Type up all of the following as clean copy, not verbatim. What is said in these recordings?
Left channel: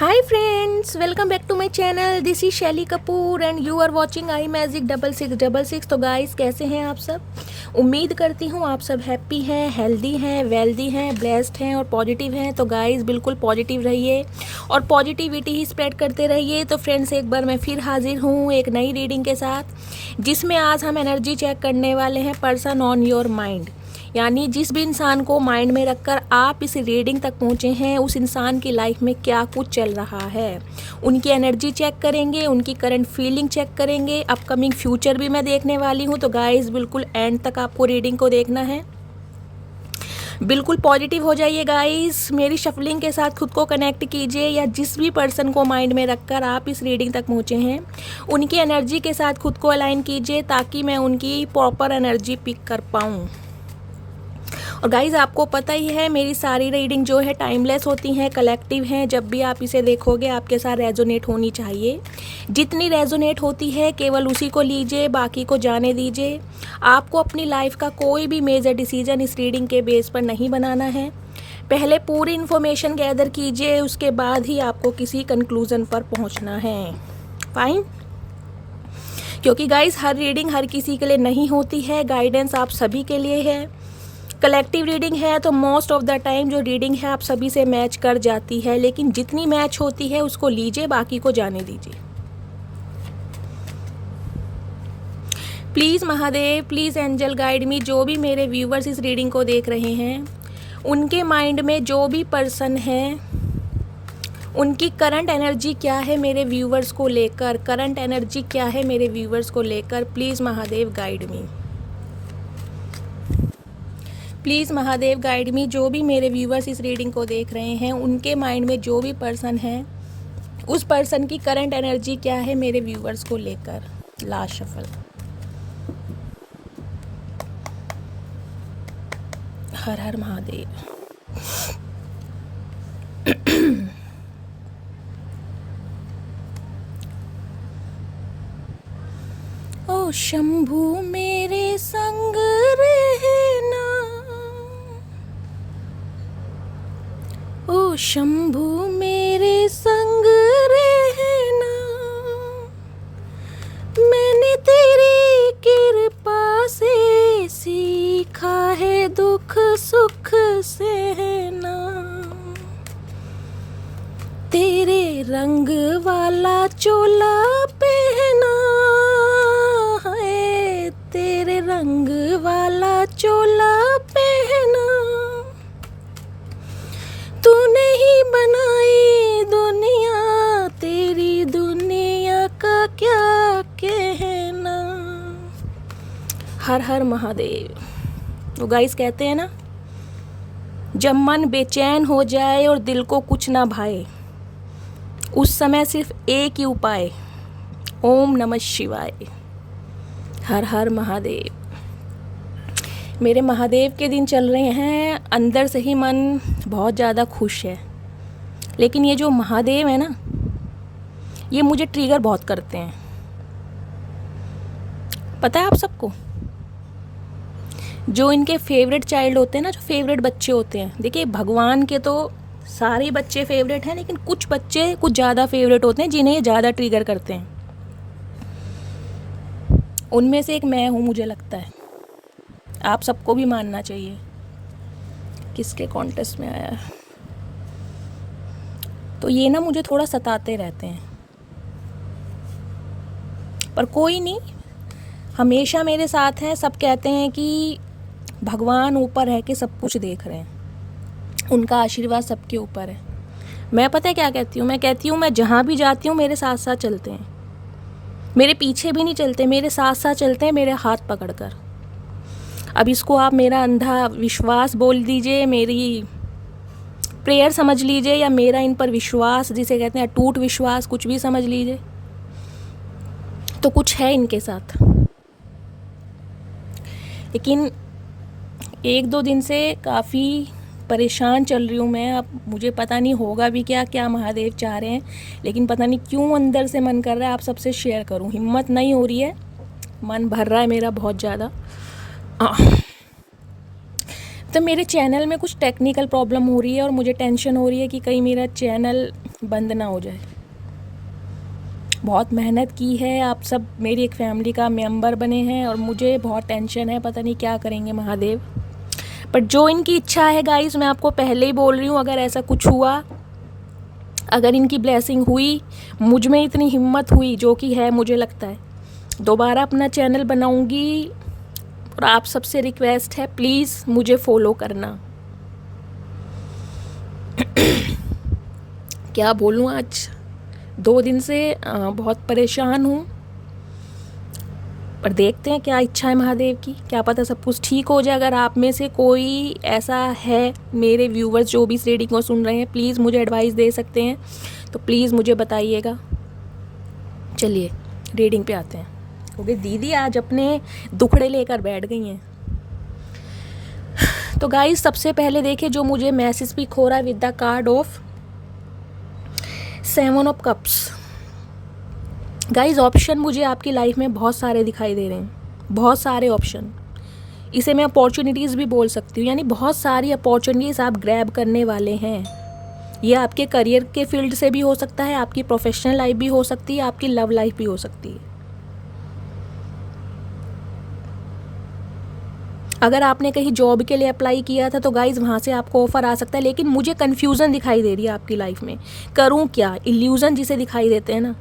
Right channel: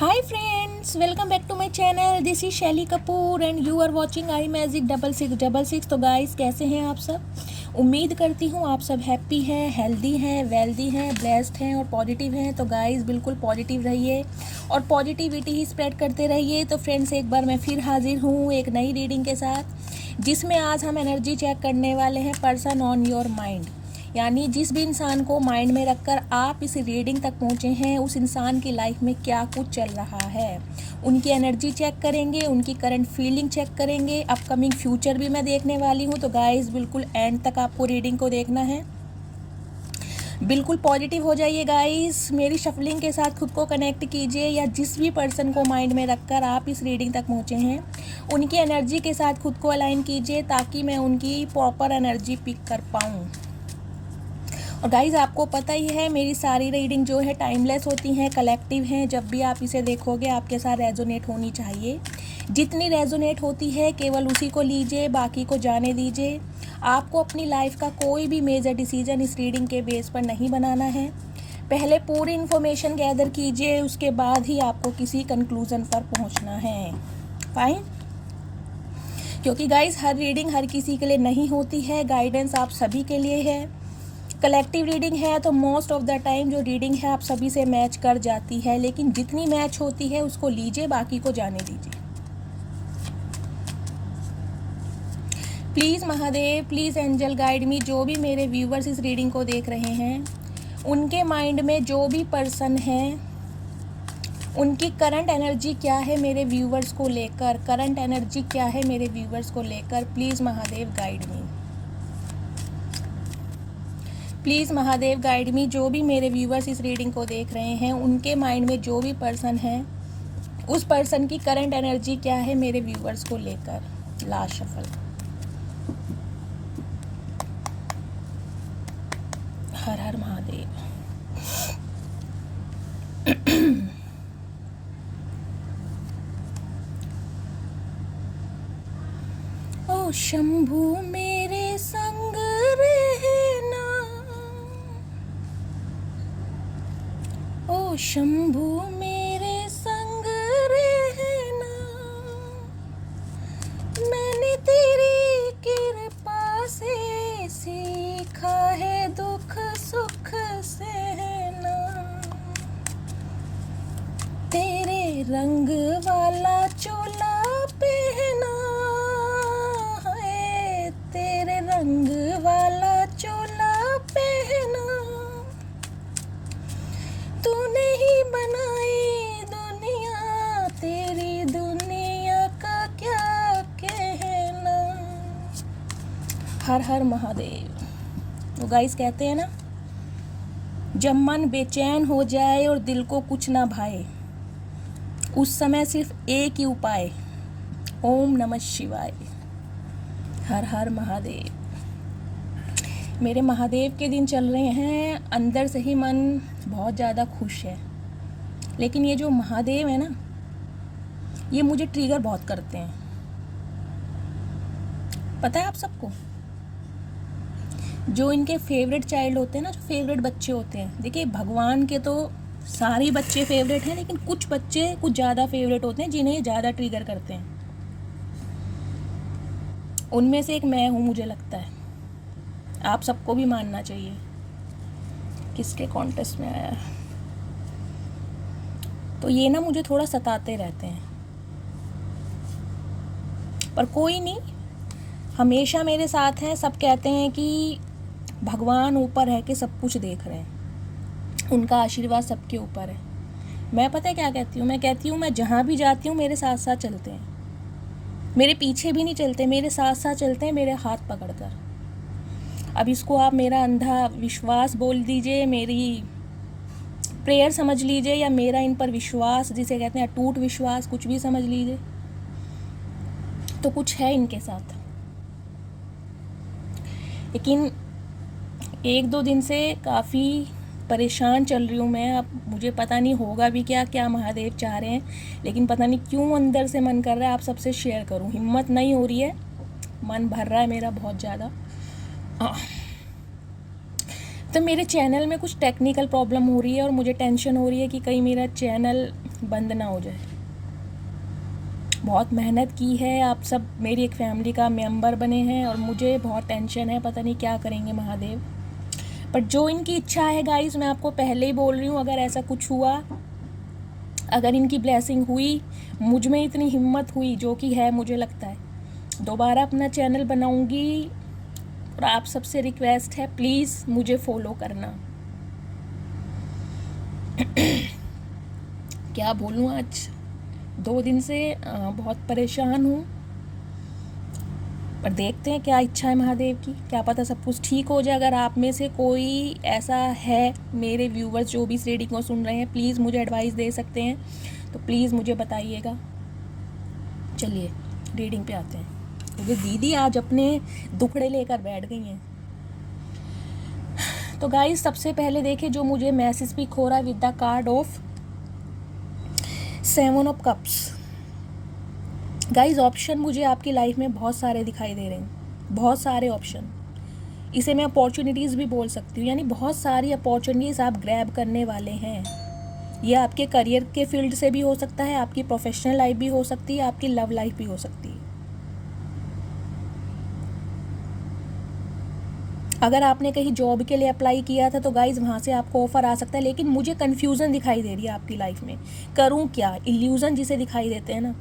Hi friends, welcome back to my channel. This is Shaily Kapoor and you are watching I magic 6666। तो guys, कैसे हैं आप सब? उम्मीद करती हूँ आप सब हैप्पी हैं, हेल्दी हैं, वेल्दी हैं, ब्लेस्ड हैं और पॉजिटिव हैं। तो गाइस, बिल्कुल पॉजिटिव रहिए और पॉजिटिविटी ही स्प्रेड करते रहिए। तो फ्रेंड्स, एक बार मैं फिर हाजिर हूँ एक नई रीडिंग के साथ, जिसमें आज हम एनर्जी चेक करने वाले हैं पर्सन ऑन योर माइंड। यानी जिस भी इंसान को माइंड में रखकर आप इस रीडिंग तक पहुँचे हैं, उस इंसान की लाइफ में क्या कुछ चल रहा है। उनकी एनर्जी चेक करेंगे, उनकी करंट फीलिंग चेक करेंगे, अपकमिंग फ्यूचर भी मैं देखने वाली हूँ। तो गाइस, बिल्कुल एंड तक आपको रीडिंग को देखना है। बिल्कुल पॉजिटिव हो जाइए गाइस। मेरी शफलिंग के साथ खुद को कनेक्ट कीजिए, या जिस भी पर्सन को माइंड में रखकर आप इस रीडिंग तक पहुँचे हैं, उनकी एनर्जी के साथ खुद को अलाइन कीजिए, ताकि मैं उनकी प्रॉपर एनर्जी पिक कर पाऊँ। और गाइज़, आपको पता ही है मेरी सारी रीडिंग जो है टाइमलेस होती हैं, कलेक्टिव हैं। जब भी आप इसे देखोगे आपके साथ रेजोनेट होनी चाहिए। जितनी रेजोनेट होती है केवल उसी को लीजिए, बाकी को जाने दीजिए। आपको अपनी लाइफ का कोई भी मेजर डिसीजन इस रीडिंग के बेस पर नहीं बनाना है। पहले पूरी इन्फॉर्मेशन गैदर कीजिए, उसके बाद ही आपको किसी कंक्लूज़न पर पहुंचना है। फाइन? क्योंकि गाइज़, हर रीडिंग हर किसी के लिए नहीं होती है। गाइडेंस आप सभी के लिए है। कलेक्टिव रीडिंग है तो मोस्ट ऑफ द टाइम जो रीडिंग है आप सभी से मैच कर जाती है, लेकिन जितनी मैच होती है उसको लीजिए, बाकी को जाने दीजिए। Please Mahadev, please angel guide me. जो भी मेरे व्यूवर्स इस रीडिंग को देख रहे हैं, उनके माइंड में जो भी पर्सन है, उनकी करंट एनर्जी क्या है मेरे व्यूवर्स को लेकर, करंट एनर्जी क्या है मेरे व्यूवर्स को लेकर। Please Mahadev guide me, please Mahadev guide me. जो भी मेरे व्यूवर्स इस रीडिंग को देख रहे हैं, उनके माइंड में जो भी पर्सन है, उस पर्सन की करंट एनर्जी क्या है मेरे व्यूवर्स को लेकर। Last shuffle. हर हर महादेव। ओ शंभू मेरे संग रहना, ओ शंभू मेरे संग रहना, मैंने तेरी कृपा से सीखा है दुख सुख सहना, तेरे रंग वाला चोला पहना है, तेरे रंग वाला चोला पहना, तूने ही बनाई दुनिया, तेरी दुनिया का क्या कहना। हर हर महादेव। तो गाइस, कहते हैं ना, जब मन बेचैन हो जाए और दिल को कुछ ना भाए, उस समय सिर्फ एक ही उपाय, ओम नमः शिवाय। हर हर महादेव। मेरे महादेव के दिन चल रहे हैं, अंदर से ही मन बहुत ज़्यादा खुश है। लेकिन ये जो महादेव है ना, ये मुझे ट्रिगर बहुत करते हैं। पता है आप सबको, जो इनके फेवरेट चाइल्ड होते हैं ना, जो फेवरेट बच्चे होते हैं, देखिए भगवान के तो सारे बच्चे फेवरेट हैं, लेकिन कुछ बच्चे कुछ ज़्यादा फेवरेट होते हैं, जिन्हें ये ज़्यादा ट्रिगर करते हैं। उनमें से एक मैं हूँ, मुझे लगता है। आप सबको भी मानना चाहिए। किसके कॉन्टेस्ट में आया? तो ये ना मुझे थोड़ा सताते रहते हैं, पर कोई नहीं, हमेशा मेरे साथ हैं। सब कहते हैं कि भगवान ऊपर है कि सब कुछ देख रहे हैं, उनका आशीर्वाद सबके ऊपर है। मैं पता है क्या कहती हूँ? मैं कहती हूँ, मैं जहाँ भी जाती हूँ मेरे साथ साथ चलते हैं, मेरे पीछे भी नहीं चलते, मेरे साथ साथ चलते हैं, मेरे हाथ पकड़कर। अब इसको आप मेरा अंधा विश्वास बोल दीजिए, मेरी प्रेयर समझ लीजिए, या मेरा इन पर विश्वास, जिसे कहते हैं अटूट विश्वास, कुछ भी समझ लीजिए। तो कुछ है इनके साथ। लेकिन एक दो दिन से काफ़ी परेशान चल रही हूँ मैं। अब मुझे पता नहीं होगा भी क्या क्या महादेव चाह रहे हैं, लेकिन पता नहीं क्यों अंदर से मन कर रहा है आप सबसे शेयर करूँ। हिम्मत नहीं हो रही है, मन भर रहा है मेरा बहुत ज़्यादा। तो मेरे चैनल में कुछ टेक्निकल प्रॉब्लम हो रही है और मुझे टेंशन हो रही है कि कहीं मेरा चैनल बंद ना हो जाए। बहुत मेहनत की है, आप सब मेरी एक फैमिली का मेंबर बने हैं और मुझे बहुत टेंशन है, पता नहीं क्या करेंगे महादेव। बट जो इनकी इच्छा है गाइस, मैं आपको पहले ही बोल रही हूँ, अगर ऐसा कुछ हुआ, अगर इनकी ब्लेसिंग हुई, मुझ में इतनी हिम्मत हुई, जो कि है मुझे लगता है, दोबारा अपना चैनल बनाऊंगी। और आप सबसे रिक्वेस्ट है, प्लीज़ मुझे फॉलो करना। क्या बोलूँ, आज 2 दिन से बहुत परेशान हूँ, पर देखते हैं क्या इच्छा है महादेव की, क्या पता सब कुछ ठीक हो जाए। अगर आप में से कोई ऐसा है, मेरे व्यूवर्स जो भी इस रीडिंग को सुन रहे हैं, प्लीज़ मुझे एडवाइस दे सकते हैं तो प्लीज़ मुझे बताइएगा। चलिए रीडिंग पे आते हैं, क्योंकि दीदी आज अपने दुखड़े लेकर बैठ गई हैं। तो गाइस सबसे पहले देखिए जो मुझे मैसेज पिक हो रहा है with the card of 7 of cups. Guys option मुझे आपकी लाइफ में बहुत सारे दिखाई दे रहे हैं, बहुत सारे ऑप्शन। इसे मैं अपॉर्चुनिटीज़ भी बोल सकती हूँ, यानी बहुत सारी अपॉर्चुनिटीज़ आप ग्रैब करने वाले हैं। ये आपके करियर के फील्ड से भी हो सकता है, आपकी प्रोफेशनल लाइफ भी हो सकती है, आपकी लव लाइफ भी हो सकती है। अगर आपने कहीं जॉब के लिए अप्लाई किया था तो गाइज वहाँ से आपको ऑफर आ सकता है, लेकिन मुझे कन्फ्यूज़न दिखाई दे रही है आपकी लाइफ में। करूँ क्या, इल्यूज़न जिसे दिखाई देते हैं ना,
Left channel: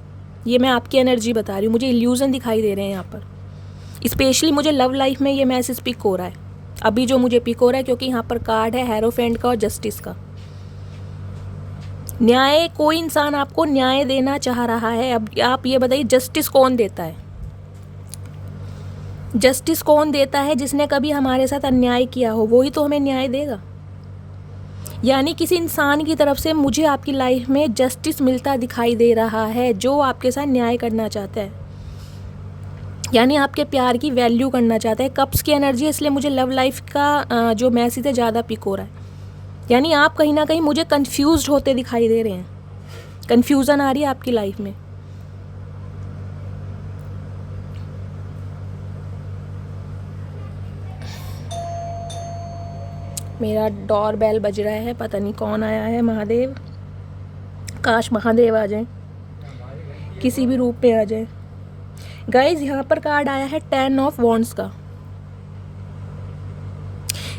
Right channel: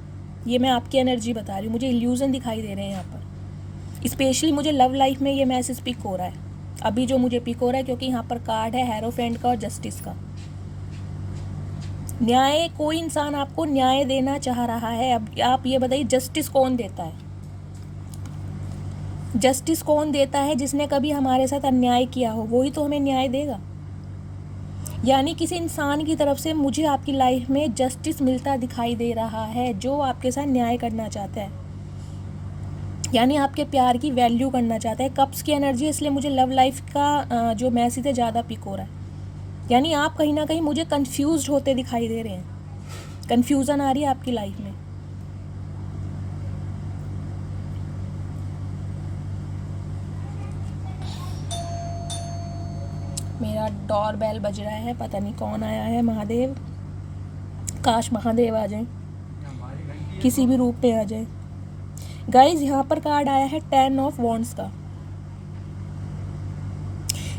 ये मैं आपकी एनर्जी बता रही हूँ, मुझे इल्यूज़न दिखाई दे रहे हैं यहाँ पर। स्पेशली मुझे लव लाइफ में ये मैसेज पिक हो रहा है, अभी जो मुझे पिक हो रहा है, क्योंकि यहाँ पर कार्ड है हेरोफेंट का और जस्टिस का। न्याय, कोई इंसान आपको न्याय देना चाह रहा है। अब आप ये बताइए, जस्टिस कौन देता है? जस्टिस कौन देता है? जिसने कभी हमारे साथ अन्याय किया हो, वही तो हमें न्याय देगा। यानी किसी इंसान की तरफ से मुझे आपकी लाइफ में जस्टिस मिलता दिखाई दे रहा है, जो आपके साथ न्याय करना चाहता है, यानी आपके प्यार की वैल्यू करना चाहता है। कप्स की एनर्जी है, इसलिए मुझे लव लाइफ का जो मैसेज है ज़्यादा पिक हो रहा है। यानी आप कहीं ना कहीं मुझे कंफ्यूज्ड होते दिखाई दे रहे हैं, कंफ्यूजन आ रही है आपकी लाइफ में। मेरा डोर बेल बज रहा है, पता नहीं कौन आया है। महादेव, काश महादेव आ जाए, किसी भी रूप में आ जाए। गाइज यहाँ पर कार्ड आया है 10 ऑफ वॉन्ड्स का।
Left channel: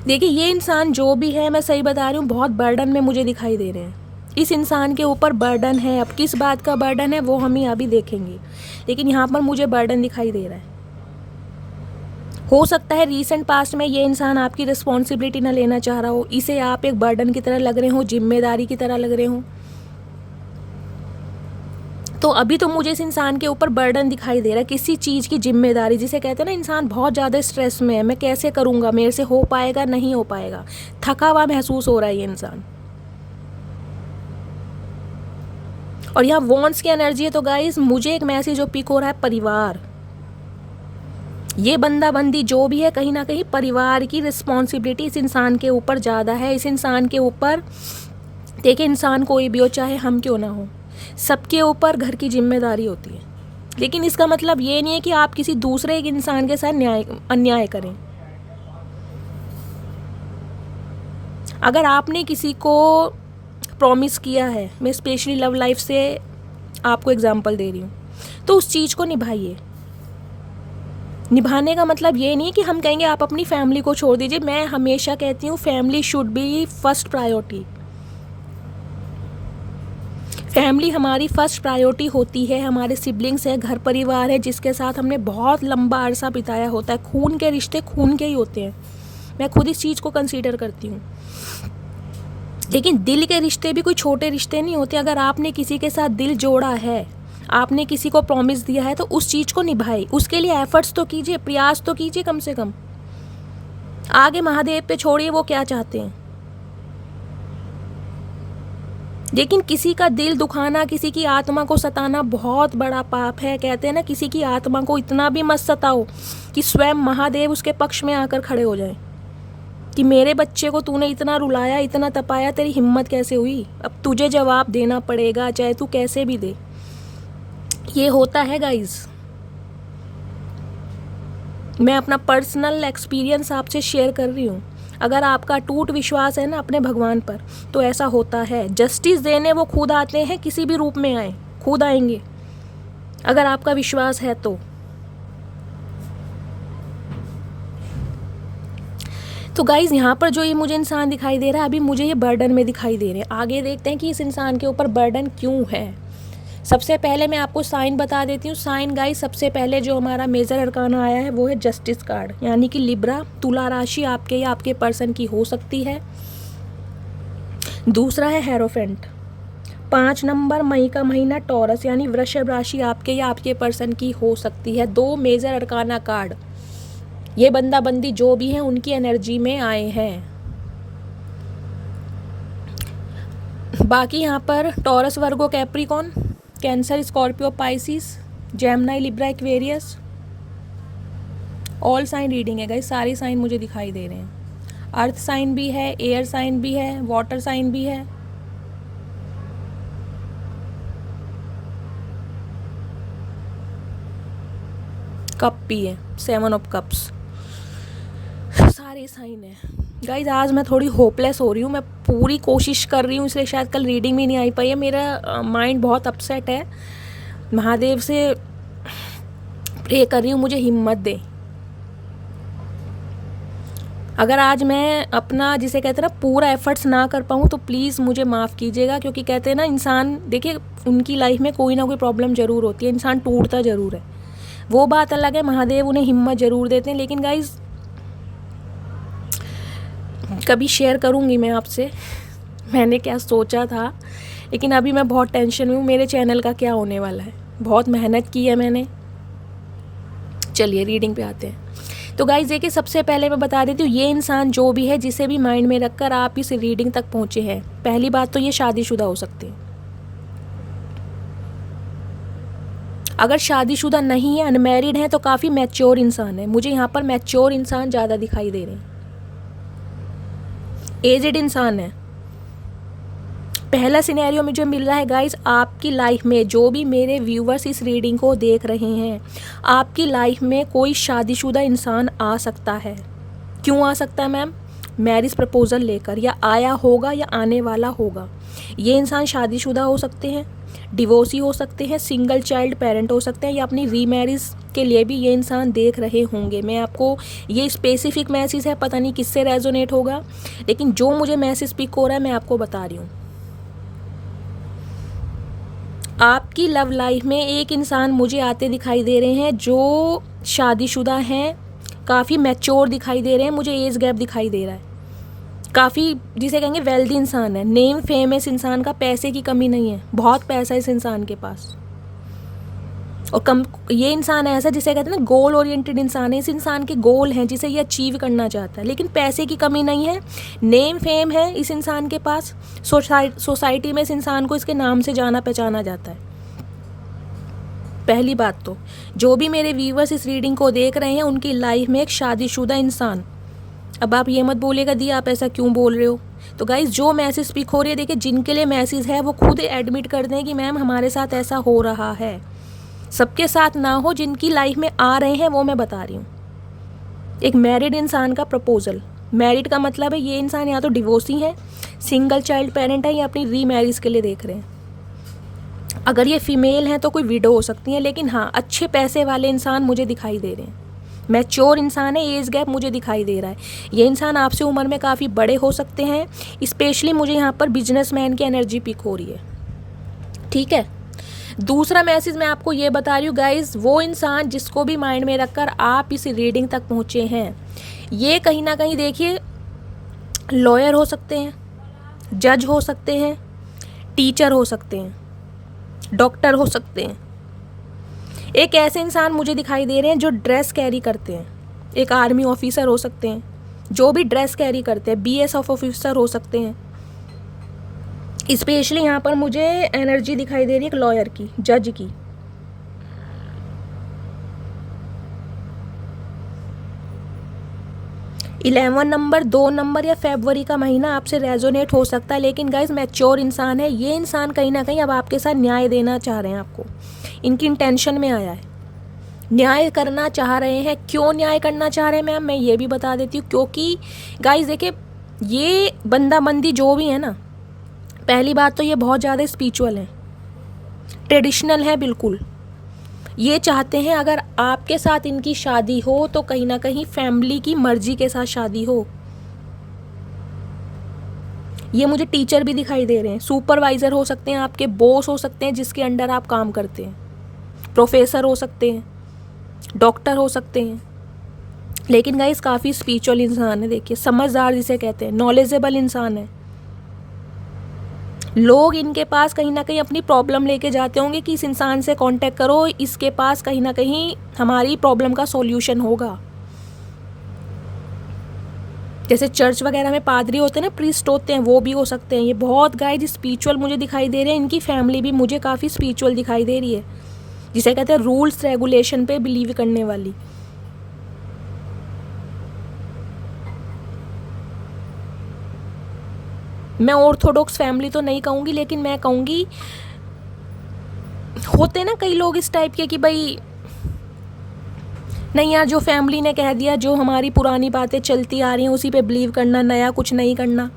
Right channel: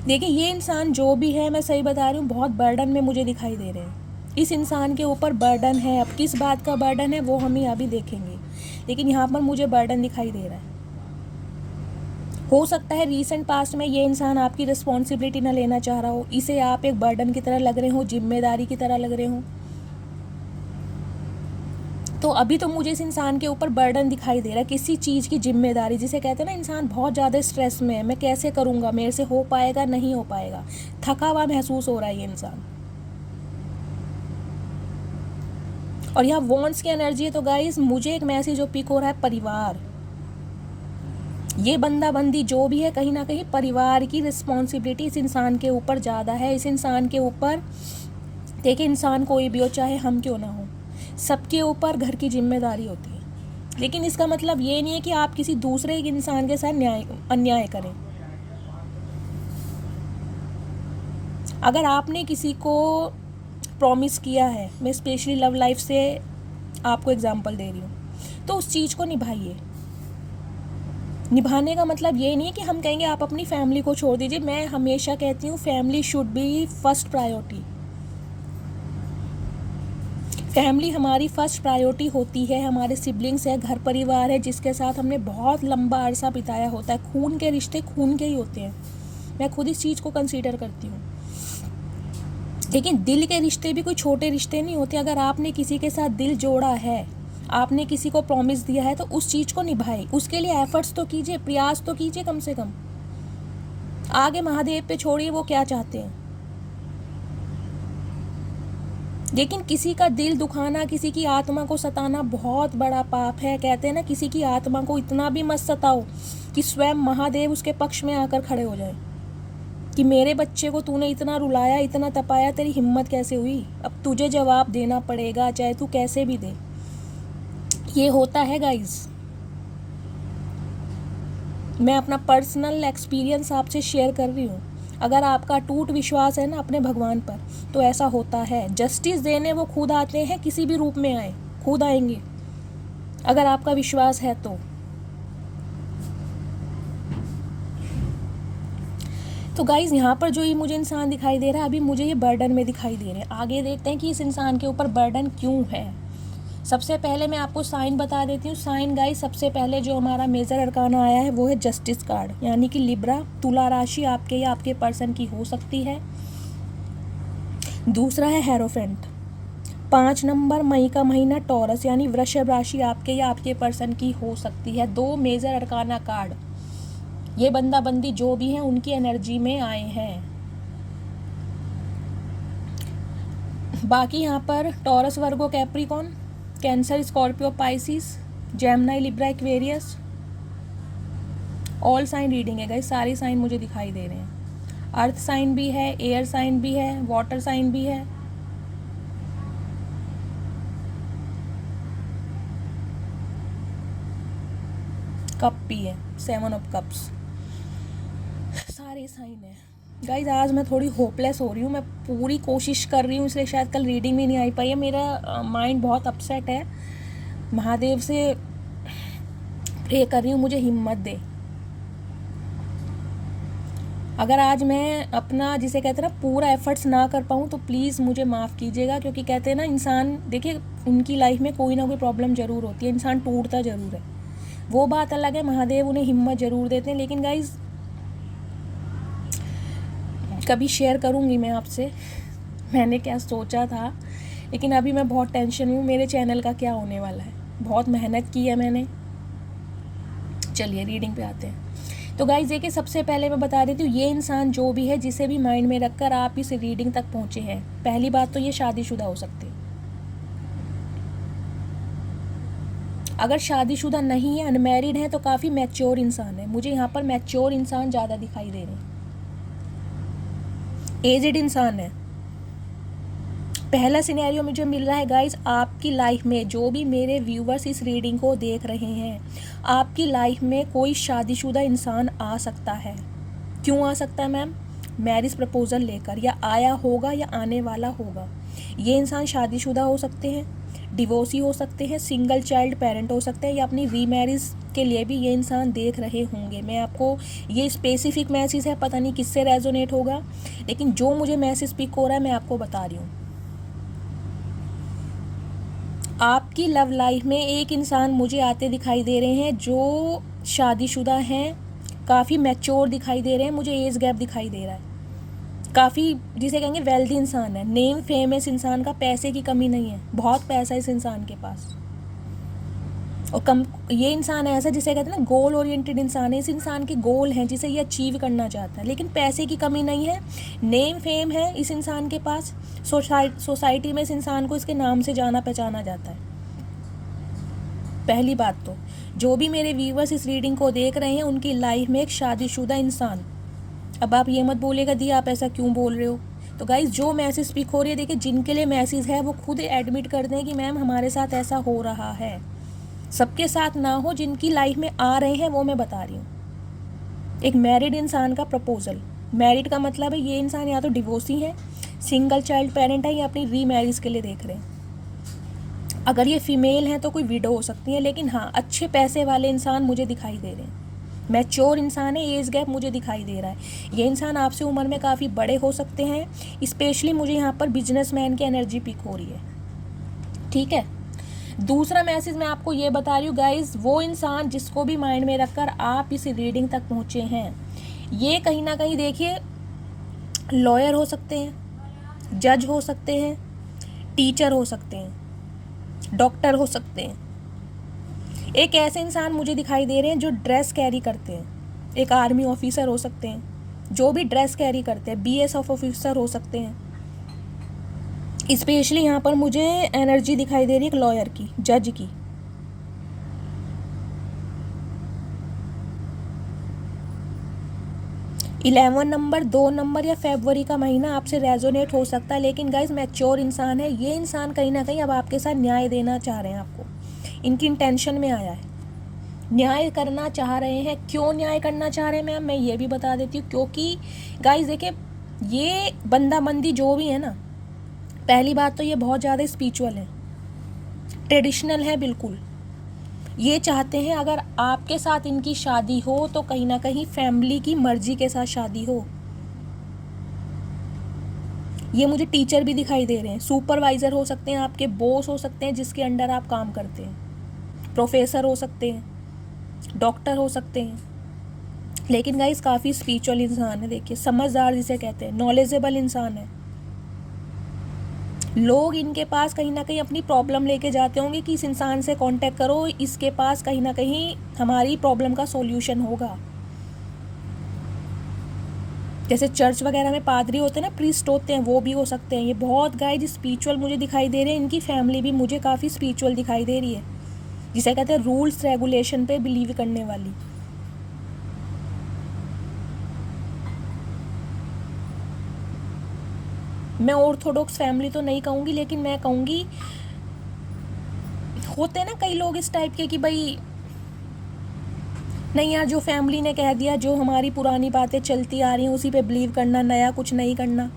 देखिए ये इंसान जो भी है, मैं सही बता रही हूँ, बहुत बर्डन में मुझे दिखाई दे रहे हैं। इस इंसान के ऊपर बर्डन है, अब किस बात का बर्डन है वो हम ही अभी देखेंगे, लेकिन यहाँ पर मुझे बर्डन दिखाई दे रहा है। हो सकता है रीसेंट पास्ट में ये इंसान आपकी रिस्पॉन्सिबिलिटी ना लेना चाह रहा हो, इसे आप एक बर्डन की तरह लग रहे हो, जिम्मेदारी की तरह लग रहे हो। तो अभी तो मुझे इस इंसान के ऊपर बर्डन दिखाई दे रहा है, किसी चीज़ की जिम्मेदारी, जिसे कहते हैं ना इंसान बहुत ज़्यादा स्ट्रेस में है, मैं कैसे करूँगा, मेरे से हो पाएगा नहीं हो पाएगा, थका हुआ महसूस हो रहा है ये इंसान। और यहाँ वॉन्ट्स की एनर्जी है, तो गाइस मुझे एक मैसेज जो पिक हो रहा है, परिवार। ये बंदा बंदी जो भी है, कहीं ना कहीं परिवार की रिस्पॉन्सिबिलिटी इस इंसान के ऊपर ज़्यादा है। इस इंसान के ऊपर, देखिए इंसान कोई भी हो, चाहे हम क्यों ना हो, सबके ऊपर घर की जिम्मेदारी होती है। लेकिन इसका मतलब ये नहीं है कि आप किसी दूसरे एक इंसान के साथ अन्याय करें। अगर आपने किसी को प्रॉमिस किया है, मैं स्पेशली लव लाइफ से आपको एग्जांपल दे रही हूँ, तो उस चीज़ को निभाइए। निभाने का मतलब ये नहीं है कि हम कहेंगे आप अपनी फैमिली को छोड़ दीजिए। मैं हमेशा कहती हूँ family should be first priority. Family हमारी फर्स्ट प्रायोरिटी होती है। हमारे सिबलिंग्स है, घर परिवार है, जिसके साथ हमने बहुत लंबा अरसा बिताया होता है। खून के रिश्ते खून के ही होते हैं, मैं खुद इस चीज़ को कंसीडर करती हूँ। लेकिन दिल के रिश्ते भी कोई छोटे रिश्ते नहीं होते। अगर आपने किसी के साथ दिल जोड़ा है, आपने किसी को प्रॉमिस दिया है, तो उस चीज़ को निभाए, उसके लिए एफर्ट्स तो कीजिए, प्रयास तो कीजिए कम से कम। आगे महादेव पे छोड़िए वो क्या चाहते हैं। लेकिन किसी का दिल दुखाना, किसी की आत्मा को सताना बहुत बड़ा पाप है। कहते हैं ना, किसी की आत्मा को इतना भी मत सताओ कि स्वयं महादेव उसके पक्ष में आकर खड़े हो जाए कि मेरे बच्चे को तूने इतना रुलाया, इतना तपाया, तेरी हिम्मत कैसे हुई, अब तुझे जवाब देना पड़ेगा, चाहे तू कैसे भी दे। ये होता है गाइज। मैं अपना पर्सनल एक्सपीरियंस आपसे शेयर कर रही हूँ। अगर आपका टूट विश्वास है ना अपने भगवान पर, तो ऐसा होता है। जस्टिस देने वो खुद आते हैं, किसी भी रूप में आए, खुद आएंगे अगर आपका विश्वास है तो गाइज़ यहाँ पर जो ये मुझे इंसान दिखाई दे रहा है, अभी मुझे ये बर्डन में दिखाई दे रहे हैं। आगे देखते हैं कि इस इंसान के ऊपर बर्डन क्यों है। सबसे पहले मैं आपको साइन बता देती हूँ। साइन गाइस, सबसे पहले जो हमारा मेजर अरकाना आया है वो है जस्टिस कार्ड, यानी कि लिब्रा, तुला राशि आपके या आपके पर्सन की हो सकती है। दूसरा है हेरोफेंट। 5 नंबर, मई का महीना, टॉरस यानी वृषभ राशि आपके या आपके पर्सन की हो सकती है। 2 मेजर अरकाना कार्ड, ये बंदा बंदी जो भी है उनकी एनर्जी में आए हैं। बाकी यहाँ पर Taurus, Virgo, Capricorn, Cancer, Scorpio, Pisces, Gemini, Libra, Aquarius, all sign reading है गाइस। सारे साइन मुझे दिखाई दे रहे हैं। अर्थ साइन भी है, एयर साइन भी है, वाटर साइन भी है। कप भी है, 7 ऑफ कप्स, सारे साइन है गाइज। आज मैं थोड़ी होपलेस हो रही हूँ, मैं पूरी कोशिश कर रही हूँ, इसलिए शायद कल रीडिंग भी नहीं आई पाई है। मेरा माइंड बहुत अपसेट है। महादेव से प्रे कर रही हूँ मुझे हिम्मत दे। अगर आज मैं अपना, जिसे कहते हैं ना, पूरा एफर्ट्स ना कर पाऊँ तो प्लीज़ मुझे माफ़ कीजिएगा, क्योंकि कहते हैं ना, इंसान, देखिए, उनकी लाइफ में कोई ना कोई प्रॉब्लम ज़रूर होती है, इंसान टूटता ज़रूर है, वो बात अलग है। महादेव उन्हें हिम्मत ज़रूर देते हैं। लेकिन गाइज, कभी शेयर करूँगी मैं आपसे मैंने क्या सोचा था, लेकिन अभी मैं बहुत टेंशन में हूँ। मेरे चैनल का क्या होने वाला है, बहुत मेहनत की है मैंने। चलिए रीडिंग पे आते हैं। तो गाइस देखिए, सबसे पहले मैं बता देती हूँ, ये इंसान जो भी है, जिसे भी माइंड में रखकर आप इस रीडिंग तक पहुँचे हैं, पहली बात तो ये शादीशुदा हो सकते हैं। अगर शादीशुदा नहीं है, अनमैरिड है, तो काफ़ी मैच्योर इंसान है। मुझे यहाँ पर मैच्योर इंसान ज़्यादा दिखाई दे रहे हैं। एजेड इंसान है। पहला सिनेरियो में जो मिल रहा है गाइस, आपकी लाइफ में जो भी मेरे व्यूवर्स इस रीडिंग को देख रहे हैं, आपकी लाइफ में कोई शादीशुदा इंसान आ सकता है। क्यों आ सकता है मैम? मैरिज प्रपोजल लेकर, या आया होगा या आने वाला होगा। ये इंसान शादीशुदा हो सकते हैं, डिवोर्सी हो सकते हैं, सिंगल चाइल्ड पेरेंट हो सकते हैं, या अपनी रीमैरिज के लिए भी ये इंसान देख रहे होंगे। मैं आपको, ये स्पेसिफिक मैसेज है, पता नहीं किससे रेजोनेट होगा, लेकिन जो मुझे मैसेज पिक हो रहा है मैं आपको बता रही हूँ। आपकी लव लाइफ में एक इंसान मुझे आते दिखाई दे रहे हैं जो शादीशुदा हैं, काफ़ी मैच्योर दिखाई दे रहे हैं, मुझे एज गैप दिखाई दे रहा है, काफ़ी जिसे कहेंगे वेल्दी इंसान है, नेम फेम है इस इंसान का, पैसे की कमी नहीं है, बहुत पैसा है इस इंसान के पास। और ये इंसान ऐसा जिसे कहते हैं ना, गोल ओरिएंटेड इंसान है। इस इंसान के गोल हैं जिसे ये अचीव करना चाहता है, लेकिन पैसे की कमी नहीं है, नेम फेम है इस इंसान के पास। सोसाइटी में इस इंसान को इसके नाम से जाना पहचाना जाता है। पहली बात तो, जो भी मेरे व्यूवर्स इस रीडिंग को देख रहे हैं, उनकी लाइफ में एक शादीशुदा इंसान। अब आप ये मत बोलिएगा दी आप ऐसा क्यों बोल रहे हो। तो गाइज, जो मैसेज स्पीक हो रही है, देखिए, जिनके लिए मैसेज है वो खुद एडमिट कर दें कि मैम हमारे साथ ऐसा हो रहा है। सबके साथ ना हो, जिनकी लाइफ में आ रहे हैं वो मैं बता रही हूँ। एक मैरिड इंसान का प्रपोजल, मैरिड का मतलब है ये इंसान या तो डिवोर्सी है, सिंगल चाइल्ड पेरेंट है, या अपनी रीमैरिज के लिए देख रहे हैं। अगर ये फीमेल है तो कोई विडो हो सकती है, लेकिन हाँ, अच्छे पैसे वाले इंसान मुझे दिखाई दे रहे हैं, मैच्योर इंसान है, एज गैप मुझे दिखाई दे रहा है। ये इंसान आपसे उम्र में काफ़ी बड़े हो सकते हैं, स्पेशली मुझे यहाँ पर बिजनेसमैन की एनर्जी पिक हो रही है। ठीक है, दूसरा मैसेज मैं आपको ये बता रही हूँ गाइज, वो इंसान जिसको भी माइंड में रखकर आप इस रीडिंग तक पहुँचे हैं, ये कहीं ना कहीं देखिए, लॉयर हो सकते हैं, जज हो सकते हैं, टीचर हो सकते हैं, डॉक्टर हो सकते हैं। एक ऐसे इंसान मुझे दिखाई दे रहे हैं जो ड्रेस कैरी करते हैं, एक आर्मी ऑफिसर हो सकते हैं, जो भी ड्रेस कैरी करते हैं, BSF ऑफिसर हो सकते हैं। स्पेशली यहाँ पर मुझे एनर्जी दिखाई दे रही है एक लॉयर की, जज की। इलेवन नंबर, 2 नंबर या फरवरी का महीना आपसे रेजोनेट हो सकता है, लेकिन गाइज मैच्योर इंसान है ये इंसान। कहीं ना कहीं अब आपके साथ न्याय देना चाह रहे हैं आपको, इनकी इंटेंशन में आया है। न्याय करना चाह रहे हैं। क्यों न्याय करना चाह रहे हैं मैम, मैं ये भी बता देती हूँ। क्योंकि गाइस देखिए, ये बंदी जो भी है ना, पहली बात तो ये बहुत ज़्यादा स्पिरिचुअल है, ट्रेडिशनल है बिल्कुल। ये चाहते हैं अगर आपके साथ इनकी शादी हो तो कहीं ना कहीं फैमिली की मर्जी के साथ शादी हो। ये मुझे टीचर भी दिखाई दे रहे हैं, सुपरवाइजर हो सकते हैं, आपके बॉस हो सकते हैं जिसके अंडर आप काम करते हैं, प्रोफेसर हो सकते हैं, डॉक्टर हो सकते हैं। लेकिन गाइस काफ़ी स्पिरिचुअल इंसान है, देखिए समझदार जिसे कहते हैं, नॉलेजेबल इंसान है। लोग इनके पास कहीं ना कहीं अपनी प्रॉब्लम लेके जाते होंगे कि इस इंसान से कांटेक्ट करो, इसके पास कहीं ना कहीं हमारी प्रॉब्लम का सॉल्यूशन होगा। जैसे चर्च वगैरह में पादरी होते हैं ना, प्रीस्ट होते हैं, वो भी हो सकते हैं। ये बहुत गाइस स्पिरिचुअल मुझे दिखाई दे रहे हैं। इनकी फैमिली भी मुझे काफ़ी स्पिरिचुअल दिखाई दे रही है, जिसे कहते हैं रूल्स रेगुलेशन पे बिलीव करने वाली। मैं ऑर्थोडॉक्स फैमिली तो नहीं कहूँगी, लेकिन मैं कहूँगी होते हैं ना कई लोग इस टाइप के कि भाई नहीं यार, जो फैमिली ने कह दिया, जो हमारी पुरानी बातें चलती आ रही हैं उसी पे बिलीव करना, नया कुछ नहीं करना।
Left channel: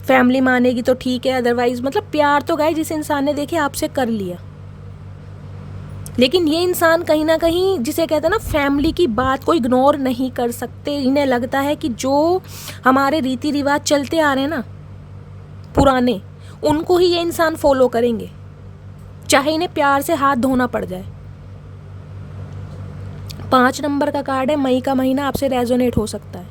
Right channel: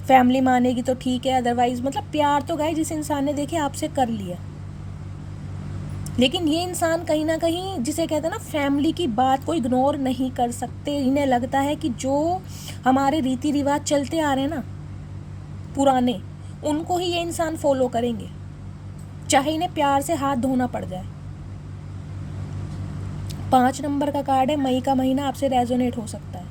फैमिली मानेगी तो ठीक है, अदरवाइज मतलब प्यार तो गाइस जिस इंसान ने देखे आपसे कर लिया। लेकिन ये इंसान कहीं ना कहीं जिसे कहते हैं ना, फैमिली की बात को इग्नोर नहीं कर सकते। इन्हें लगता है कि जो हमारे रीति रिवाज चलते आ रहे हैं ना पुराने, उनको ही ये इंसान फॉलो करेंगे, चाहे इन्हें प्यार से हाथ धोना पड़ जाए। 5 नंबर का कार्ड है, मई का महीना आपसे रेजोनेट हो सकता है।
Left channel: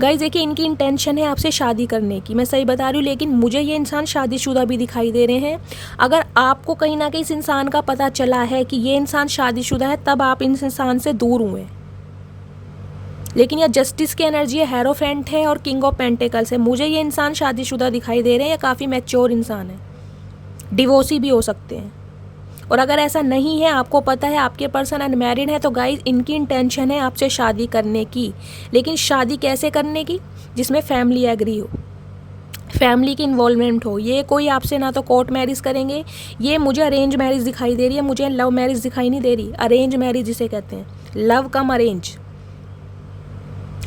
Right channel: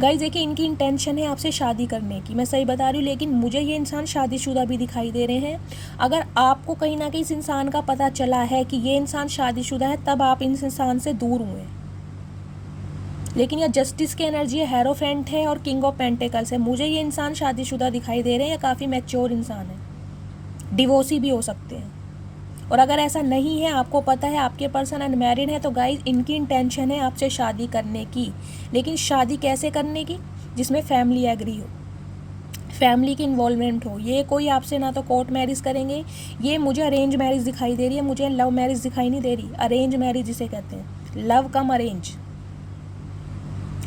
गाइस देखिए, इनकी इंटेंशन है आपसे शादी करने की, मैं सही बता रही हूँ। लेकिन मुझे ये इंसान शादीशुदा भी दिखाई दे रहे हैं। अगर आपको कहीं ना कहीं इस इंसान का पता चला है कि ये इंसान शादीशुदा है, तब आप इस इंसान से दूर हुए। लेकिन यह जस्टिस की एनर्जी है, हेरोफेंट है और किंग ऑफ पेंटिकल्स है। मुझे ये इंसान शादीशुदा दिखाई दे रहे हैं, या काफ़ी मैच्योर इंसान है, डिवोर्सी भी हो सकते हैं। और अगर ऐसा नहीं है, आपको पता है आपके पर्सन अनमैरिड है, तो गाइस इनकी इंटेंशन है आपसे शादी करने की। लेकिन शादी कैसे करने की, जिसमें फैमिली एग्री हो, फैमिली की इन्वॉल्वमेंट हो। ये कोई आपसे ना तो कोर्ट मैरिज करेंगे, ये मुझे अरेंज मैरिज दिखाई दे रही है, मुझे लव मैरिज दिखाई नहीं दे रही। अरेंज मैरिज जिसे कहते हैं, लव कम अरेंज।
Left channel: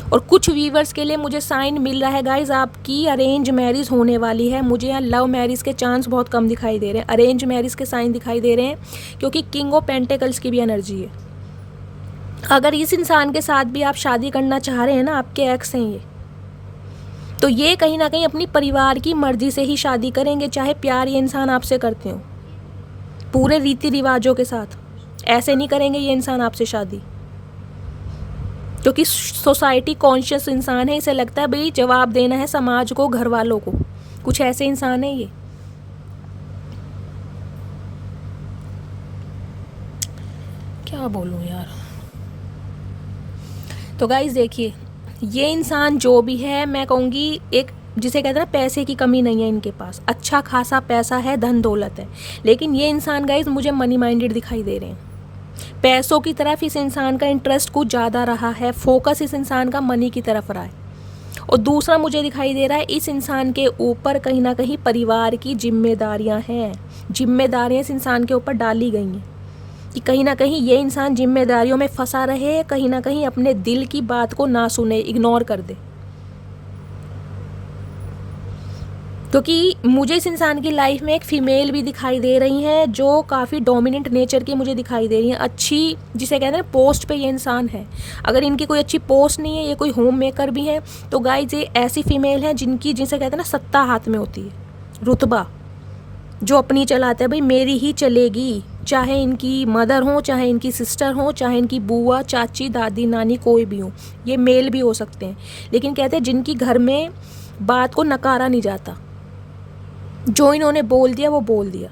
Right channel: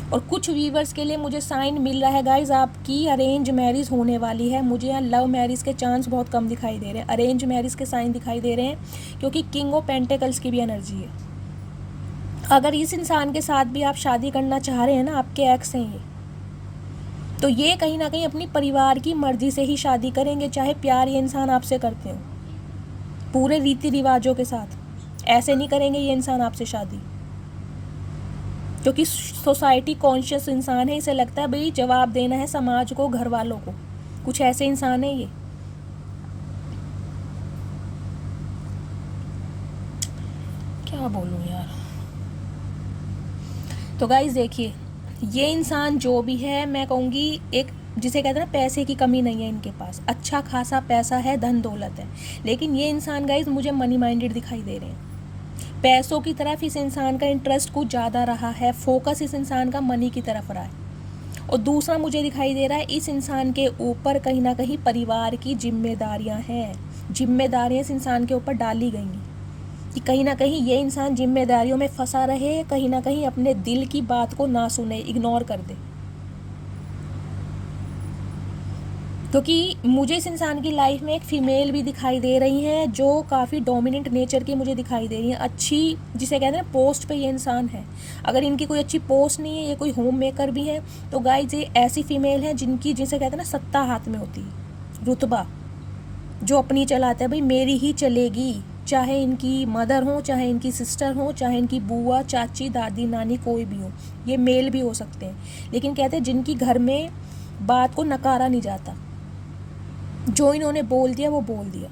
और कुछ व्यूवर्स के लिए मुझे साइन मिल रहा है गाइज, आपकी अरेंज मैरिज होने वाली है। मुझे यहाँ लव मैरिज के चांस बहुत कम दिखाई दे रहे हैं, अरेंज मैरिज के साइन दिखाई दे रहे हैं, क्योंकि किंग ऑफ पेंटिकल्स की भी एनर्जी है। अगर इस इंसान के साथ भी आप शादी करना चाह रहे हैं ना, आपके एक्स हैं ये, तो ये कहीं ना कहीं अपनी परिवार की मर्जी से ही शादी करेंगे, चाहे प्यार ये इंसान आपसे करते हो, पूरे रीति रिवाजों के साथ। ऐसे नहीं करेंगे ये इंसान आपसे शादी, क्योंकि सोसाइटी कॉन्शियस इंसान है। इसे लगता है भाई जवाब देना है समाज को, घर वालों को। कुछ ऐसे इंसान है ये। क्या बोलूं यार। तो गाइस देखिए, ये इंसान जो भी है, मैं कहूँगी एक जिसे कहते हैं ना, पैसे की कमी नहीं है इनके पास, अच्छा खासा पैसा है, धन दौलत है। लेकिन ये इंसान गाइस मुझे मनी माइंडेड दिखाई दे रहे हैं। पैसों की तरफ इस इंसान का इंटरेस्ट कुछ ज़्यादा रहा है, फोकस इस इंसान का मनी की तरफ रहा है। और दूसरा मुझे दिखाई दे रहा है, इस इंसान के ऊपर कहीं ना कहीं परिवार की जिम्मेदारियां हैं। जिम्मेदारियां इस इंसान के ऊपर डाली गई हैं कि कहीं ना कहीं ये इंसान जिम्मेदारियों में फंसा रहे, कहीं ना कहीं अपने दिल की बात को ना सुने, इग्नोर कर दे। क्योंकि मुझे इस इंसान की लाइफ में एक फ़ीमेल भी दिखाई दे रही हैं, जो काफ़ी डोमिनेंट नेचर की मुझे दिखाई दे रही हैं। अच्छी जिसे कहते हैं पोस्ट पे ये इंसान है। अगर इनकी कोई अच्छी पोस्ट नहीं है, ये कोई होम मेकर भी है, तो गाइस ये ऐसी फ़ीमेल है जिनकी जिसे कहते हैं ना सत्ता हाथ में होती है, रुतबा, जो अपनी चलाते हैं, भाई मेरी ही चलेगी। चाहे इनकी मदर हो, चाहे इनकी सिस्टर हो, चाहे इनकी बुआ, चाची, दादी, नानी, कोई भी हो। ये मेल भी हो सकते हैं, लेकिन कहते हैं जिनकी घर में बात को नकारा नहीं जाता, जो इन्होंने बोल दिया वो बोल दिया।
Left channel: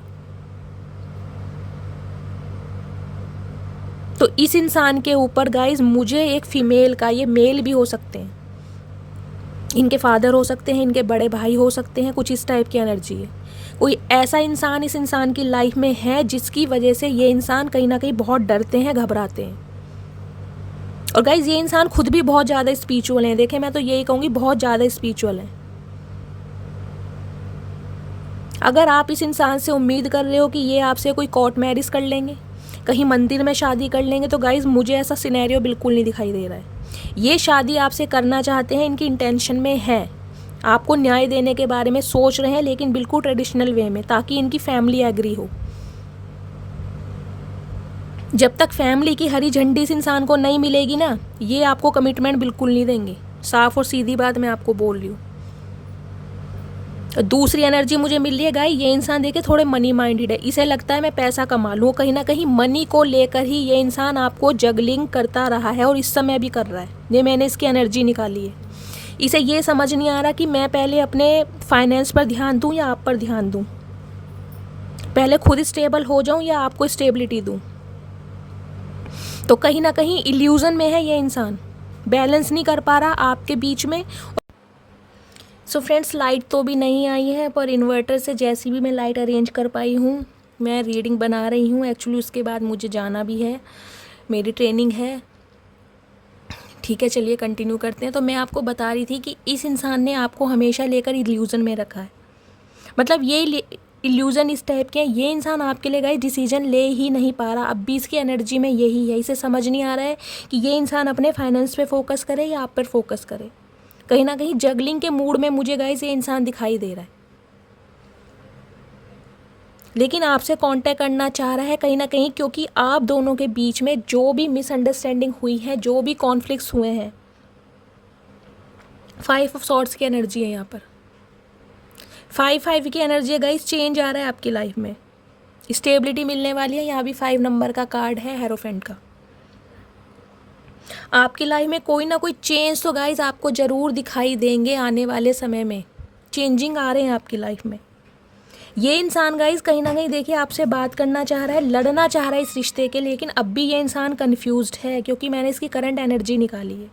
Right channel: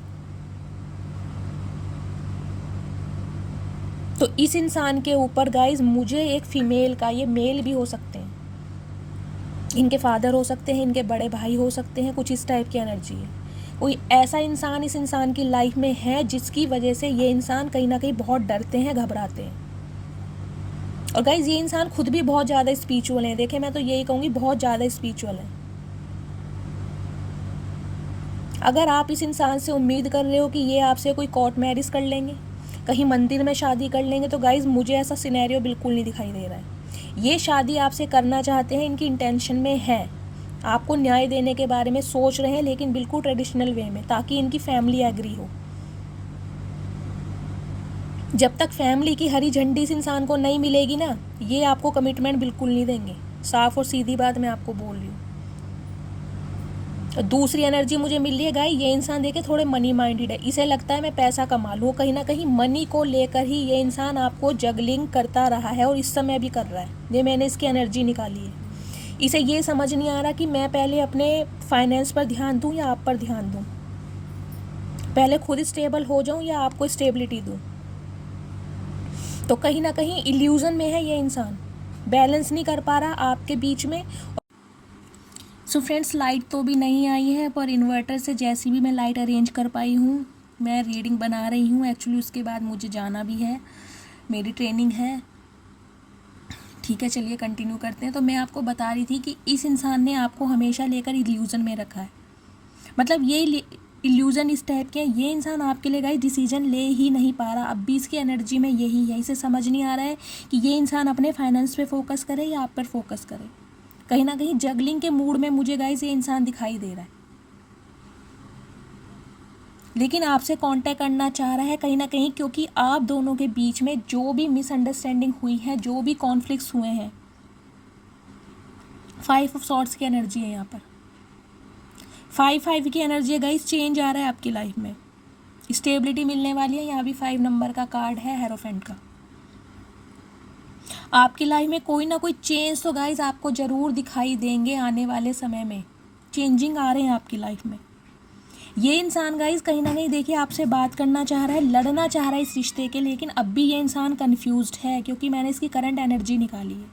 तो इस इंसान के ऊपर गाइस मुझे एक फीमेल का, ये मेल भी हो सकते हैं, इनके फादर हो सकते हैं, इनके बड़े भाई हो सकते हैं, कुछ इस टाइप की एनर्जी है। कोई ऐसा इंसान इस इंसान की लाइफ में है जिसकी वजह से ये इंसान कहीं ना कहीं बहुत डरते हैं, घबराते हैं। और गाइस ये इंसान खुद भी बहुत ज़्यादा स्पिरिचुअल है। देखें, मैं तो यही कहूँगी बहुत ज़्यादा स्पिरिचुअल है। अगर आप इस इंसान से उम्मीद कर रहे हो कि ये आपसे कोई कोर्ट मैरिज कर लेंगे, कहीं मंदिर में शादी कर लेंगे, तो गाइज मुझे ऐसा सिनेरियो बिल्कुल नहीं दिखाई दे रहा है। ये शादी आपसे करना चाहते हैं, इनकी इंटेंशन में है, आपको न्याय देने के बारे में सोच रहे हैं, लेकिन बिल्कुल ट्रेडिशनल वे में, ताकि इनकी फैमिली एग्री हो। जब तक फैमिली की हरी झंडी इस इंसान को नहीं मिलेगी ना, ये आपको कमिटमेंट बिल्कुल नहीं देंगे। साफ और सीधी बात मैं आपको बोल रही हूँ। दूसरी एनर्जी मुझे मिल रही है गाइस, ये इंसान देखिए थोड़े मनी माइंडेड है, इसे लगता है मैं पैसा कमा लूँ। कहीं ना कहीं मनी को लेकर ही ये इंसान आपको जगलिंग करता रहा है और इस समय भी कर रहा है। ये मैंने इसकी एनर्जी निकाली है। इसे ये समझ नहीं आ रहा कि मैं पहले अपने फाइनेंस पर ध्यान दूँ या आप पर ध्यान दूँ, पहले खुद स्टेबल हो जाऊँ या आपको स्टेबिलिटी दूँ। तो कहीं ना कहीं इल्यूजन में है ये इंसान, बैलेंस नहीं कर पा रहा आपके बीच में। सो फ्रेंड्स, लाइट तो भी नहीं आई है, पर इन्वर्टर से जैसी भी मैं लाइट अरेंज कर पाई हूँ, मैं रीडिंग बना रही हूँ। एक्चुअली उसके बाद मुझे जाना भी है, मेरी ट्रेनिंग है। ठीक है, चलिए कंटिन्यू करते हैं। तो मैं आपको बता रही थी कि इस इंसान ने आपको हमेशा लेकर इल्यूज़न में रखा है। मतलब ये इल्यूज़न इस टाइप के है, ये इंसान आपके लिए गाइस डिसीजन ले ही नहीं पा रहा। अब भी इसकी एनर्जी में यही है, इसे समझ नहीं आ रहा है कि ये इंसान अपने फाइनेंस पे फोकस करे या आप पर फोकस करे। कहीं ना कहीं जगलिंग के मूड में मुझे गाइस ये इंसान दिखाई दे रहा है, लेकिन आपसे कांटेक्ट करना चाह रहा है कहीं ना कहीं, क्योंकि आप दोनों के बीच में जो भी मिसअंडरस्टैंडिंग हुई है, जो भी कॉन्फ्लिक्ट्स हुए हैं, 5 ऑफ सॉर्ड्स की एनर्जी है यहाँ पर। 5 की एनर्जी है गाइस, चेंज आ रहा है आपकी लाइफ में, स्टेबिलिटी मिलने वाली है। यहाँ भी 5 नंबर का कार्ड है हेरोफेंट का। आपकी लाइफ में कोई ना कोई चेंज तो गाइस आपको ज़रूर दिखाई देंगे आने वाले समय में। चेंजिंग आ रहे हैं आपकी लाइफ में। ये इंसान गाइस कहीं ना कहीं देखिए आपसे बात करना चाह रहा है, लड़ना चाह रहा है इस रिश्ते के, लेकिन अब भी ये इंसान कंफ्यूज्ड है, क्योंकि मैंने इसकी करंट एनर्जी निकाली है।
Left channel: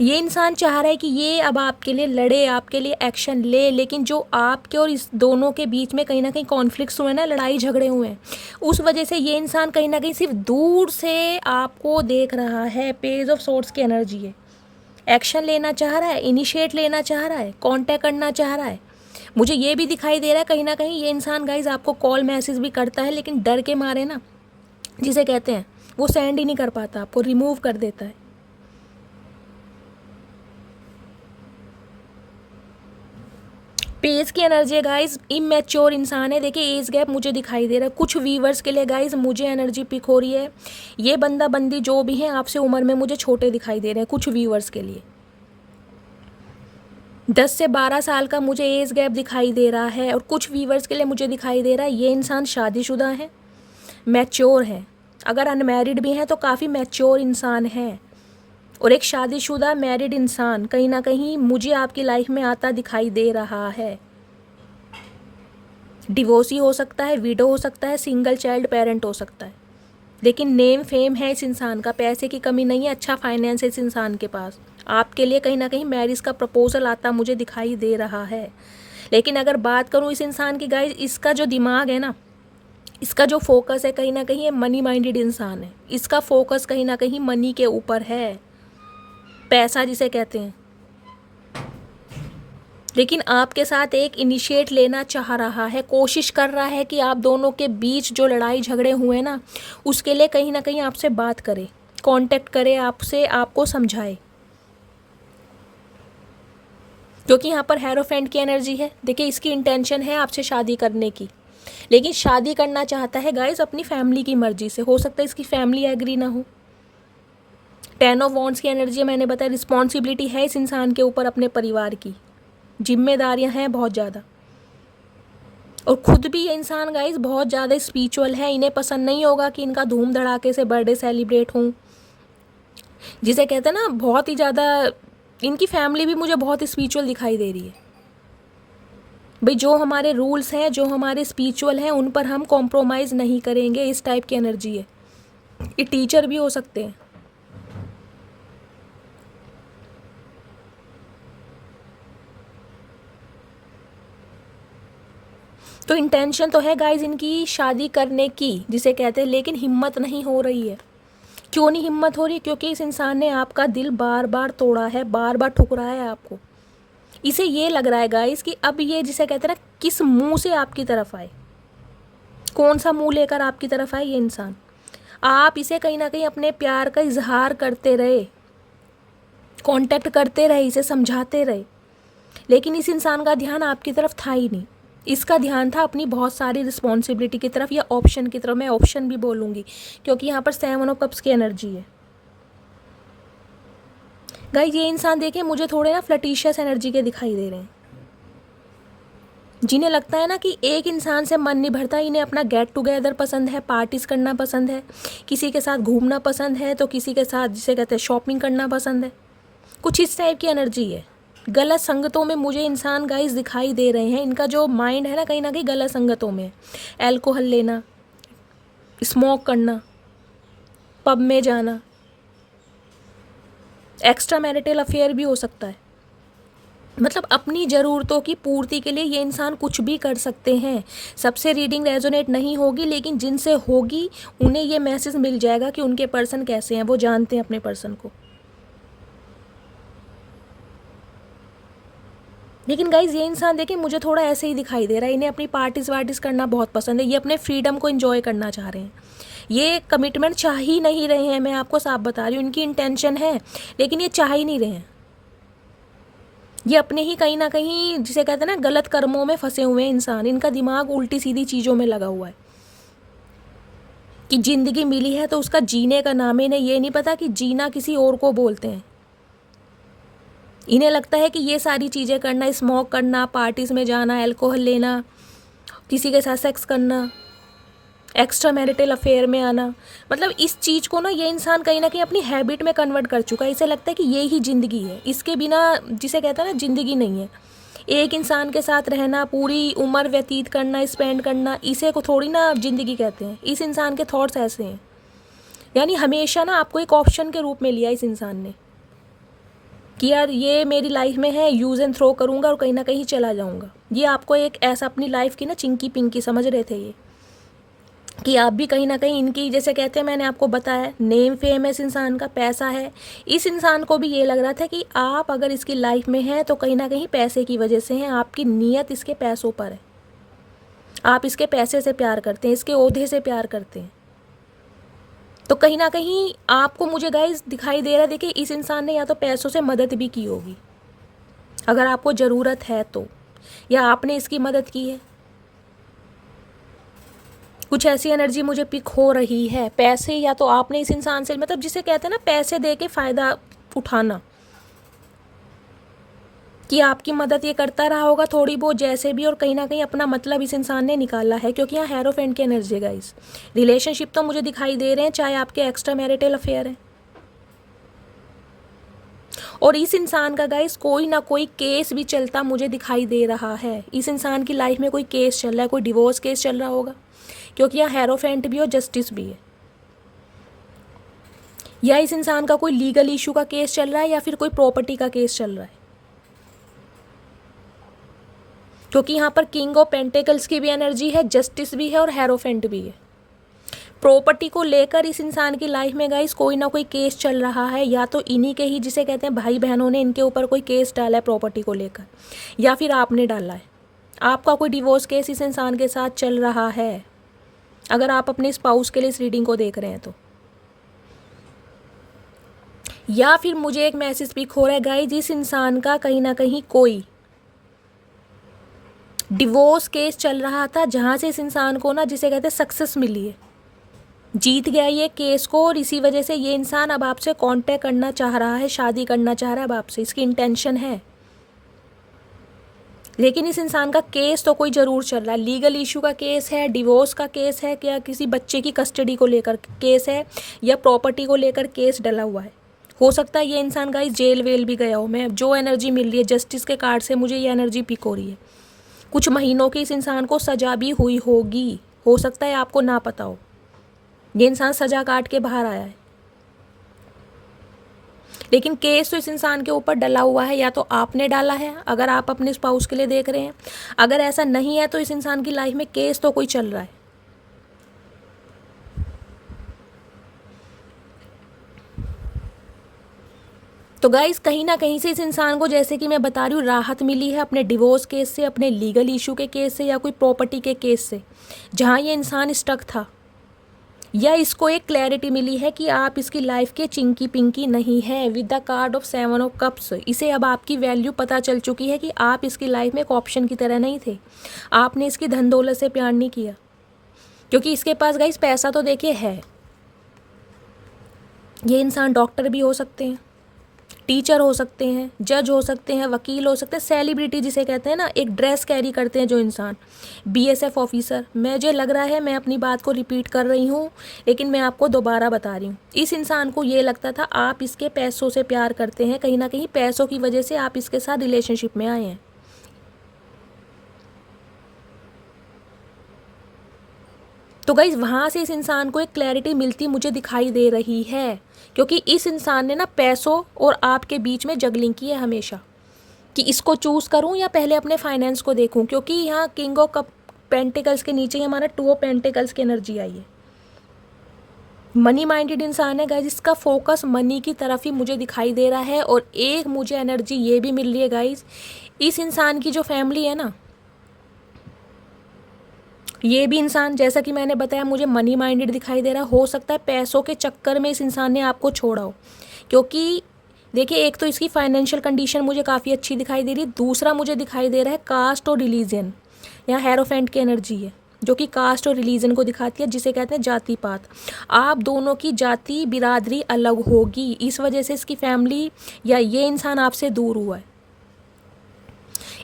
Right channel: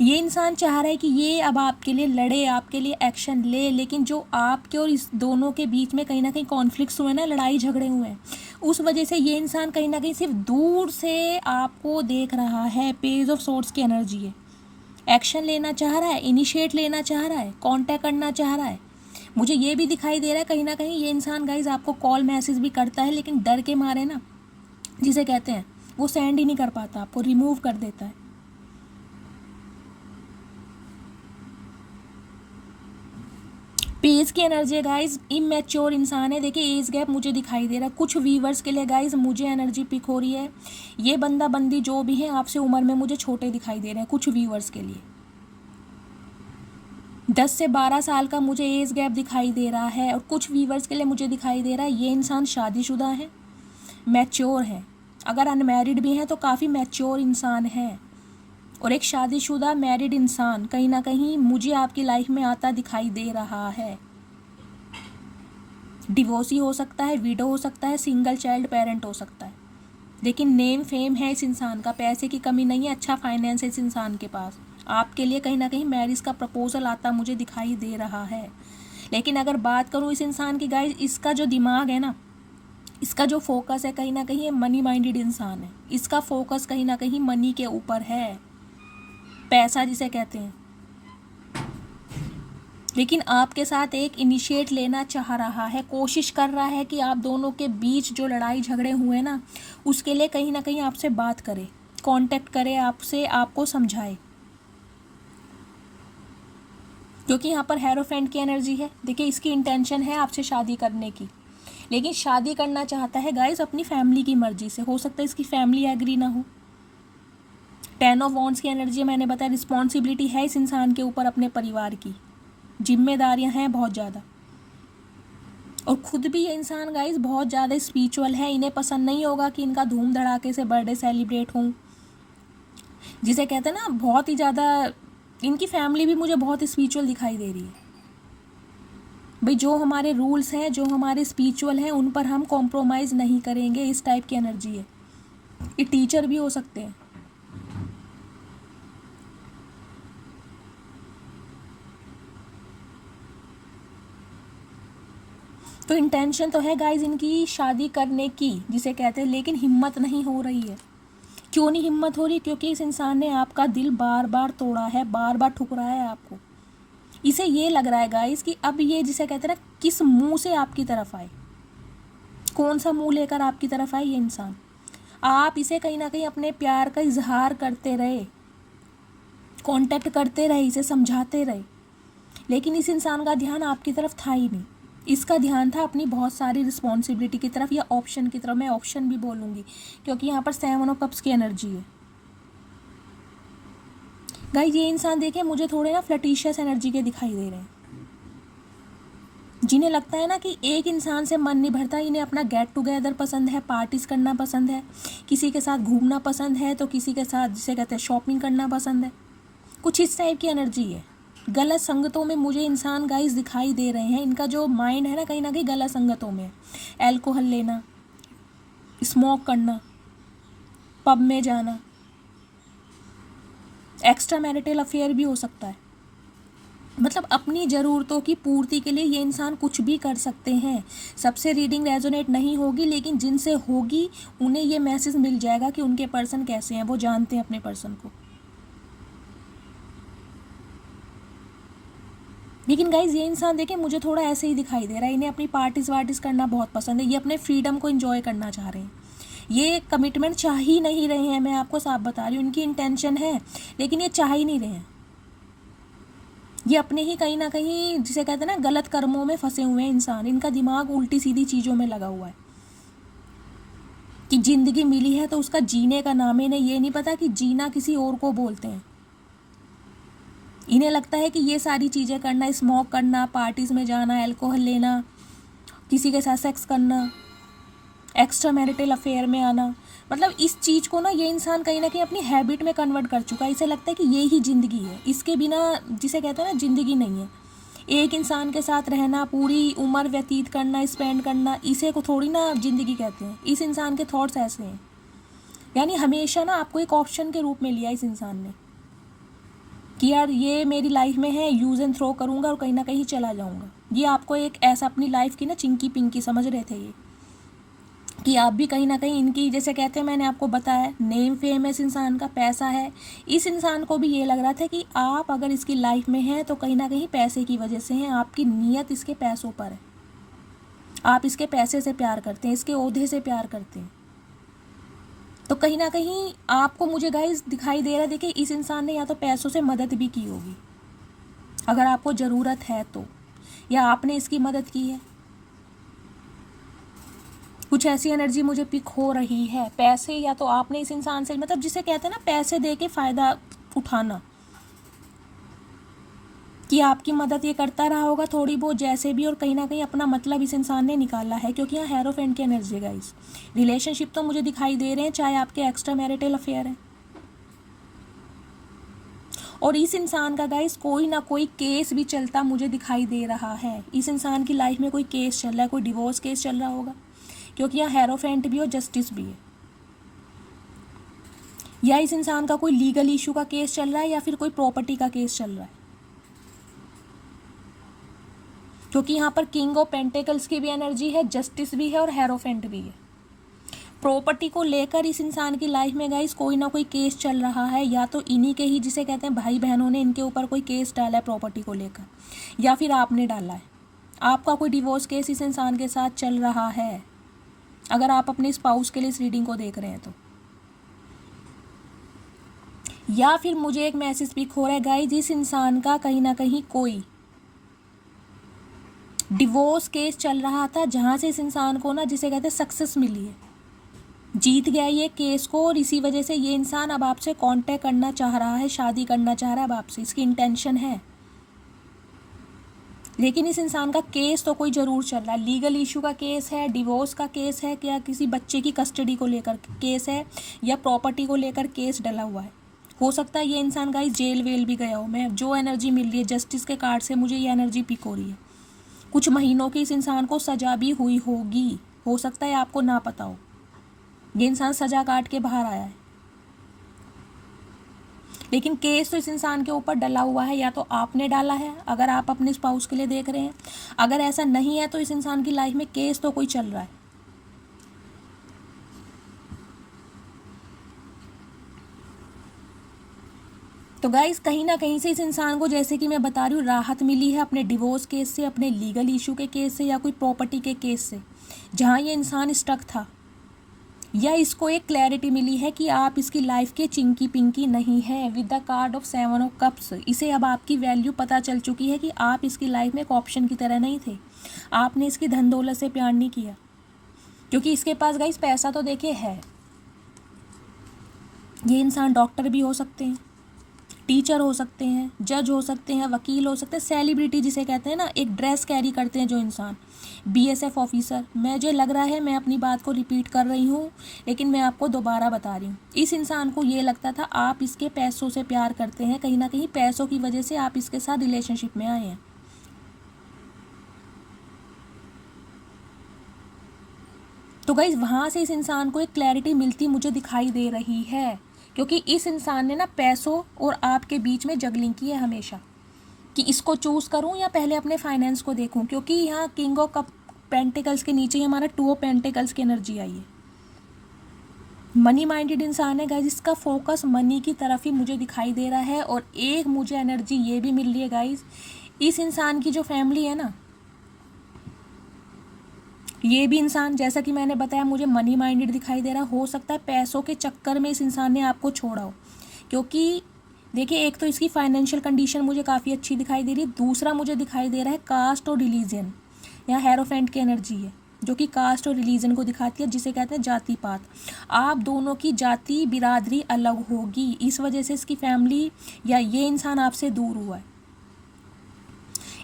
ये इंसान चाह रहा है कि ये अब आपके लिए लड़े, आपके लिए एक्शन ले, लेकिन जो आपके और इस दोनों के बीच में कहीं ना कहीं कॉन्फ्लिक्ट्स हुए ना, लड़ाई झगड़े हुए हैं, उस वजह से ये इंसान कहीं ना कहीं सिर्फ दूर से आपको देख रहा है। पेज ऑफ सॉर्ड्स की एनर्जी है, एक्शन लेना चाह रहा है, इनिशिएट लेना चाह रहा है, कांटेक्ट करना चाह रहा है। मुझे ये भी दिखाई दे रहा है कहीं ना कहीं ये इंसान गाइज आपको कॉल मैसेज भी करता है, लेकिन डर के मारे ना, जिसे कहते हैं, वो सेंड ही नहीं कर पाता, आपको रिमूव कर देता है। पेज की एनर्जी है गाइज, इमेच्योर इंसान है। देखिए एज गैप मुझे दिखाई दे रहा है कुछ व्यूवर्स के लिए गाइज, मुझे एनर्जी पिक हो रही है। ये बंदा बंदी जो भी है आपसे उम्र में मुझे छोटे दिखाई दे रहे हैं कुछ व्यूवर्स के लिए। 10 से 12 साल का मुझे एज गैप दिखाई दे रहा है, और कुछ व्यूवर्स के लिए मुझे दिखाई दे रहा है ये इंसान शादीशुदा है, मैच्योर है। अगर अनमैरिड भी हैं तो काफ़ी मैच्योर इंसान है। और एक शादीशुदा मैरिड इंसान कहीं ना कहीं मुझे आपकी लाइफ में आता दिखाई दे रहा है। डिवोर्सी हो सकता है, विडो हो सकता है, सिंगल चाइल्ड पेरेंट हो सकता है, लेकिन नेम फेम है इस इंसान का, पैसे की कमी नहीं है, अच्छा फाइनेंस है इस इंसान के पास। आपके लिए कहीं ना कहीं मैरिज का प्रपोजल आता मुझे दिखाई दे रहा है। लेकिन अगर बात करूँ इस इंसान की गाइस, इसका जो दिमाग है ना, इसका जो फोकस है कहीं ना कहीं ये मनी माइंडेड इंसान है। इसका फोकस कहीं ना कहीं मनी के ऊपर है, पैसा जिसे कहते हैं। लेकिन आपके साथ एक इनिशिएट लेना चाह रहा है, कोशिश कर रहा है कि आप दोनों के बीच जो लड़ाई झगड़े हुए ना, उसके लिए कहीं ना कहीं आपसे बात करे, कांटेक्ट करे आपसे, आपको समझाए। क्योंकि यहाँ पर हेरोफेंट की एनर्जी है। देखिए इसकी इंटेंशन है आपसे शादी करने की, लेकिन शादी करना चाहता है गाइस अपनी फैमिली की मर्जी से। हो सकता है इसकी फैमिली एग्री ना हो। 10 ऑफ वॉन्ड्स की एनर्जी मैंने बताया, रिस्पॉन्सिबिलिटी है इस इंसान के ऊपर अपने परिवार की, जिम्मेदारियां हैं बहुत ज़्यादा। और खुद भी ये इंसान गाइस बहुत ज़्यादा स्पिरिचुअल है। इन्हें पसंद नहीं होगा कि इनका धूम धड़ाके से बर्थडे सेलिब्रेट हो, जिसे कहते हैं ना बहुत ही ज़्यादा। इनकी फैमिली भी मुझे बहुत स्पिरिचुअल दिखाई दे रही है। भाई जो हमारे रूल्स हैं, जो हमारे स्पिरिचुअल हैं, उन पर हम कॉम्प्रोमाइज़ नहीं करेंगे, इस टाइप की एनर्जी है। ये टीचर भी हो सकते हैं। तो इंटेंशन तो है गाइज इनकी शादी करने की, जिसे कहते हैं, लेकिन हिम्मत नहीं हो रही है। क्यों नहीं हिम्मत हो रही? क्योंकि इस इंसान ने आपका दिल बार बार तोड़ा है, बार बार ठुकराया है आपको। इसे ये लग रहा है गाइज कि अब ये जिसे कहते हैं ना, किस मुंह से आपकी तरफ आए। कौन सा मुंह लेकर आपकी तरफ आए ये इंसान? आप इसे कहीं ना कहीं अपने प्यार का इजहार करते रहे, कांटेक्ट करते रहे, इसे समझाते रहे, लेकिन इस इंसान का ध्यान आपकी तरफ था ही नहीं। इसका ध्यान था अपनी बहुत सारी रिस्पॉन्सिबिलिटी की तरफ या ऑप्शन की तरफ। मैं ऑप्शन भी बोलूँगी क्योंकि यहाँ पर 7 ऑफ कप्स की एनर्जी है। गाइस ये इंसान देखिए मुझे थोड़े ना फ्लर्टिशियस एनर्जी के दिखाई दे रहे हैं, जिन्हें लगता है ना कि एक इंसान से मन नहीं भरता। इन्हें अपना गेट टुगेदर पसंद है, पार्टीज करना पसंद है, किसी के साथ घूमना पसंद है, तो किसी के साथ जिसे कहते हैं शॉपिंग करना पसंद है। कुछ इस टाइप की एनर्जी है। गलत संगतों में मुझे इंसान गाइस दिखाई दे रहे हैं। इनका जो माइंड है ना कहीं गलत संगतों में है। एल्कोहल लेना, स्मोक करना, पब में जाना, एक्स्ट्रा मैरिटल अफेयर भी हो सकता है। मतलब अपनी ज़रूरतों की पूर्ति के लिए ये इंसान कुछ भी कर सकते हैं। सबसे रीडिंग रेजोनेट नहीं होगी, लेकिन जिनसे होगी उन्हें ये मैसेज मिल जाएगा कि उनके पर्सन कैसे हैं, वो जानते हैं अपने पर्सन को। लेकिन गाइज ये इंसान देखिए मुझे थोड़ा ऐसे ही दिखाई दे रहा है। इन्हें अपनी पार्टीज वार्टीज करना बहुत पसंद है। ये अपने फ्रीडम को एंजॉय करना चाह रहे हैं। ये कमिटमेंट चाह ही नहीं रहे हैं। मैं आपको साफ बता रही हूँ, इनकी इंटेंशन है लेकिन ये चाह ही नहीं रहे हैं। ये अपने ही कहीं ना कहीं जिसे कहते हैं ना गलत कर्मों में फंसे हुए हैं इंसान। इनका दिमाग उल्टी सीधी चीज़ों में लगा हुआ है कि ज़िंदगी मिली है तो उसका जीने का नाम है। इन्हें ये नहीं पता कि जीना किसी और को बोलते हैं। इन्हें लगता है कि ये सारी चीज़ें करना, स्मोक करना, पार्टीज़ में जाना, अल्कोहल लेना, किसी के साथ सेक्स करना, एक्स्ट्रा मैरिटल अफेयर में आना, मतलब इस चीज़ को ना ये इंसान कहीं ना कहीं अपनी हैबिट में कन्वर्ट कर चुका है। इसे लगता है कि ये ही ज़िंदगी है, इसके बिना जिसे कहता है ना ज़िंदगी नहीं है। एक इंसान के साथ रहना, पूरी उम्र व्यतीत करना, स्पेंड करना, इसे को थोड़ी ना ज़िंदगी कहते हैं। इस इंसान के थॉट्स ऐसे हैं। यानी हमेशा ना आपको एक ऑप्शन के रूप में लिया इस इंसान ने कि यार ये मेरी लाइफ में है, यूज़ एंड थ्रो करूँगा और कहीं ना कहीं चला जाऊँगा। ये आपको एक ऐसा अपनी लाइफ की ना चिंकी पिंकी समझ रहे थे ये, कि आप भी कहीं ना कहीं इनकी जैसे कहते हैं, मैंने आपको बताया नेम फेम है इस इंसान का, पैसा है। इस इंसान को भी ये लग रहा था कि आप अगर इसकी लाइफ में हैं तो कहीं ना कहीं पैसे की वजह से हैं। आपकी नीयत इसके पैसों पर है। आप इसके पैसे से प्यार करते हैं, इसके ओहदे से प्यार करते हैं। तो कहीं ना कहीं आपको मुझे गाइस दिखाई दे रहा है, देखिए इस इंसान ने या तो पैसों से मदद भी की होगी अगर आपको ज़रूरत है तो, या आपने इसकी मदद की है। कुछ ऐसी एनर्जी मुझे पिक हो रही है। पैसे या तो आपने इस इंसान से, मतलब जिसे कहते हैं ना पैसे दे के फ़ायदा उठाना, कि आपकी मदद ये करता रहा होगा थोड़ी बहुत जैसे भी, और कहीं ना कहीं अपना मतलब इस इंसान ने निकाला है। क्योंकि यहाँ हेरोफेंट की एनर्जी है गाइस। रिलेशनशिप तो मुझे दिखाई दे रहे हैं, चाहे आपके एक्स्ट्रा मैरिटल अफेयर है। और इस इंसान का गाइस कोई ना कोई केस भी चलता मुझे दिखाई दे रहा है। इस इंसान की लाइफ में कोई केस चल रहा है, कोई डिवोर्स केस चल रहा होगा, क्योंकि यहाँ हेरोफेंट भी और जस्टिस भी है। या इस इंसान का कोई लीगल इशू का केस चल रहा है, या फिर कोई प्रॉपर्टी का केस चल रहा है। क्योंकि यहाँ पर किंग ऑफ पेंटिकल्स की भी एनर्जी है, जस्टिस भी है और हेरोफेंट भी है। प्रॉपर्टी को लेकर इस इंसान की लाइफ में गाइस कोई ना कोई केस चल रहा है। या तो इन्हीं के ही जिसे कहते हैं भाई बहनों ने इनके ऊपर कोई केस डाला है प्रॉपर्टी को लेकर, या फिर आपने डाला है। आपका कोई डिवोर्स केस इस इंसान के साथ चल रहा है, अगर आप अपने स्पाउस के लिए इस रीडिंग को देख रहे हैं तो। या फिर मुझे एक मैसेज पिक हो रहा है गाइस, इस इंसान का कहीं ना कहीं कोई डिवोर्स केस चल रहा था, जहाँ से इस इंसान को ना जिसे कहते हैं सक्सेस मिली है, जीत गया ये केस को, और इसी वजह से ये इंसान अब आपसे कांटेक्ट करना चाह रहा है, शादी करना चाह रहा है अब आपसे, इसकी इंटेंशन है। लेकिन इस इंसान का केस तो कोई ज़रूर चल रहा है। लीगल इशू का केस है, डिवोर्स का केस है, क्या किसी बच्चे की कस्टडी को लेकर केस है, या प्रॉपर्टी को लेकर केस डला हुआ है। हो सकता है ये इंसान गाइस जेल वेल भी गया हो। मैं जो एनर्जी मिल रही है जस्टिस के कार्ड से, मुझे ये एनर्जी पिक हो रही है। कुछ महीनों की इस इंसान को सज़ा भी हुई होगी, हो सकता है आपको ना पता हो। ये इंसान सज़ा काट के बाहर आया है, लेकिन केस तो इस इंसान के ऊपर डला हुआ है। या तो आपने डाला है अगर आप अपने स्पाउस के लिए देख रहे हैं, अगर ऐसा नहीं है तो इस इंसान की लाइफ में केस तो कोई चल रहा है। तो गाइस कहीं ना कहीं से इस इंसान को, जैसे कि मैं बता रही हूँ, राहत मिली है अपने डिवोर्स केस से, अपने लीगल इशू के केस से, या कोई प्रॉपर्टी के केस से जहाँ ये इंसान स्टक था, या इसको एक क्लैरिटी मिली है कि आप इसकी लाइफ के चिंकी पिंकी नहीं है। With the card of 7 of cups इसे अब आपकी वैल्यू पता चल चुकी है कि आप इसकी लाइफ में एक ऑप्शन की तरह नहीं थे। आपने इसकी धन दौलत से प्यार नहीं किया, क्योंकि इसके पास गाइस पैसा तो देखिए है। ये इंसान डॉक्टर भी हो सकते हैं, टीचर हो सकते हैं, जज हो सकते हैं, वकील हो सकते हैं, सेलिब्रिटी जिसे कहते हैं ना, एक ड्रेस कैरी करते हैं जो इंसान, बीएसएफ ऑफिसर। मुझे लग रहा है मैं अपनी बात को रिपीट कर रही हूँ, लेकिन मैं आपको दोबारा बता रही हूँ। इस इंसान को ये लगता था आप इसके पैसों से प्यार करते हैं, कहीं ना कहीं पैसों की वजह से आप इसके साथ रिलेशनशिप में आए हैं। तो गाइज वहाँ से इस इंसान को एक क्लैरिटी मिलती मुझे दिखाई दे रही है, क्योंकि इस इंसान ने ना पैसों और आपके बीच में जगलिंग की है हमेशा, कि इसको चूज़ करूं या पहले अपने फाइनेंस को देखूं, क्योंकि यहाँ किंग ऑफ कप पेंटिकल्स के नीचे ही हमारा 2 ऑफ पेंटिकल्स की एनर्जी आई है। मनी माइंडेड इंसान है गाइज, इसका फोकस मनी की तरफ ही मुझे दिखाई दे रहा है। और एक मुझे एनर्जी ये भी मिल रही है गाइज, इस इंसान की जो फैमिली है ना, ये भी इंसान, जैसा कि मैंने बताया, मुझे मनी माइंडेड दिखाई दे रहा है। हो सकता है पैसों के चक्कर में इस इंसान ने आपको छोड़ा हो, क्योंकि देखिए एक तो इसकी फाइनेंशियल कंडीशन मुझे काफ़ी अच्छी दिखाई दे रही है, दूसरा मुझे दिखाई दे रहा है कास्ट और रिलीजन। यहाँ हेरोफेंट की एनर्जी है जो कि कास्ट और रिलीजन को दिखाती है, जिसे कहते हैं जाति पात। आप दोनों की जाति बिरादरी अलग होगी, इस वजह से इसकी फैमिली या ये इंसान आपसे दूर हुआ है।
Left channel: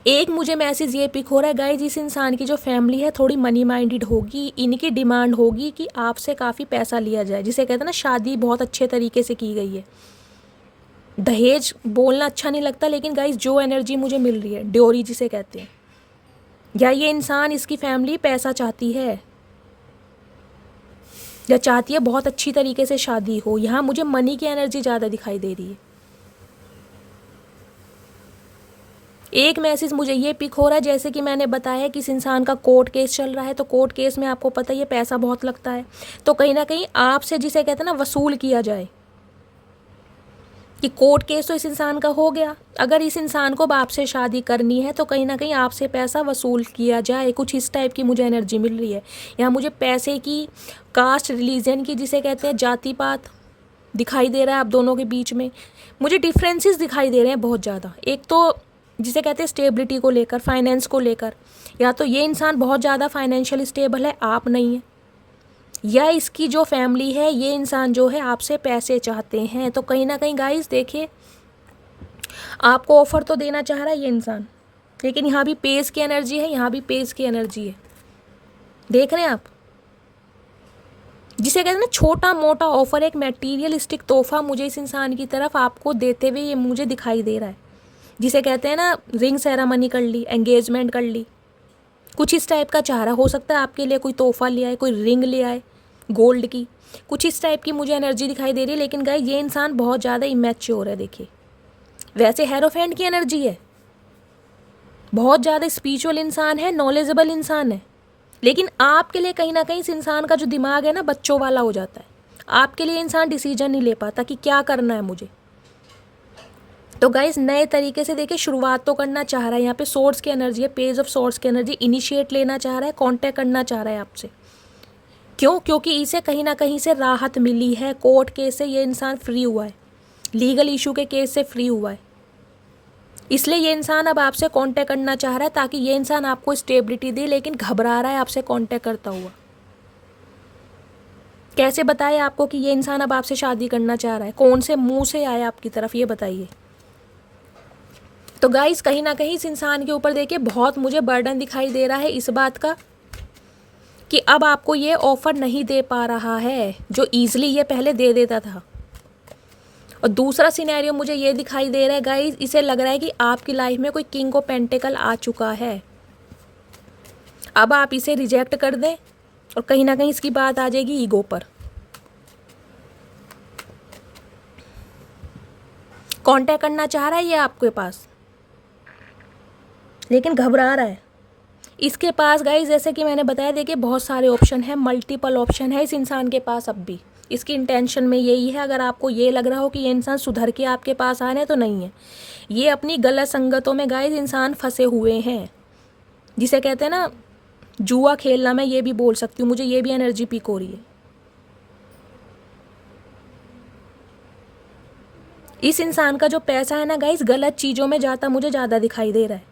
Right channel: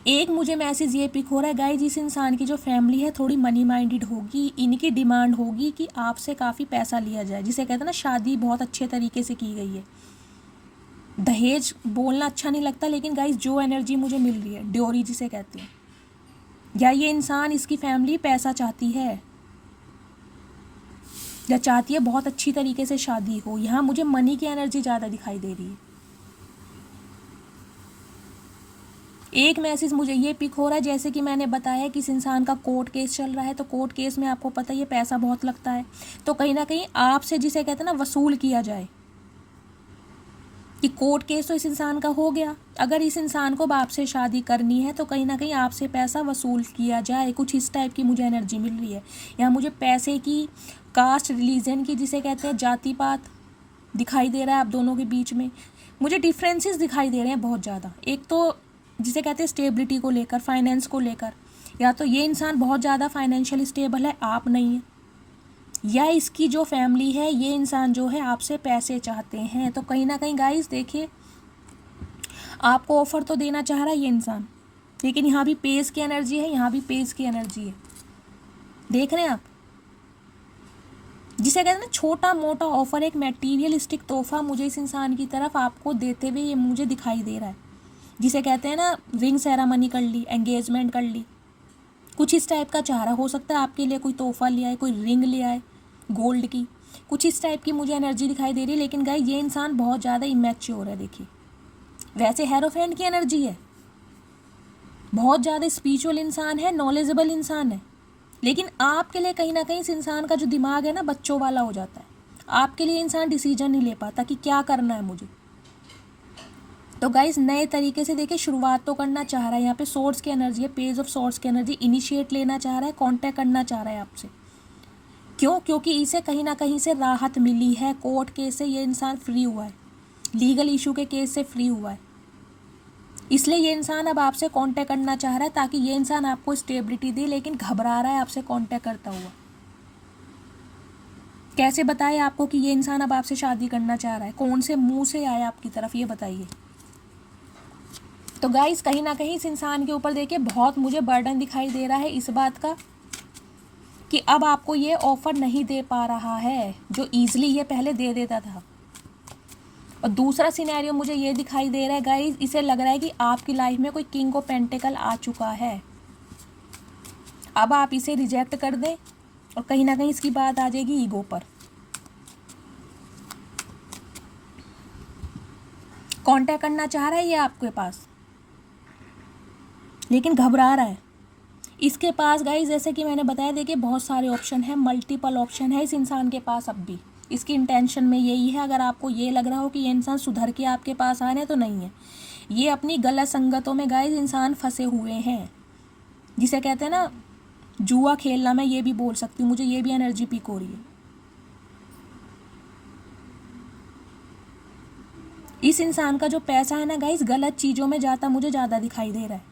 एक मुझे मैसेज ये पिक हो रहा है गाइज, इस इंसान की जो फैमिली है थोड़ी मनी माइंडेड होगी। इनकी डिमांड होगी कि आपसे काफ़ी पैसा लिया जाए, जिसे कहते हैं ना शादी बहुत अच्छे तरीके से की गई है। दहेज बोलना अच्छा नहीं लगता, लेकिन गाइज जो एनर्जी मुझे मिल रही है, ड्योरी जिसे कहते हैं, या ये इंसान, इसकी फैमिली पैसा चाहती है या चाहती है बहुत अच्छी तरीके से शादी हो। यहाँ मुझे मनी की एनर्जी ज़्यादा दिखाई दे रही है। एक मैसेज मुझे ये पिक हो रहा है, जैसे कि मैंने बताया कि इस इंसान का कोर्ट केस चल रहा है, तो कोर्ट केस में आपको पता है ये पैसा बहुत लगता है, तो कहीं ना कहीं आपसे, जिसे कहते हैं ना, वसूल किया जाए। कि कोर्ट केस तो इस इंसान का हो गया, अगर इस इंसान को आपसे शादी करनी है तो कहीं ना कहीं आपसे पैसा वसूल किया जाए। कुछ इस टाइप की मुझे एनर्जी मिल रही है। यहाँ मुझे पैसे की, कास्ट, रिलीजन की, जिसे कहते हैं जाति पात, दिखाई दे रहा है आप दोनों के बीच में। मुझे डिफरेंसेस दिखाई दे रहे हैं बहुत ज़्यादा। एक तो जिसे कहते हैं स्टेबिलिटी को लेकर, फाइनेंस को लेकर, या तो ये इंसान बहुत ज़्यादा फाइनेंशियल स्टेबल है, आप नहीं है, या इसकी जो फैमिली है, ये इंसान जो है आपसे पैसे चाहते हैं। तो कहीं ना कहीं गाइस देखिए, आपको ऑफर तो देना चाह रहा है ये इंसान, लेकिन यहाँ भी पेस की एनर्जी है, यहाँ भी पेस की एनर्जी है। देख रहे हैं आप, जिसे कहते हैं ना छोटा मोटा ऑफर, एक मटेरियलिस्टिक तोहफा मुझे इस इंसान की तरफ आपको देते हुए ये मुझे दिखाई दे रहा है। जिसे कहते हैं ना, रिंग सेरेमनी कर ली, एंगेजमेंट कर ली, कुछ इस टाइप का चाह रहा। हो सकता है आपके लिए कोई तोहफा ले आए, कोई रिंग ले आए गोल्ड की, कुछ इस टाइप की मुझे एनर्जी दिखाई दे रही है। लेकिन गाइस ये इंसान बहुत ज़्यादा इमैच्योर है। देखिए वैसे हेरोफेंट की एनर्जी है, बहुत ज़्यादा स्पिरिचुअल इंसान है, नॉलेजेबल इंसान है, लेकिन आपके लिए कहीं ना कहीं इस इंसान का जो दिमाग है ना, बच्चों वाला हो जाता है। आपके लिए इंसान डिसीजन नहीं ले पाता कि क्या करना है मुझे। तो गाइस नए तरीके से देखिए, शुरुआत तो करना चाह रहा है। यहाँ पे सोर्स की एनर्जी है, पेज ऑफ सोर्स की एनर्जी, इनिशिएट लेना चाह रहा है, कांटेक्ट करना चाह रहा है आपसे। क्यों? क्योंकि इसे कहीं ना कहीं से राहत मिली है। कोर्ट केस से ये इंसान फ्री हुआ है, लीगल इशू के केस से फ्री हुआ है, इसलिए ये इंसान अब आपसे कांटेक्ट करना चाह रहा है, ताकि ये इंसान आपको स्टेबिलिटी दे, लेकिन घबरा रहा है आपसे कांटेक्ट करता हुआ। कैसे बताए आपको कि ये इंसान अब आपसे शादी करना चाह रहा है? कौन से मुंह से आया आपकी तरफ, ये बताइए। तो गाइस कहीं ना कहीं इस इंसान के ऊपर देखिए बहुत मुझे बर्डन दिखाई दे रहा है इस बात का कि अब आपको ये ऑफर नहीं दे पा रहा है जो ईजिली ये पहले दे देता था। और दूसरा सिनेरियो मुझे ये दिखाई दे रहा है गाइस, इसे लग रहा है कि आपकी लाइफ में कोई किंग ऑफ पेंटिकल आ चुका है। अब आप इसे रिजेक्ट कर दें और कहीं ना कहीं इसकी बात आ जाएगी ईगो पर। कांटेक्ट करना चाह रहा है ये आपके पास, लेकिन घबरा रहा है। इसके पास गाइस, जैसे कि मैंने बताया, देखिए बहुत सारे ऑप्शन है, मल्टीपल ऑप्शन है इस इंसान के पास अब भी। इसकी इंटेंशन में यही है। अगर आपको ये लग रहा हो कि ये इंसान सुधर के आपके पास आ रहे हैं, तो नहीं है। ये अपनी गलत संगतों में गाइस इंसान फंसे हुए हैं, जिसे कहते हैं ना जुआ खेलना। मैं ये भी बोल सकती हूँ, मुझे ये भी एनर्जी पिक हो रही है। इस इंसान का जो पैसा है ना गाइस, गलत चीज़ों में जाता मुझे ज़्यादा दिखाई दे रहा है।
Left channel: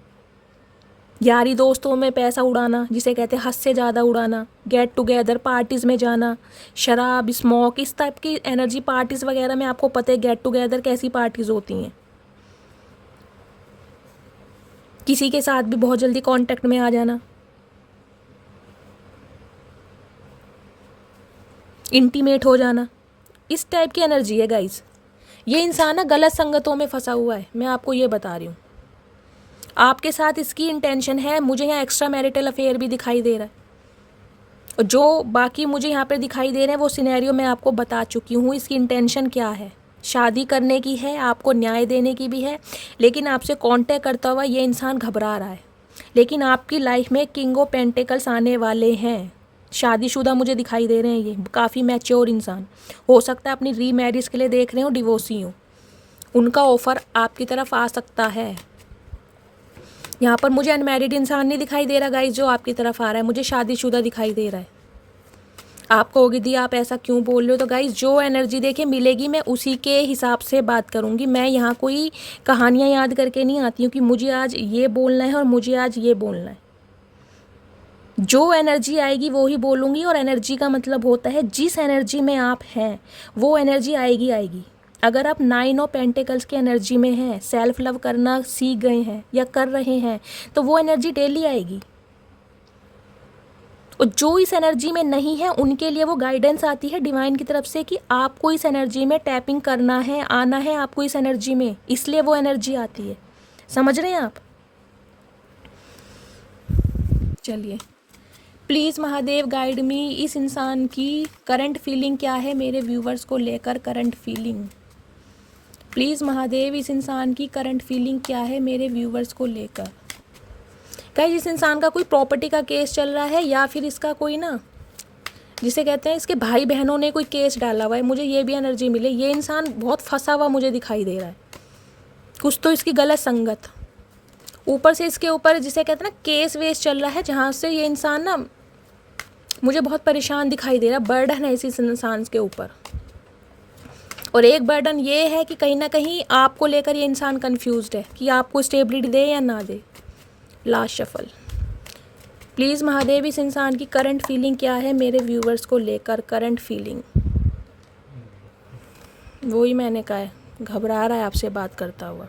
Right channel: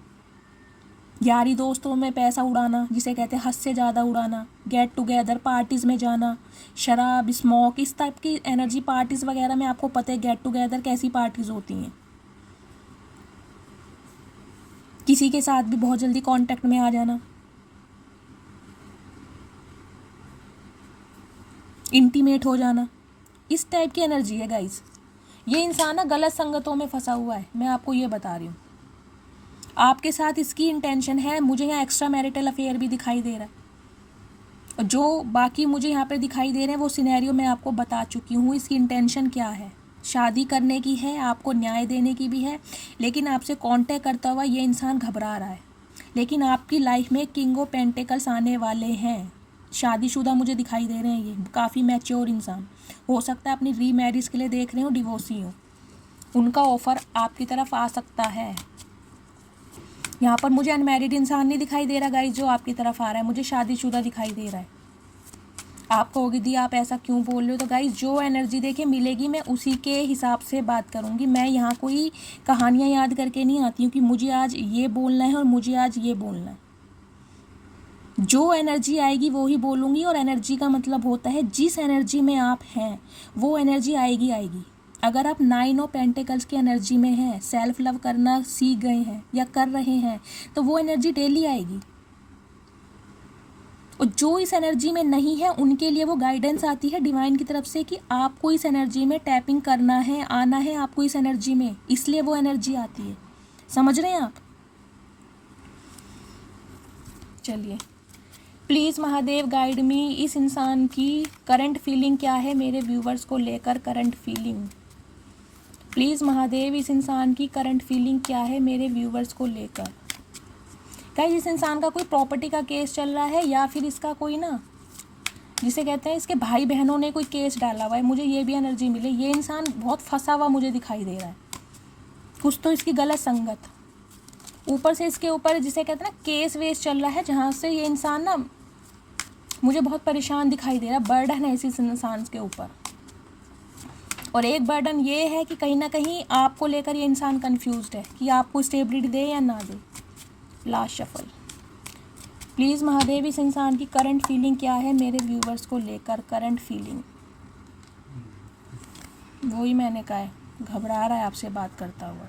यारी दोस्तों में पैसा उड़ाना, जिसे कहते हैं हद से ज़्यादा उड़ाना, गेट टुगेदर पार्टीज़ में जाना, शराब स्मोक, इस टाइप की एनर्जी पार्टीज़ वगैरह में। आपको पता है गेट टुगेदर कैसी पार्टीज़ होती हैं। किसी के साथ भी बहुत जल्दी कांटेक्ट में आ जाना, इंटीमेट हो जाना, इस टाइप की एनर्जी है गाइस। ये इंसान ना गलत संगतों में फंसा हुआ है, मैं आपको ये बता रही हूँ। आपके साथ इसकी इंटेंशन है। मुझे यहाँ एक्स्ट्रा मैरिटल अफेयर भी दिखाई दे रहा है, और जो बाकी मुझे यहाँ पे दिखाई दे रहे हैं वो सिनेरियो मैं आपको बता चुकी हूँ। इसकी इंटेंशन क्या है, शादी करने की है, आपको न्याय देने की भी है, लेकिन आपसे कांटेक्ट करता हुआ ये इंसान घबरा रहा है। लेकिन आपकी लाइफ में किंग ऑफ पेंटिकल्स आने वाले हैं। शादीशुदा मुझे दिखाई दे रहे हैं, ये काफ़ी मैच्योर इंसान। हो सकता है अपनी रीमैरिज के लिए देख रहे हो, डिवोर्सी हो, उनका ऑफ़र आपकी तरफ आ सकता है। यहाँ पर मुझे अनमैरिड इंसान नहीं दिखाई दे रहा गाइस जो आपकी तरफ आ रहा है, मुझे शादीशुदा दिखाई दे रहा है। आप कहोगे दी आप ऐसा क्यों बोल रहे हो, तो गाइस जो एनर्जी देखिए मिलेगी मैं उसी के हिसाब से बात करूँगी। मैं यहाँ कोई कहानियाँ याद करके नहीं आती हूँ कि मुझे आज ये बोलना है और मुझे आज ये बोलना है। जो एनर्जी आएगी वो ही बोलूँगी, और एनर्जी का मतलब होता है जिस एनर्जी में आप हैं वो एनर्जी आएगी आएगी। अगर आप 9 ऑफ पेंटिकल्स की एनर्जी में हैं, सेल्फ लव करना सीख गए हैं या कर रहे हैं, तो वो एनर्जी डेली आएगी। और जो इस एनर्जी में नहीं है उनके लिए वो गाइडेंस आती है डिवाइन की तरफ से कि आपको इस एनर्जी में टैपिंग करना है, आना है आपको इस एनर्जी में, इसलिए वो एनर्जी आती है। समझ रहे हैं आप? चलिए, प्लीज़ महादेव गाइड मी। इस इंसान की करंट फीलिंग क्या है मेरे व्यूवर्स को लेकर? करंट फीलिंग प्लीज़ महादेव, इस इंसान की करंट फीलिंग क्या है मेरे व्यूवर्स को लेकर? कहीं इस इंसान का कोई प्रॉपर्टी का केस चल रहा है, या फिर इसका कोई ना जिसे कहते हैं इसके भाई बहनों ने कोई केस डाला हुआ है, मुझे ये भी एनर्जी मिले। ये इंसान बहुत फंसा हुआ मुझे दिखाई दे रहा है, कुछ तो इसकी गलत संगत, ऊपर से इसके ऊपर जिसे कहते हैं ना केस वेस चल रहा है, जहाँ से ये इंसान ना मुझे बहुत परेशान दिखाई दे रहा है। बर्डन है इस इंसान के ऊपर, और एक बर्डन ये है कि कहीं ना कहीं आपको लेकर ये इंसान कंफ्यूज्ड है कि आपको स्टेबिलिटी दे या ना दे। लास्ट शफल, प्लीज़ महादेव, इस इंसान की करंट फीलिंग क्या है मेरे व्यूवर्स को लेकर? करंट फीलिंग, वही मैंने कहा है, घबरा रहा है आपसे बात करता हुआ।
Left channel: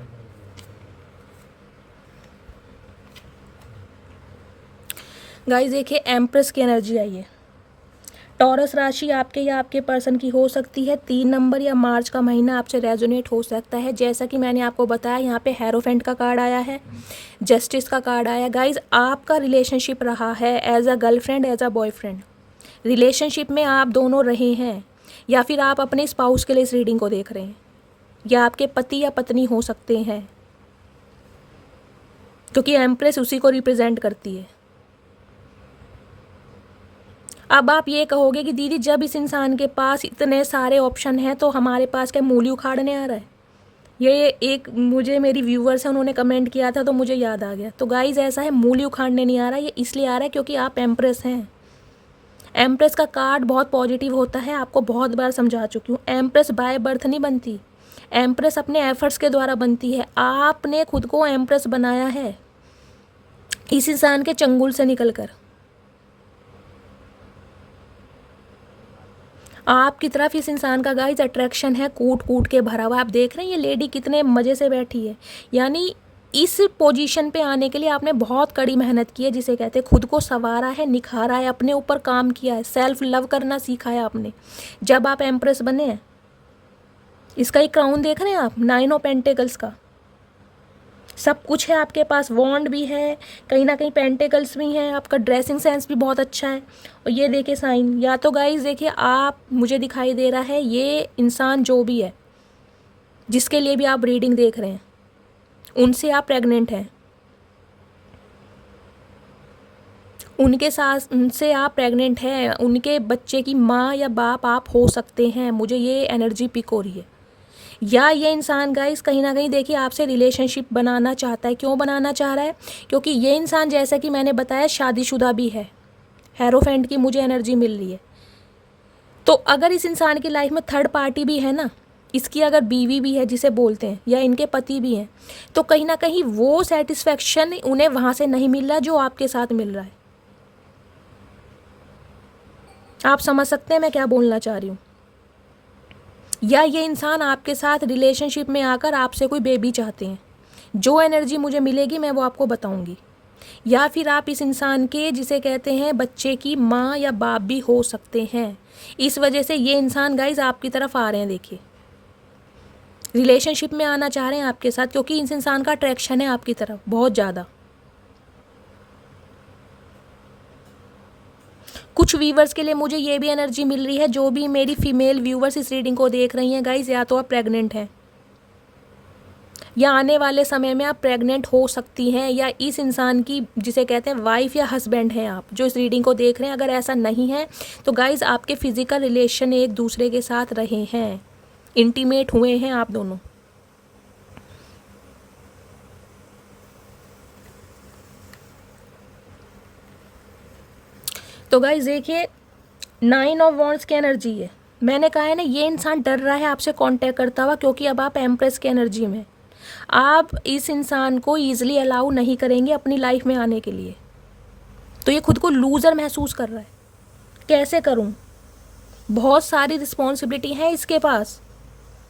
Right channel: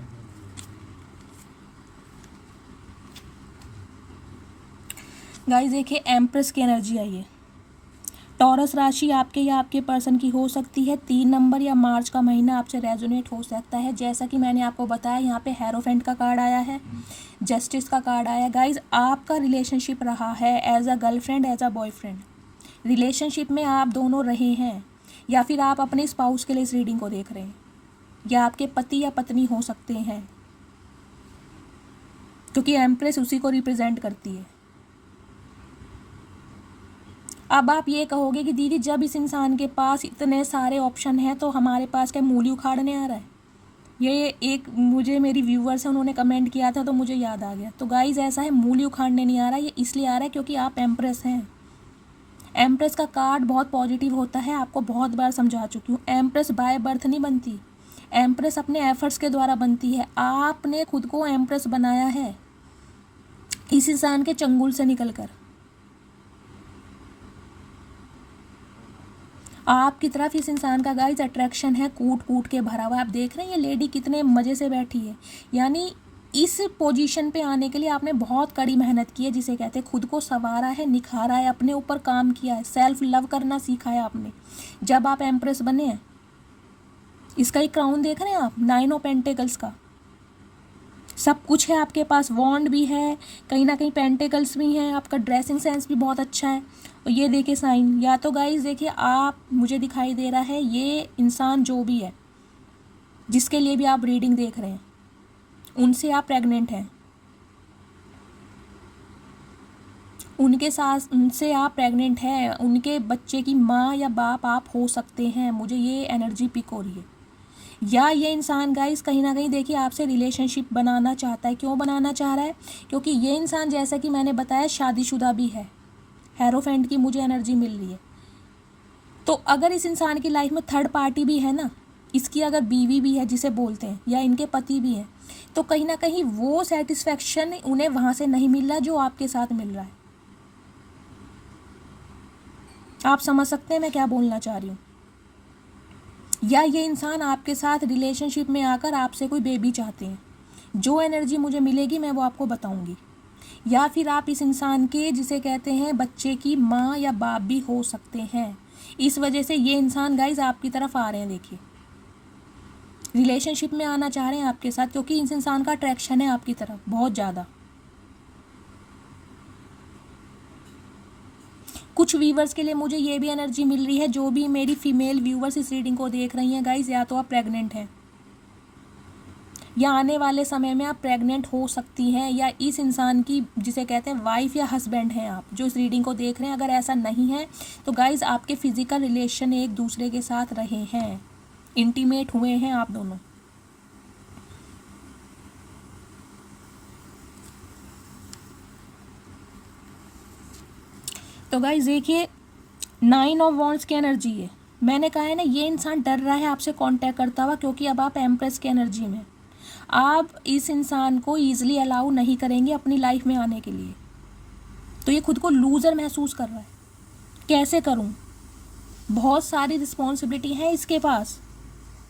गाइस देखिए, एम्प्रेस की एनर्जी आई है। टॉरस राशि आपके या आपके पर्सन की हो सकती है। 3 नंबर या मार्च का महीना आपसे रेजोनेट हो सकता है। जैसा कि मैंने आपको बताया, यहाँ पे हेरोफेंट का कार्ड आया है, जस्टिस का कार्ड आया। गाइज आपका रिलेशनशिप रहा है as a girlfriend, as a boyfriend, relationship में आप दोनों रहे हैं, या फिर आप अपने स्पाउस के लिए इस रीडिंग को देख रहे हैं, या आपके पति या पत्नी हो सकते हैं, क्योंकि एम्प्रेस उसी को रिप्रेजेंट करती है। अब आप ये कहोगे कि दीदी जब इस इंसान के पास इतने सारे ऑप्शन हैं तो हमारे पास क्या मूली उखाड़ने आ रहा है? ये एक मुझे मेरी व्यूवर्स हैं, उन्होंने कमेंट किया था तो मुझे याद आ गया। तो गाइज ऐसा है, मूली उखाड़ने नहीं आ रहा, ये इसलिए आ रहा है क्योंकि आप एम्प्रेस हैं। एम्प्रेस का कार्ड बहुत पॉजिटिव होता है, आपको बहुत बार समझा चुकी हूँ। एम्प्रेस बाय बर्थ नहीं बनती, एम्प्रेस अपने एफर्ट्स के द्वारा बनती है। आपने खुद को एम्प्रेस बनाया है इस इंसान के चंगुल से निकलकर। आपकी तरफ इस इंसान का गाइस अट्रैक्शन है, कूट कूट के भरा हुआ। आप देख रहे हैं ये लेडी कितने मज़े से बैठी है, यानी इस पोजीशन पे आने के लिए आपने बहुत कड़ी मेहनत की है, जिसे कहते हैं खुद को संवारा है, निखारा है, अपने ऊपर काम किया है, सेल्फ लव करना सीखा है आपने जब आप एम्प्रेस बने हैं। इसका एक क्राउन देख रहे हैं आप, 9 ऑफ पेंटिकल्स का, सब कुछ है आपके पास, वॉन्ड भी है, कहीं ना कहीं पेंटिकल्स भी हैं, आपका ड्रेसिंग सेंस भी बहुत अच्छा है। और ये देखिए साइन, या तो गाइस देखिए आप, मुझे दिखाई दे रहा है ये इंसान जो भी है जिसके लिए भी आप रीडिंग देख रहे हैं, उनसे आप प्रेग्नेंट हैं, उनके साथ उनसे आप प्रेग्नेंट हैं, उनके बच्चे की माँ या बाप आप हो सकते हैं। मुझे ये एनर्जी पिक हो रही है। या ये इंसान गाइस कहीं ना कहीं देखिए आपसे रिलेशनशिप बनाना चाहता है। क्यों बनाना चाह रहा है? क्योंकि ये इंसान जैसा कि मैंने बताया शादीशुदा भी है। हेरोफेंट की मुझे एनर्जी मिल रही है। तो अगर इस इंसान की लाइफ में थर्ड पार्टी भी है ना, इसकी अगर बीवी भी है जिसे बोलते हैं, या इनके पति भी हैं, तो कहीं ना कहीं वो सेटिस्फेक्शन उन्हें वहाँ से नहीं मिल रहा जो आपके साथ मिल रहा है। आप समझ सकते हैं मैं क्या बोलना चाह रही हूँ? या ये इंसान आपके साथ रिलेशनशिप में आकर आपसे कोई बेबी चाहते हैं। जो एनर्जी मुझे मिलेगी मैं वो आपको बताऊंगी। या फिर आप इस इंसान के जिसे कहते हैं बच्चे की माँ या बाप भी हो सकते हैं। इस वजह से ये इंसान गाइज आपकी तरफ आ रहे हैं। देखिए रिलेशनशिप में आना चाह रहे हैं आपके साथ, क्योंकि इस इंसान का अट्रैक्शन है आपकी तरफ बहुत ज़्यादा। कुछ व्यूवर्स के लिए मुझे ये भी एनर्जी मिल रही है, जो भी मेरी फीमेल व्यूवर्स इस रीडिंग को देख रही हैं गाइज, या तो आप प्रेग्नेंट हैं या आने वाले समय में आप प्रेग्नेंट हो सकती हैं, या इस इंसान की जिसे कहते हैं वाइफ या हस्बैंड हैं आप जो इस रीडिंग को देख रहे हैं। अगर ऐसा नहीं है तो गाइज आपके फिजिकल रिलेशन एक दूसरे के साथ रहे हैं, इंटीमेट हुए हैं आप दोनों। तो गाइज देखिए 9 ऑफ वॉन्ड्स की एनर्जी है। मैंने कहा है ना ये इंसान डर रहा है आपसे कांटेक्ट करता हुआ, क्योंकि अब आप एम्प्रेस की एनर्जी में, आप इस इंसान को ईजिली अलाउ नहीं करेंगे अपनी लाइफ में आने के लिए। तो ये खुद को लूज़र महसूस कर रहा है। कैसे करूं? बहुत सारी रिस्पॉन्सिबिलिटी है इसके पास।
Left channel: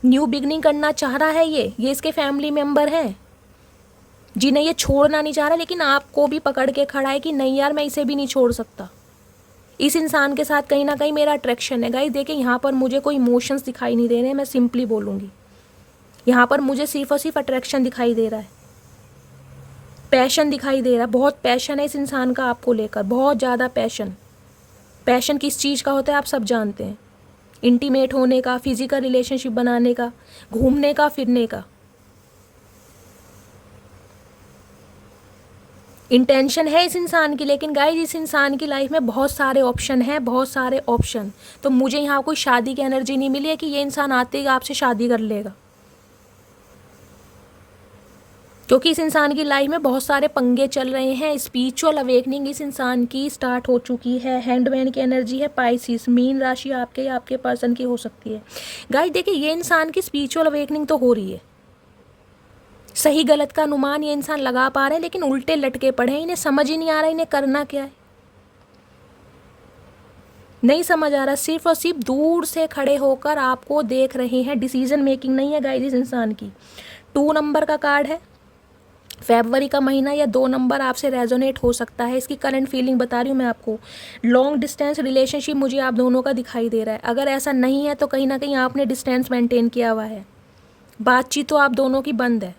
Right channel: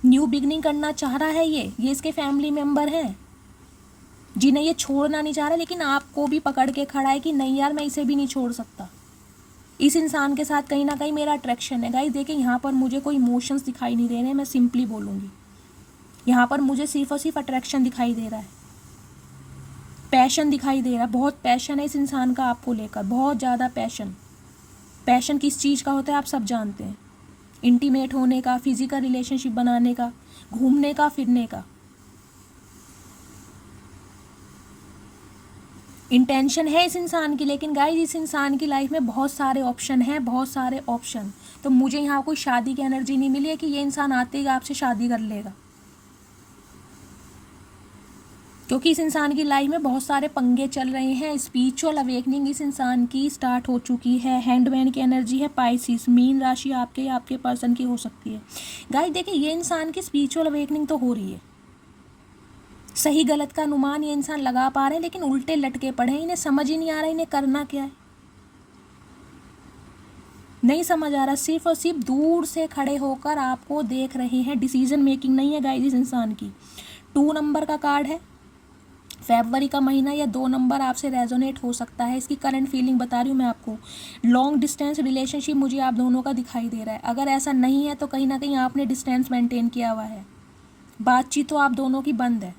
न्यू बिगनिंग करना चाह रहा है ये इसके फैमिली मेम्बर हैं जिन्हें ये छोड़ना नहीं चाह रहा, लेकिन आपको भी पकड़ के खड़ा है कि नहीं यार मैं इसे भी नहीं छोड़ सकता। इस इंसान के साथ कहीं ना कहीं मेरा अट्रैक्शन है। गाइस देखिए यहाँ पर मुझे कोई इमोशंस दिखाई नहीं दे रहे हैं, मैं सिंपली बोलूँगी। यहाँ पर मुझे सिर्फ और सिर्फ अट्रैक्शन दिखाई दे रहा है, पैशन दिखाई दे रहा है। बहुत पैशन है इस इंसान का आपको लेकर, बहुत ज़्यादा पैशन। पैशन किस चीज़ का होता है आप सब जानते हैं, इंटीमेट होने का, फिजिकल रिलेशनशिप बनाने का, घूमने का, फिरने का। इंटेंशन है इस इंसान की, लेकिन गाइस इस इंसान की लाइफ में बहुत सारे ऑप्शन हैं, बहुत सारे ऑप्शन। तो मुझे यहाँ कोई शादी की एनर्जी नहीं मिली है कि ये इंसान आते ही आपसे शादी कर लेगा, क्योंकि इस इंसान की लाइफ में बहुत सारे पंगे चल रहे हैं। स्पिरिचुअल अवेकनिंग इस इंसान की स्टार्ट हो चुकी है। हैंडमैन की एनर्जी है, पाइसिस, मीन राशि आपके या आपके पर्सन की हो सकती है। गाइस देखिए ये इंसान की स्पिरिचुअल अवेकनिंग तो हो रही है, सही गलत का अनुमान ये इंसान लगा पा रहे हैं, लेकिन उल्टे लटके पड़े हैं। इन्हें समझ ही नहीं आ रहा इन्हें करना क्या है, नहीं समझ आ रहा। सिर्फ और सिर्फ दूर से खड़े होकर आपको देख रहे हैं। डिसीजन मेकिंग नहीं है गाइस इस इंसान की। 2 नंबर का कार्ड है, फरवरी का महीना, या 2 नंबर आपसे रेजोनेट हो सकता है। इसकी करंट फीलिंग बता रही हूँ मैं आपको। लॉन्ग डिस्टेंस रिलेशनशिप मुझे आप दोनों का दिखाई दे रहा है। अगर ऐसा नहीं है तो कहीं ना कहीं आपने डिस्टेंस मेंटेन किया हुआ है, बातचीत तो आप दोनों की बंद है।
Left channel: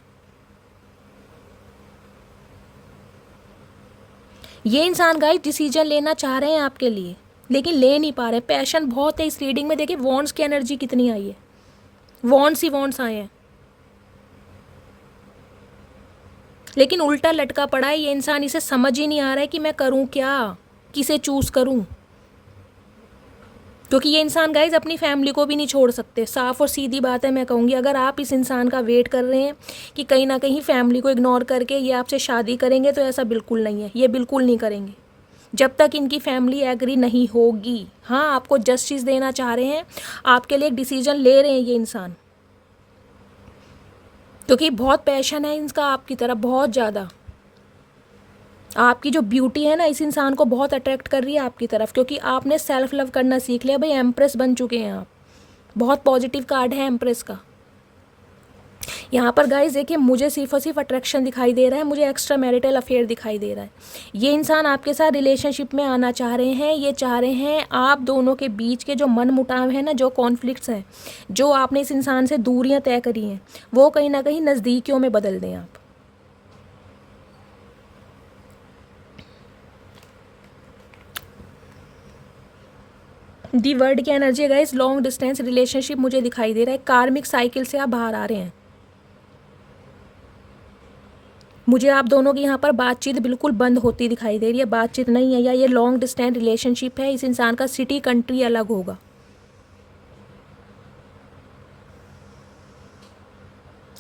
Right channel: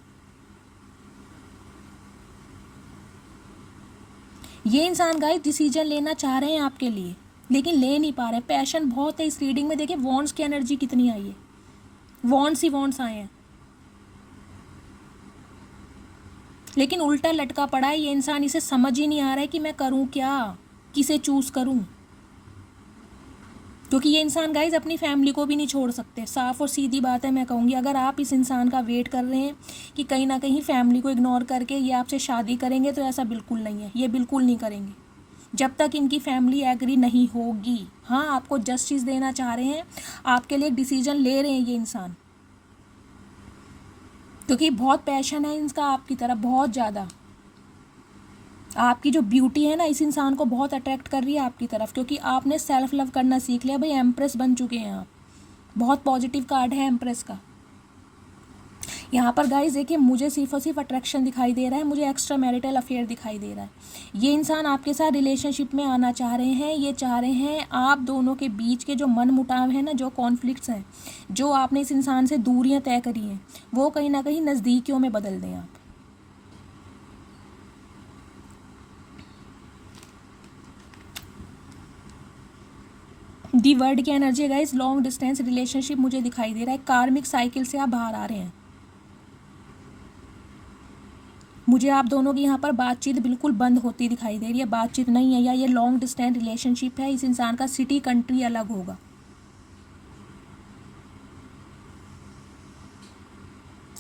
ये इंसान गाइस डिसीजन लेना चाह रहे हैं आपके लिए, लेकिन ले नहीं पा रहे। पैशन बहुत है इस रीडिंग में। देखिए वॉन्ड्स की एनर्जी कितनी आई है, वॉन्ड्स ही वॉन्ड्स आए हैं, लेकिन उल्टा लटका पड़ा है ये इंसान। इसे समझ ही नहीं आ रहा है कि मैं करूं क्या, किसे चूज करूं, क्योंकि ये इंसान गाइज अपनी फैमिली को भी नहीं छोड़ सकते। साफ और सीधी बात है, मैं कहूँगी अगर आप इस इंसान का वेट कर रहे हैं कि कहीं ना कहीं फैमिली को इग्नोर करके ये आपसे शादी करेंगे, तो ऐसा बिल्कुल नहीं है। ये बिल्कुल नहीं करेंगे जब तक इनकी फैमिली एग्री नहीं होगी। हाँ आपको जस्टिस देना चाह रहे हैं, आपके लिए एक डिसीजन ले रहे हैं ये इंसान, क्योंकि बहुत पैशन है इनका आपकी तरफ, बहुत ज़्यादा। आपकी जो ब्यूटी है ना इस इंसान को बहुत अट्रैक्ट कर रही है आपकी तरफ, क्योंकि आपने सेल्फ लव करना सीख लिया भाई। एम्प्रेस बन चुके हैं आप, बहुत पॉजिटिव कार्ड है एम्प्रेस का। यहाँ पर गाइस देखिए मुझे सिर्फ और सिर्फ अट्रैक्शन दिखाई दे रहा है, मुझे एक्स्ट्रा मैरिटल अफेयर दिखाई दे रहा है। ये इंसान आपके साथ रिलेशनशिप में आना चाह रहे हैं। ये चाह रहे हैं आप दोनों के बीच के जो मन मुटाव है ना, जो कॉन्फ्लिक्ट्स हैं, जो आपने इस इंसान से दूरियाँ तय करी हैं, वो कहीं ना कहीं नज़दीकियों में बदल दें आप। दी वर्ड की energy guys long distance relationship मुझे दिखाई दे रहा है। कार्मिक साइकिल से आप बाहर आ रहे हैं। मुझे आप दोनों की यहाँ पर बातचीत बिल्कुल बंद होती दिखाई दे रही है, बातचीत नहीं है, या ये लॉन्ग डिस्टेंस रिलेशनशिप है। इस इंसान का सिटी कंट्री अलग होगा।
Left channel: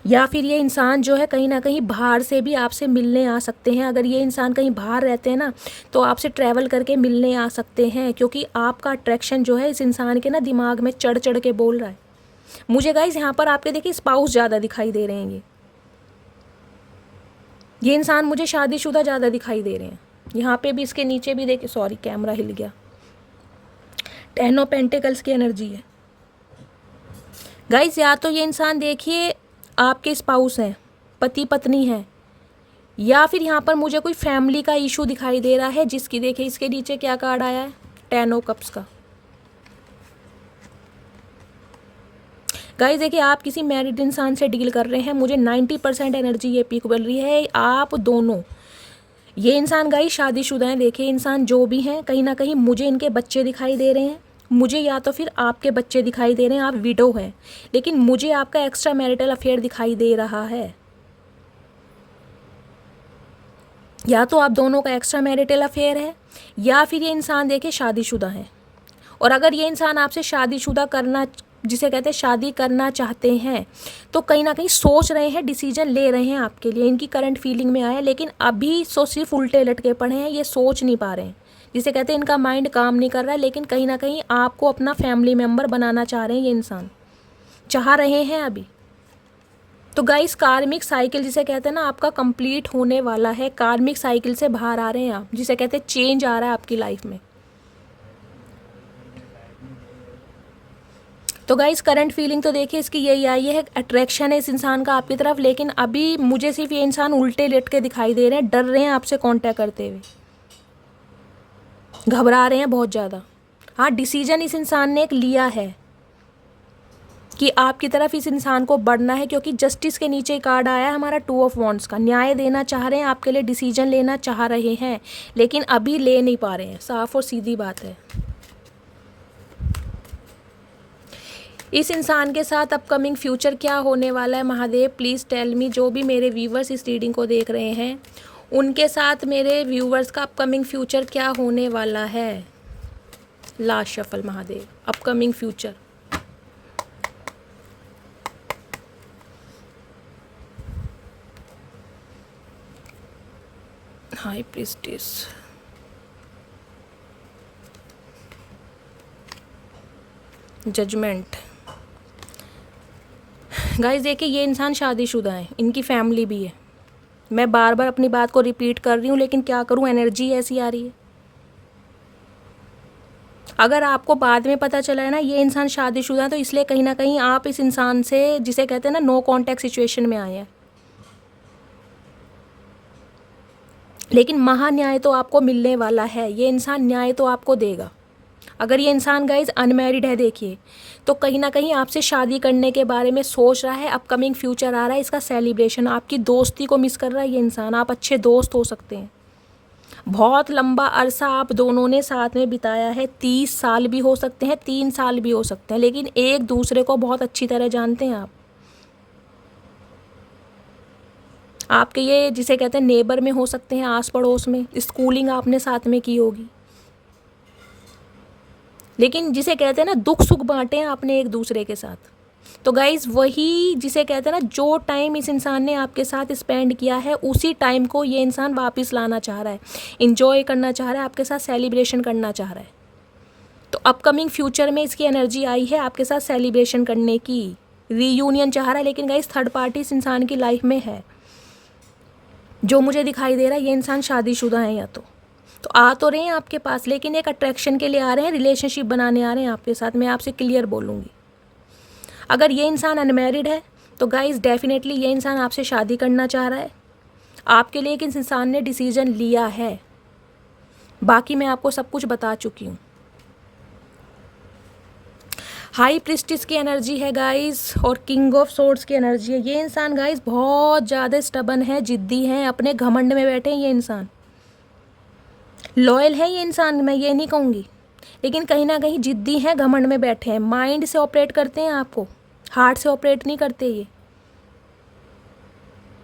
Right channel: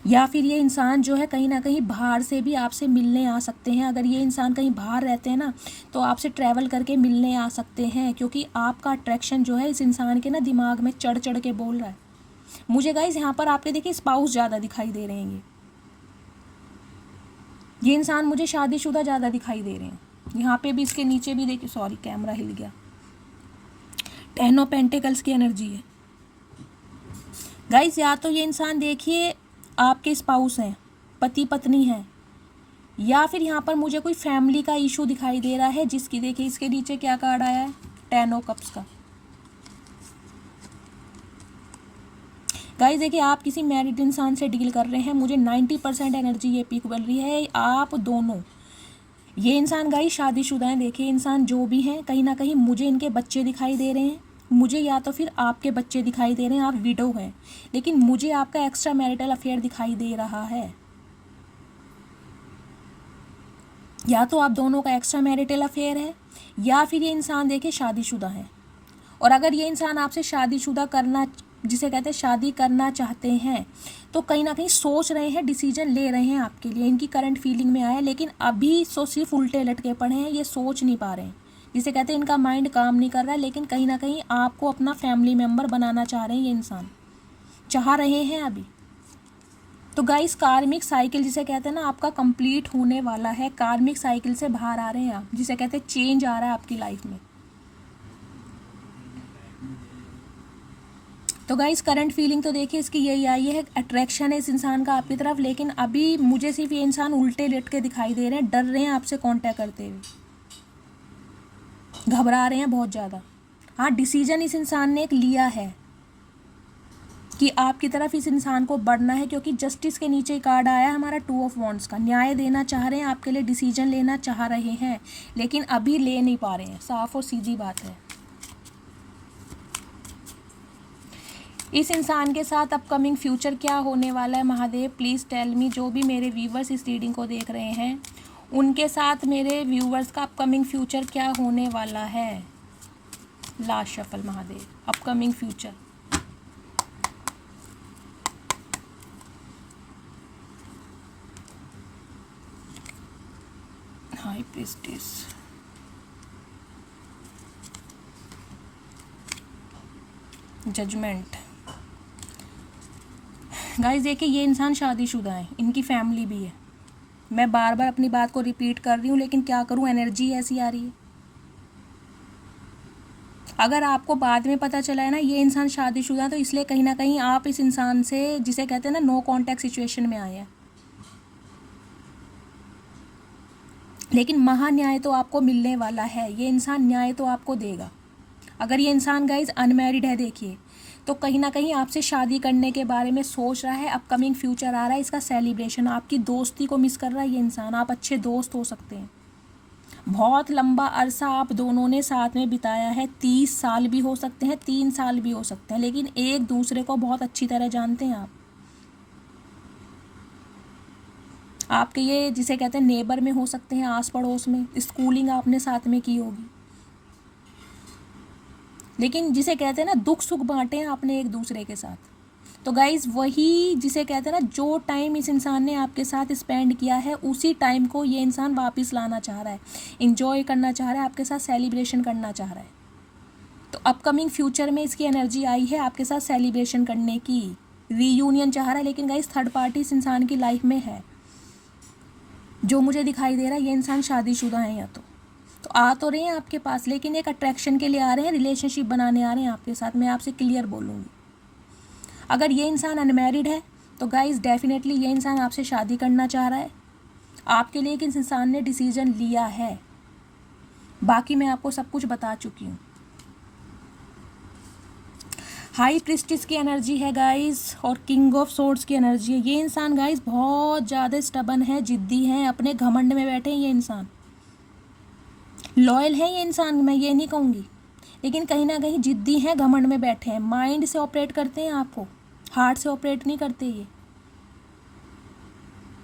या फिर ये इंसान जो है कहीं ना कहीं बाहर से भी आपसे मिलने आ सकते हैं। अगर ये इंसान कहीं बाहर रहते हैं ना तो आपसे ट्रैवल करके मिलने आ सकते हैं, क्योंकि आपका अट्रैक्शन जो है इस इंसान के ना दिमाग में चढ़ चढ़ के बोल रहा है। मुझे गाइस यहाँ पर आपके देखिए स्पाउस ज़्यादा दिखाई दे रहे हैं। ये इंसान मुझे शादीशुदा ज़्यादा दिखाई दे रहे हैं। यहाँ पे भी, इसके नीचे भी देखिए, सॉरी कैमरा हिल गया, 10 ऑफ पेंटिकल्स की एनर्जी है गाइस। या तो ये इंसान देखिए आपके स्पाउस हैं, पति पत्नी हैं, या फिर यहाँ पर मुझे कोई फैमिली का इशू दिखाई दे रहा है, जिसकी देखिए इसके नीचे क्या कार्ड आया है, 10 ऑफ कप्स का। गाइस देखिए आप किसी मैरिड इंसान से डील कर रहे हैं। मुझे 90% एनर्जी ये पिक बन रही है। आप दोनों, ये इंसान गाइस शादीशुदा हैं। देखिए इंसान जो भी हैं कहीं ना कहीं मुझे इनके बच्चे दिखाई दे रहे हैं, मुझे या तो फिर आपके बच्चे दिखाई दे रहे हैं। आप विडो हैं, लेकिन मुझे आपका एक्स्ट्रा मैरिटल अफेयर दिखाई दे रहा है। या तो आप दोनों का एक्स्ट्रा मैरिटल अफेयर है, या फिर ये इंसान देखिए शादीशुदा है। और अगर ये इंसान आपसे शादीशुदा करना, जिसे कहते हैं शादी करना चाहते हैं, तो कहीं ना कहीं सोच रहे हैं, डिसीजन ले रहे हैं आपके लिए। इनकी करंट फीलिंग में आया, लेकिन अभी सो सिर्फ उल्टे लटके पड़े हैं, ये सोच नहीं पा रहे हैं। जिसे कहते हैं इनका माइंड काम नहीं कर रहा है, लेकिन कहीं ना कहीं आपको अपना फैमिली मेम्बर बनाना चाह रहे हैं। ये इंसान चाह रहे हैं अभी। तो गाइस कार्मिक साइकिल जिसे कहते हैं ना आपका कंप्लीट होने वाला है। कार्मिक साइकिल से बाहर आ रहे हैं आप, जिसे कहते हैं चेंज आ रहा है आपकी लाइफ में। तो गाइस करंट फीलिंग तो देखिए इसकी यही आई है, अट्रैक्शन है इस इंसान का आपकी तरफ, लेकिन अभी मुझे सिर्फ ये इंसान उल्टे लेट के दिखाई दे रहे हैं, डर रहे हैं आपसे कांटेक्ट करते हुए, घबरा रहे हैं बहुत ज़्यादा। हाँ, डिसीजन इस इंसान ने एक लिया है कि आपकी तरफ इस इंसान को बढ़ना है, क्योंकि जस्टिस के नीचे कार्ड आया है हमारा 2 ऑफ वॉन्ड्स का। न्याय देना चाह रहे हैं, आपके लिए डिसीजन लेना चाह रहे हैं, लेकिन अभी ले नहीं पा रहे हैं। साफ और सीधी बात है। इस इंसान के साथ अपकमिंग फ्यूचर क्या होने वाला है महादेव, प्लीज़ टेल मी। जो भी मेरे व्यूवर्स इस रीडिंग को देख रहे हैं, उनके साथ मेरे व्यूवर्स का अपकमिंग फ्यूचर क्या होने वाला है। Last shuffle Mahadev, upcoming future. High priestess, judgement. Guys देखिए ये इंसान शादीशुदा है, इनकी फैमिली भी है। मैं बार बार अपनी बात को रिपीट कर रही हूँ, लेकिन क्या करूँ, एनर्जी ऐसी आ रही है। अगर आपको बाद में पता चला है ना ये इंसान शादीशुदा है, तो इसलिए कहीं ना कहीं आप इस इंसान से, जिसे कहते हैं ना नो कॉन्टैक्ट सिचुएशन में आए हैं। लेकिन महान्याय तो आपको मिलने वाला है, ये इंसान न्याय तो आपको देगा। अगर ये इंसान गाइज अनमैरिड है देखिए, तो कहीं ना कहीं आपसे शादी करने के बारे में सोच रहा है। अपकमिंग फ्यूचर आ रहा है, इसका सेलिब्रेशन। आपकी दोस्ती को मिस कर रहा है ये इंसान। आप अच्छे दोस्त हो सकते हैं। बहुत लंबा अरसा आप दोनों ने साथ में बिताया है, 30 साल भी हो सकते हैं, 3 साल भी हो सकते हैं, लेकिन एक दूसरे को बहुत अच्छी तरह जानते हैं आप। आपके ये जिसे कहते हैं नेबर में हो सकते हैं, आस पड़ोस में, स्कूलिंग आपने साथ में की होगी। लेकिन जिसे कहते हैं ना दुख सुख बांटे हैं आपने एक दूसरे के साथ। तो गाइज वही जिसे कहते हैं ना, जो टाइम इस इंसान ने आपके साथ स्पेंड किया है, उसी टाइम को ये इंसान वापस लाना चाह रहा है, इंजॉय करना चाह रहा है, आपके साथ सेलिब्रेशन करना चाह रहा है। तो अपकमिंग फ्यूचर में इसकी एनर्जी आई है आपके साथ सेलिब्रेशन करने की, रीयूनियन चाह रहा है। लेकिन गाइज थर्ड पार्टी इस इंसान की लाइफ में है। जो मुझे दिखाई दे रहा है ये इंसान शादीशुदा है, या तो आ तो रहे हैं आपके पास, लेकिन एक अट्रैक्शन के लिए आ रहे हैं, रिलेशनशिप बनाने आ रहे हैं आपके साथ। मैं आपसे क्लियर बोलूँगी, अगर ये इंसान अनमैरिड है तो गाइस डेफिनेटली ये इंसान आपसे शादी करना चाह रहा है। आपके लिए एक इंसान ने डिसीजन लिया है। बाकी मैं आपको सब कुछ बता चुकी हूँ। हाई प्रिस्टिस की एनर्जी है गाइस, और किंग ऑफ सोर्ड्स की एनर्जी है। ये इंसान गाइस बहुत ज़्यादा स्टबन है, जिद्दी है, अपने घमंड में बैठे हैं ये इंसान। लॉयल है ये इंसान, मैं ये नहीं कहूँगी, लेकिन कहीं ना कहीं जिद्दी हैं, घमंड में बैठे हैं। माइंड से ऑपरेट करते हैं आपको, हार्ट से ऑपरेट नहीं करते ये।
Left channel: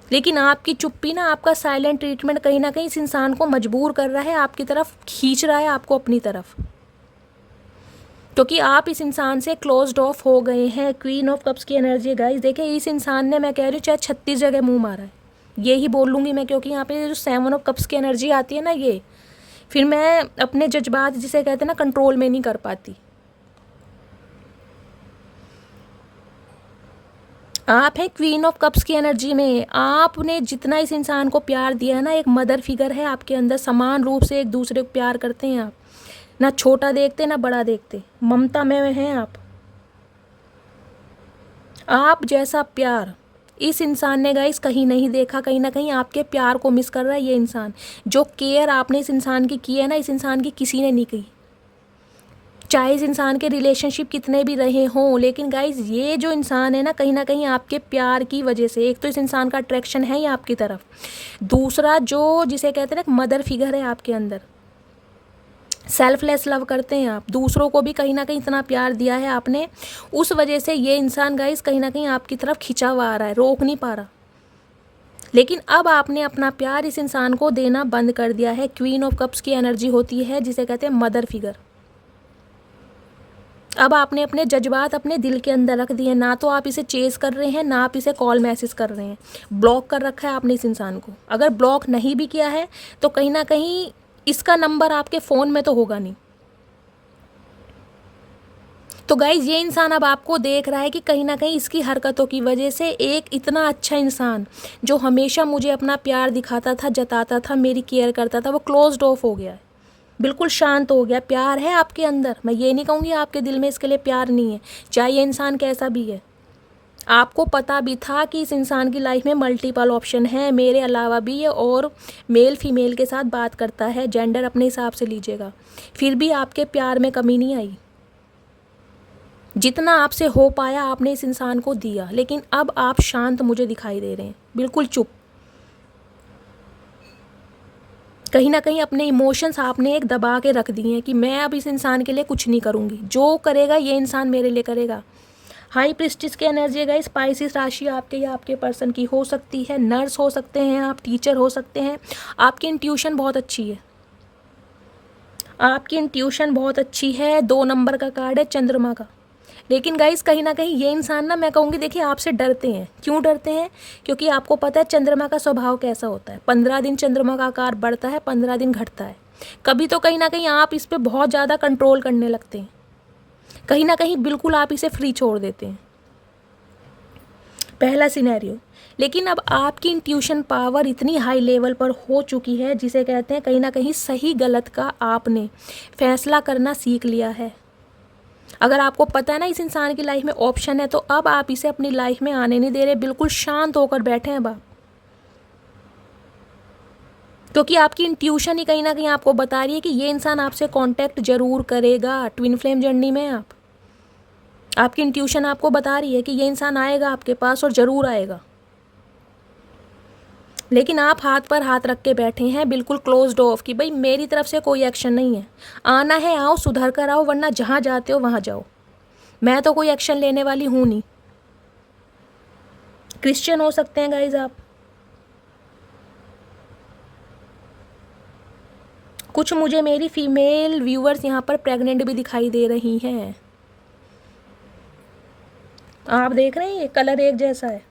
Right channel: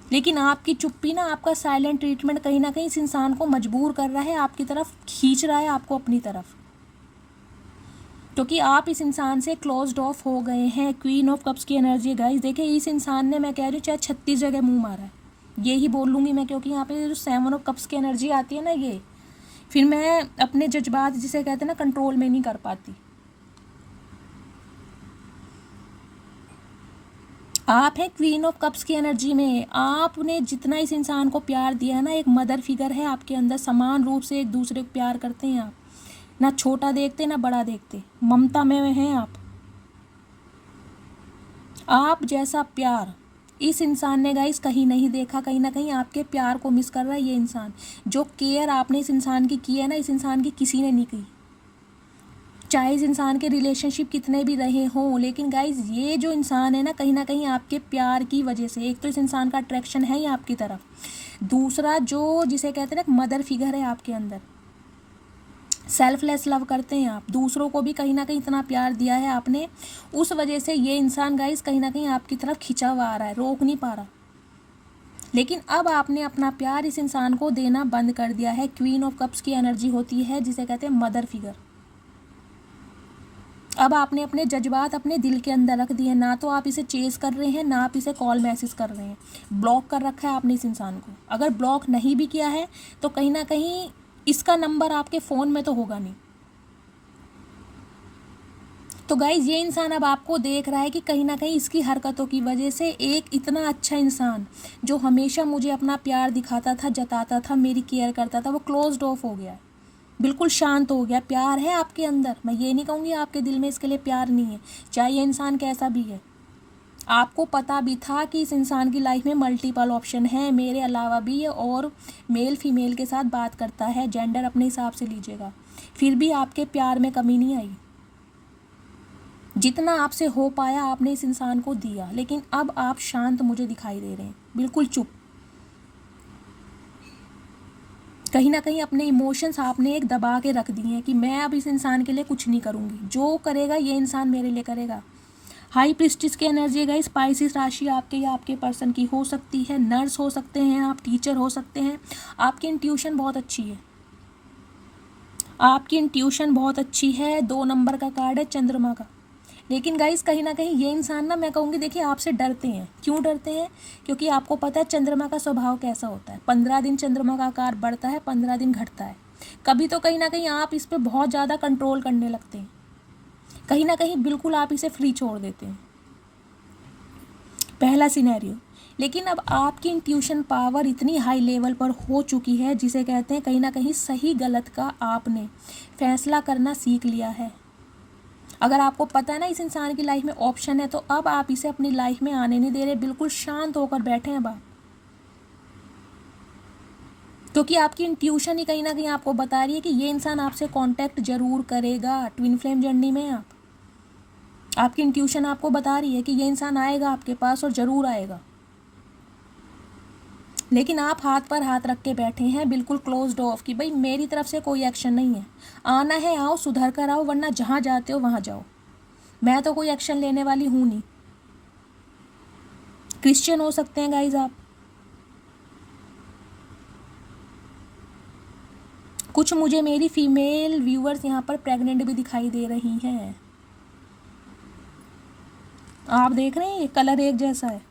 लेकिन आपकी चुप्पी ना, आपका साइलेंट ट्रीटमेंट कहीं ना कहीं इस इंसान को मजबूर कर रहा है, आपकी तरफ खींच रहा है, आपको अपनी तरफ, क्योंकि आप इस इंसान से क्लोज्ड ऑफ हो गए हैं। क्वीन ऑफ कप्स की एनर्जी गाइस, देखिए इस इंसान ने, मैं कह रही हूँ, चाहे 36 जगह मुंह मारा है, ये ही बोल लूँगी मैं, क्योंकि यहाँ पे जो 7 ऑफ कप्स की एनर्जी आती है ना, ये फिर मैं अपने जज्बात, जिसे कहते हैं ना, कंट्रोल में नहीं कर पाती। आप हैं क्वीन ऑफ कप्स की एनर्जी में। आपने जितना इस इंसान को प्यार दिया है ना, एक मदर फिगर है आपके अंदर, समान रूप से एक दूसरे को प्यार करते हैं आप, ना छोटा देखते ना बड़ा देखते, ममता में हैं आप जैसा प्यार इस इंसान ने गाइस कहीं नहीं देखा। कहीं ना कहीं आपके प्यार को मिस कर रहा है ये इंसान। जो केयर आपने इस इंसान की है ना, इस इंसान की किसी ने नहीं की। चाहे इस इंसान के रिलेशनशिप कितने भी रहे हों, लेकिन गाइज ये जो इंसान है ना कहीं आपके प्यार की वजह से, एक तो इस इंसान का अट्रैक्शन है ही आपकी तरफ, दूसरा जो जिसे कहते हैं ना मदर फिगर है आपके अंदर, सेल्फलेस लव करते हैं आप, दूसरों को भी कहीं ना कहीं इतना प्यार दिया है आपने, उस वजह से ये इंसान गाइज कहीं ना कहीं आपकी तरफ खिंचा हुआ आ रहा है, रोक नहीं पा रहा। लेकिन अब आपने अपना प्यार इस इंसान को देना बंद कर दिया है। क्वीन ऑफ कप्स की एनर्जी होती है जिसे कहते हैं मदर फिगर। अब आपने अपने जज्बात अपने दिल के अंदर रख दिए, ना तो आप इसे चेज कर रहे हैं, ना आप इसे कॉल मैसेज कर रहे हैं, ब्लॉक कर रखा है आपने इस इंसान को। अगर ब्लॉक नहीं भी किया है तो कहीं ना कहीं इसका नंबर आपके फ़ोन में तो होगा नहीं। तो गाइज ये इंसान अब आपको देख रहा है कि कहीं ना कहीं इसकी हरकतों की वजह से एक इतना अच्छा इंसान जो हमेशा मुझे अपना प्यार दिखाता था, जताता था, मेरी केयर करता था, वो क्लोज्ड ऑफ हो गया है, बिल्कुल शांत हो गया। प्यार है आपके अंदर, मैं ये नहीं कहूँगी आपके दिल में इसके लिए प्यार नहीं है, चाहे ये इंसान कैसा भी है। आपको पता भी था कि इस इंसान की लाइफ में मल्टीपल ऑप्शन है, मेरे अलावा भी है, और मेल फीमेल के साथ बात करता है, जेंडर अपने हिसाब से लीजिएगा, फिर भी आपके प्यार में कमी नहीं आई। जितना आपसे हो पाया आपने इस इंसान को दिया, लेकिन अब आप शांत मुझे दिखाई दे रहे हैं, बिल्कुल चुप। कहीं ना कहीं अपने इमोशंस आपने एक दबा के रख दिए हैं कि मैं अब इस इंसान के लिए कुछ नहीं करूँगी, जो करेगा ये इंसान मेरे लिए करेगा। हाई प्रिस्टिस की एनर्जी है, स्पाइसिस राशि आपके या आपके पर्सन की हो सकती है, नर्स हो सकते हैं आप, टीचर हो सकते हैं। आपकी इंट्यूशन बहुत अच्छी है, आपकी इंट्यूशन बहुत अच्छी है। 2 नंबर का कार्ड है चंद्रमा का। लेकिन गाइस कहीं ना कहीं ये इंसान ना, मैं कहूँगी, देखिए आपसे डरते हैं। क्यों डरते हैं? क्योंकि आपको पता है चंद्रमा का स्वभाव कैसा होता है। 15 दिन चंद्रमा का आकार बढ़ता है, 15 दिन घटता है। कभी तो कहीं ना कहीं आप इस पर बहुत ज़्यादा कंट्रोल करने लगते हैं, कहीं ना कहीं बिल्कुल आप इसे फ्री छोड़ देते हैं, पहला सिनेरियो। लेकिन अब आपकी इंट्यूशन पावर इतनी हाई लेवल पर हो चुकी है, जिसे कहते हैं कहीं ना कहीं सही गलत का आपने फैसला करना सीख लिया है। अगर आपको पता है ना इस इंसान की लाइफ में ऑप्शन है, तो अब आप इसे अपनी लाइफ में आने नहीं दे रहे, बिल्कुल शांत होकर बैठे हैं आप, क्योंकि आपकी इंट्यूशन ही कहीं ना कहीं आपको बता रही है कि ये इंसान आपसे कांटेक्ट जरूर करेगा। ट्विन फ्लेम जर्नी में आपकी इंट्यूशन आपको बता रही है कि ये इंसान आएगा आपके पास और ज़रूर आएगा। लेकिन आप हाथ पर हाथ रख के बैठे हैं, बिल्कुल क्लोज्ड ऑफ, कि भाई मेरी तरफ से कोई एक्शन नहीं है, आना है आओ, सुधर कर आओ, वरना जहाँ जाते हो वहाँ जाओ, मैं तो कोई एक्शन लेने वाली हूँ नहीं। क्रिश्चियन हो सकते हैं गाइज आप, कुछ मुझे मेरी फीमेल व्यूअर्स यहाँ पर प्रेग्नेंट भी दिखाई दे रही हैं। आप देख रहे हैं ये कलर एक जैसा है।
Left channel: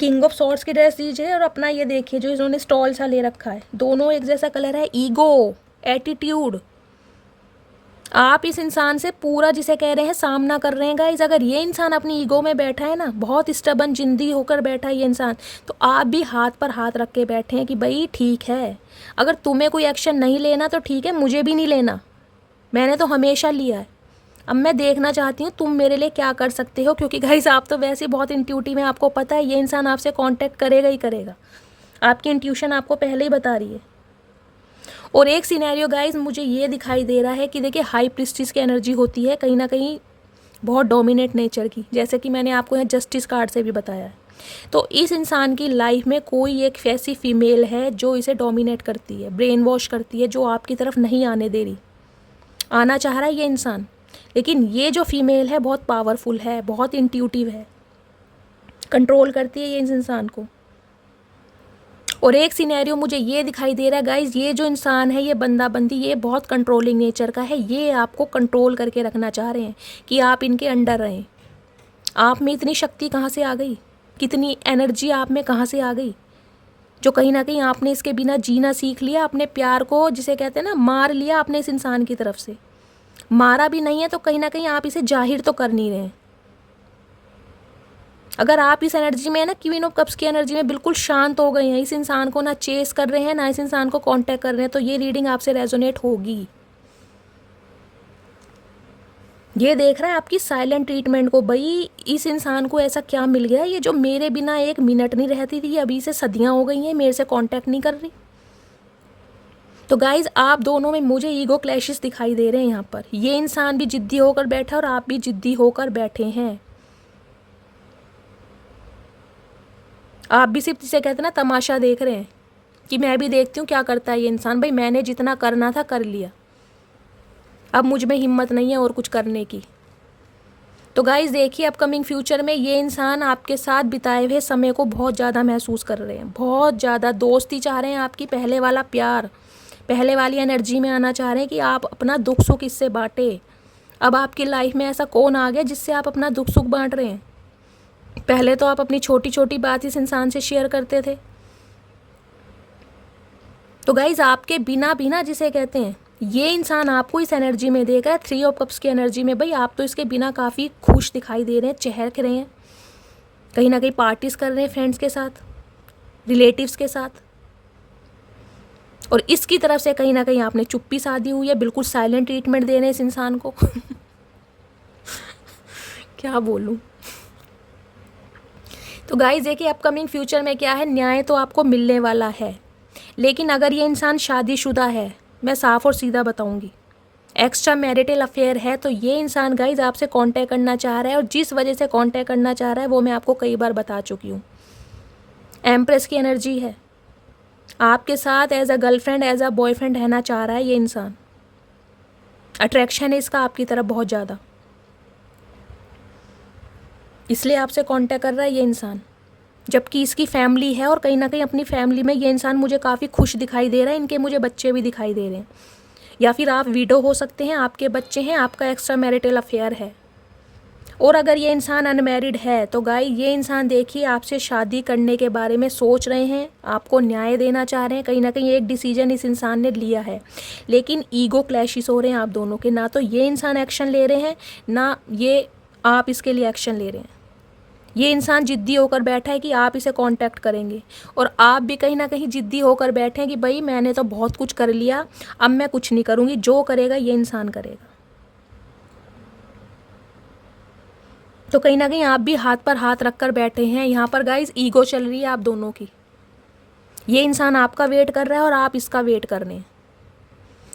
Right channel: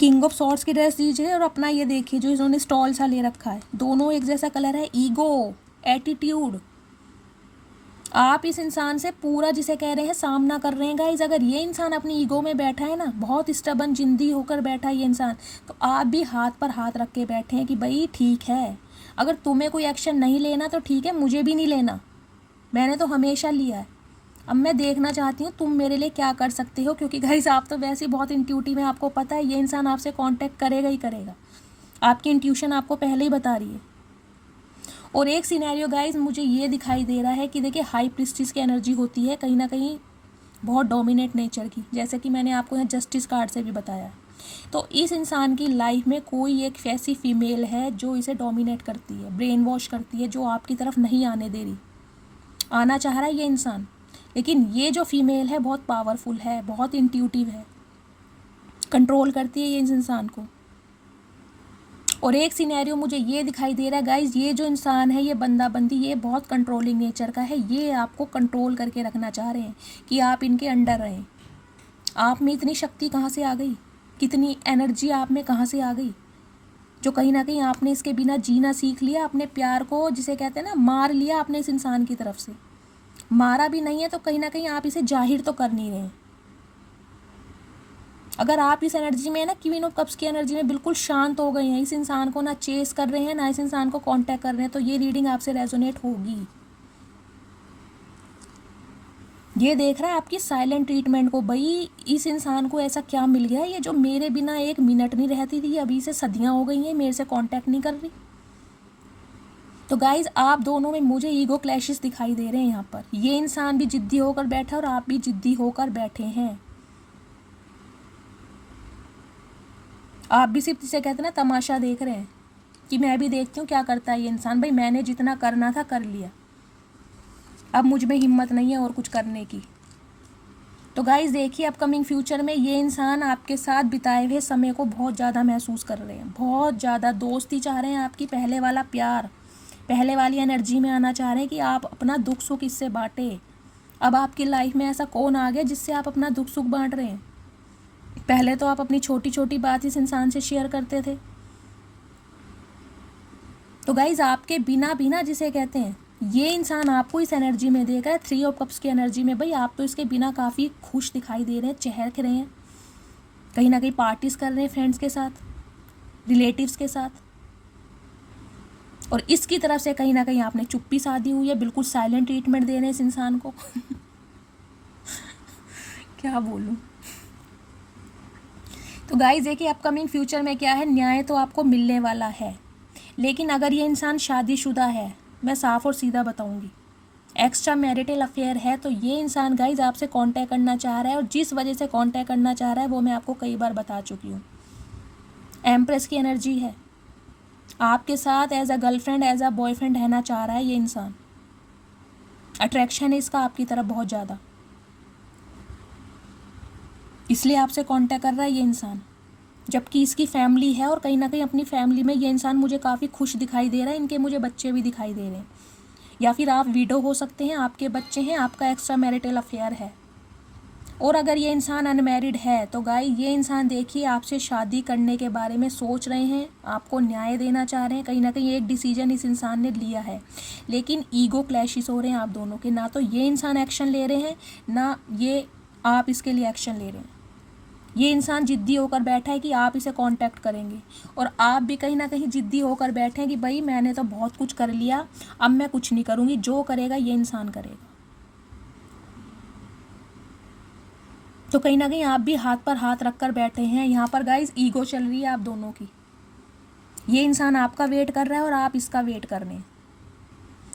किंग ऑफ सॉर्ड्स की ड्रेस दीजिए और अपना ये देखिए जो इन्होंने स्टॉल सा ले रखा है, दोनों एक जैसा कलर है। ईगो, एटीट्यूड, आप इस इंसान से पूरा जिसे कह रहे हैं सामना कर रहे हैं गाइज। अगर ये इंसान अपनी ईगो में बैठा है ना, बहुत स्टबन जिंदी होकर बैठा है ये इंसान, तो आप भी हाथ पर हाथ रख के बैठे हैं कि भाई ठीक है, अगर तुम्हें कोई एक्शन नहीं लेना तो ठीक है, मुझे भी नहीं लेना, मैंने तो हमेशा लिया है। अब मैं देखना चाहती हूँ तुम मेरे लिए क्या कर सकते हो, क्योंकि गाइस आप तो वैसे ही बहुत इंट्यूटिव हैं, आपको पता है ये इंसान आपसे कांटेक्ट करेगा ही करेगा, आपकी इंट्यूशन आपको पहले ही बता रही है। और एक सिनेरियो गाइस मुझे ये दिखाई दे रहा है कि देखिए हाई प्रिस्टिस की एनर्जी होती है कहीं ना कहीं बहुत डोमिनेट नेचर की, जैसे कि मैंने आपको यहाँ जस्टिस कार्ड से भी बताया है। तो इस इंसान की लाइफ में कोई एक ऐसी फीमेल है जो इसे डोमिनेट करती है, ब्रेन वॉश करती है, जो आपकी तरफ नहीं आने दे रही। आना चाह रहा है ये इंसान, लेकिन ये जो फीमेल है बहुत पावरफुल है, बहुत इंट्यूटिव है, कंट्रोल करती है ये इस इंसान को। और एक सिनेरियो मुझे ये दिखाई दे रहा है गाइज, ये जो इंसान है, ये बंदा बंदी, ये बहुत कंट्रोलिंग नेचर का है। ये आपको कंट्रोल करके रखना चाह रहे हैं कि आप इनके अंडर रहें। आप में इतनी शक्ति कहाँ से आ गई, कितनी एनर्जी आप में कहाँ से आ गई, जो कहीं ना कहीं आपने इसके बिना जीना सीख लिया। अपने प्यार को, जिसे कहते हैं ना, मार लिया आपने इस इंसान की तरफ से। मारा भी नहीं है तो कहीं ना कहीं आप इसे जाहिर तो कर नहीं रहे। अगर आप इस एनर्जी में है ना, क्वीन ऑफ कप्स की एनर्जी में बिल्कुल शांत हो गए हैं, इस इंसान को ना चेस कर रहे हैं, ना इस इंसान को कांटेक्ट कर रहे हैं, तो ये रीडिंग आपसे रेजोनेट होगी। ये देख रहा है आपकी साइलेंट ट्रीटमेंट को। भाई इस इंसान को ऐसा क्या मिल गया, ये जो मेरे बिना एक मिनट नहीं रहती थी, अभी से सदियां हो गई हैं मेरे से कांटेक्ट नहीं कर रही। तो गाइज आप दोनों में मुझे ईगो क्लैशेस दिखाई दे रहे हैं यहाँ पर। ये इंसान भी जिद्दी होकर बैठा और आप भी जिद्दी होकर बैठे हैं। आप भी सिर्फ जिसे कहते हैं ना तमाशा देख रहे हैं कि मैं भी देखती हूँ क्या करता है ये इंसान। भाई मैंने जितना करना था कर लिया, अब मुझ में हिम्मत नहीं है और कुछ करने की। तो गाइज देखिए अपकमिंग फ्यूचर में ये इंसान आपके साथ बिताए हुए समय को बहुत ज़्यादा महसूस कर रहे हैं, बहुत ज़्यादा दोस्ती चाह रहे हैं आपकी, पहले वाला प्यार, पहले वाली एनर्जी में आना चाह रहे हैं कि आप अपना दुख सुख इससे बांटे। अब आपकी लाइफ में ऐसा कौन आ गया जिससे आप अपना दुख सुख बांट रहे हैं? पहले तो आप अपनी छोटी छोटी बात इस इंसान से शेयर करते थे। तो गाइज आपके बिना बिना जिसे कहते हैं, ये इंसान आपको इस एनर्जी में देख रहा है, 3 ऑफ कप्स की एनर्जी में। भाई आप तो इसके बिना काफ़ी खुश दिखाई दे रहे हैं, चहक रहे हैं, कहीं ना कहीं पार्टीज कर रहे हैं फ्रेंड्स के साथ, रिलेटिव्स के साथ। और इसकी तरफ से कहीं ना कहीं आपने चुप्पी साधी हुई है, बिल्कुल साइलेंट ट्रीटमेंट दे रहे हैं इस इंसान को। क्या बोलूं। तो गाइस देखिए अपकमिंग फ्यूचर में क्या है, न्याय तो आपको मिलने वाला है। लेकिन अगर ये इंसान शादीशुदा है, मैं साफ और सीधा बताऊंगी, एक्स्ट्रा मैरिटल अफेयर है, तो ये इंसान गाइज आपसे कांटेक्ट करना चाह रहा है। और जिस वजह से कांटेक्ट करना चाह रहा है वो मैं आपको कई बार बता चुकी हूँ। एम्प्रेस की एनर्जी है, आपके साथ as a girlfriend, as a boyfriend रहना चाह रहा है ये इंसान। अट्रैक्शन है इसका आपकी तरफ बहुत ज़्यादा, इसलिए आपसे कांटेक्ट कर रहा है ये इंसान। जबकि इसकी फैमिली है और कहीं ना कहीं अपनी फैमिली में ये इंसान मुझे काफ़ी खुश दिखाई दे रहा है। इनके मुझे बच्चे भी दिखाई दे रहे हैं, या फिर आप विडो हो सकते हैं, आपके बच्चे हैं, आपका एक्स्ट्रा मैरिटल अफेयर है। और अगर ये इंसान अनमैरिड है तो गाय ये इंसान देखिए आपसे शादी करने के बारे में सोच रहे हैं, आपको न्याय देना चाह रहे हैं। कहीं ना कहीं एक डिसीजन इस इंसान ने लिया है, लेकिन ईगो क्लैशेस हो रहे हैं आप दोनों के। ना तो ये इंसान एक्शन ले रहे हैं, ना ये आप इसके लिए एक्शन ले रहे हैं। ये इंसान जिद्दी होकर बैठा है कि आप इसे कांटेक्ट करेंगे, और आप भी कहीं ना कहीं जिद्दी होकर बैठे हैं कि भाई मैंने तो बहुत कुछ कर लिया, अब मैं कुछ नहीं करूँगी, जो करेगा ये इंसान करेगा। तो कहीं ना कहीं आप भी हाथ पर हाथ रख कर बैठे हैं। यहाँ पर गाइज ईगो चल रही है आप दोनों की। ये इंसान आपका वेट कर रहा है और आप इसका वेट कर रहे हैं,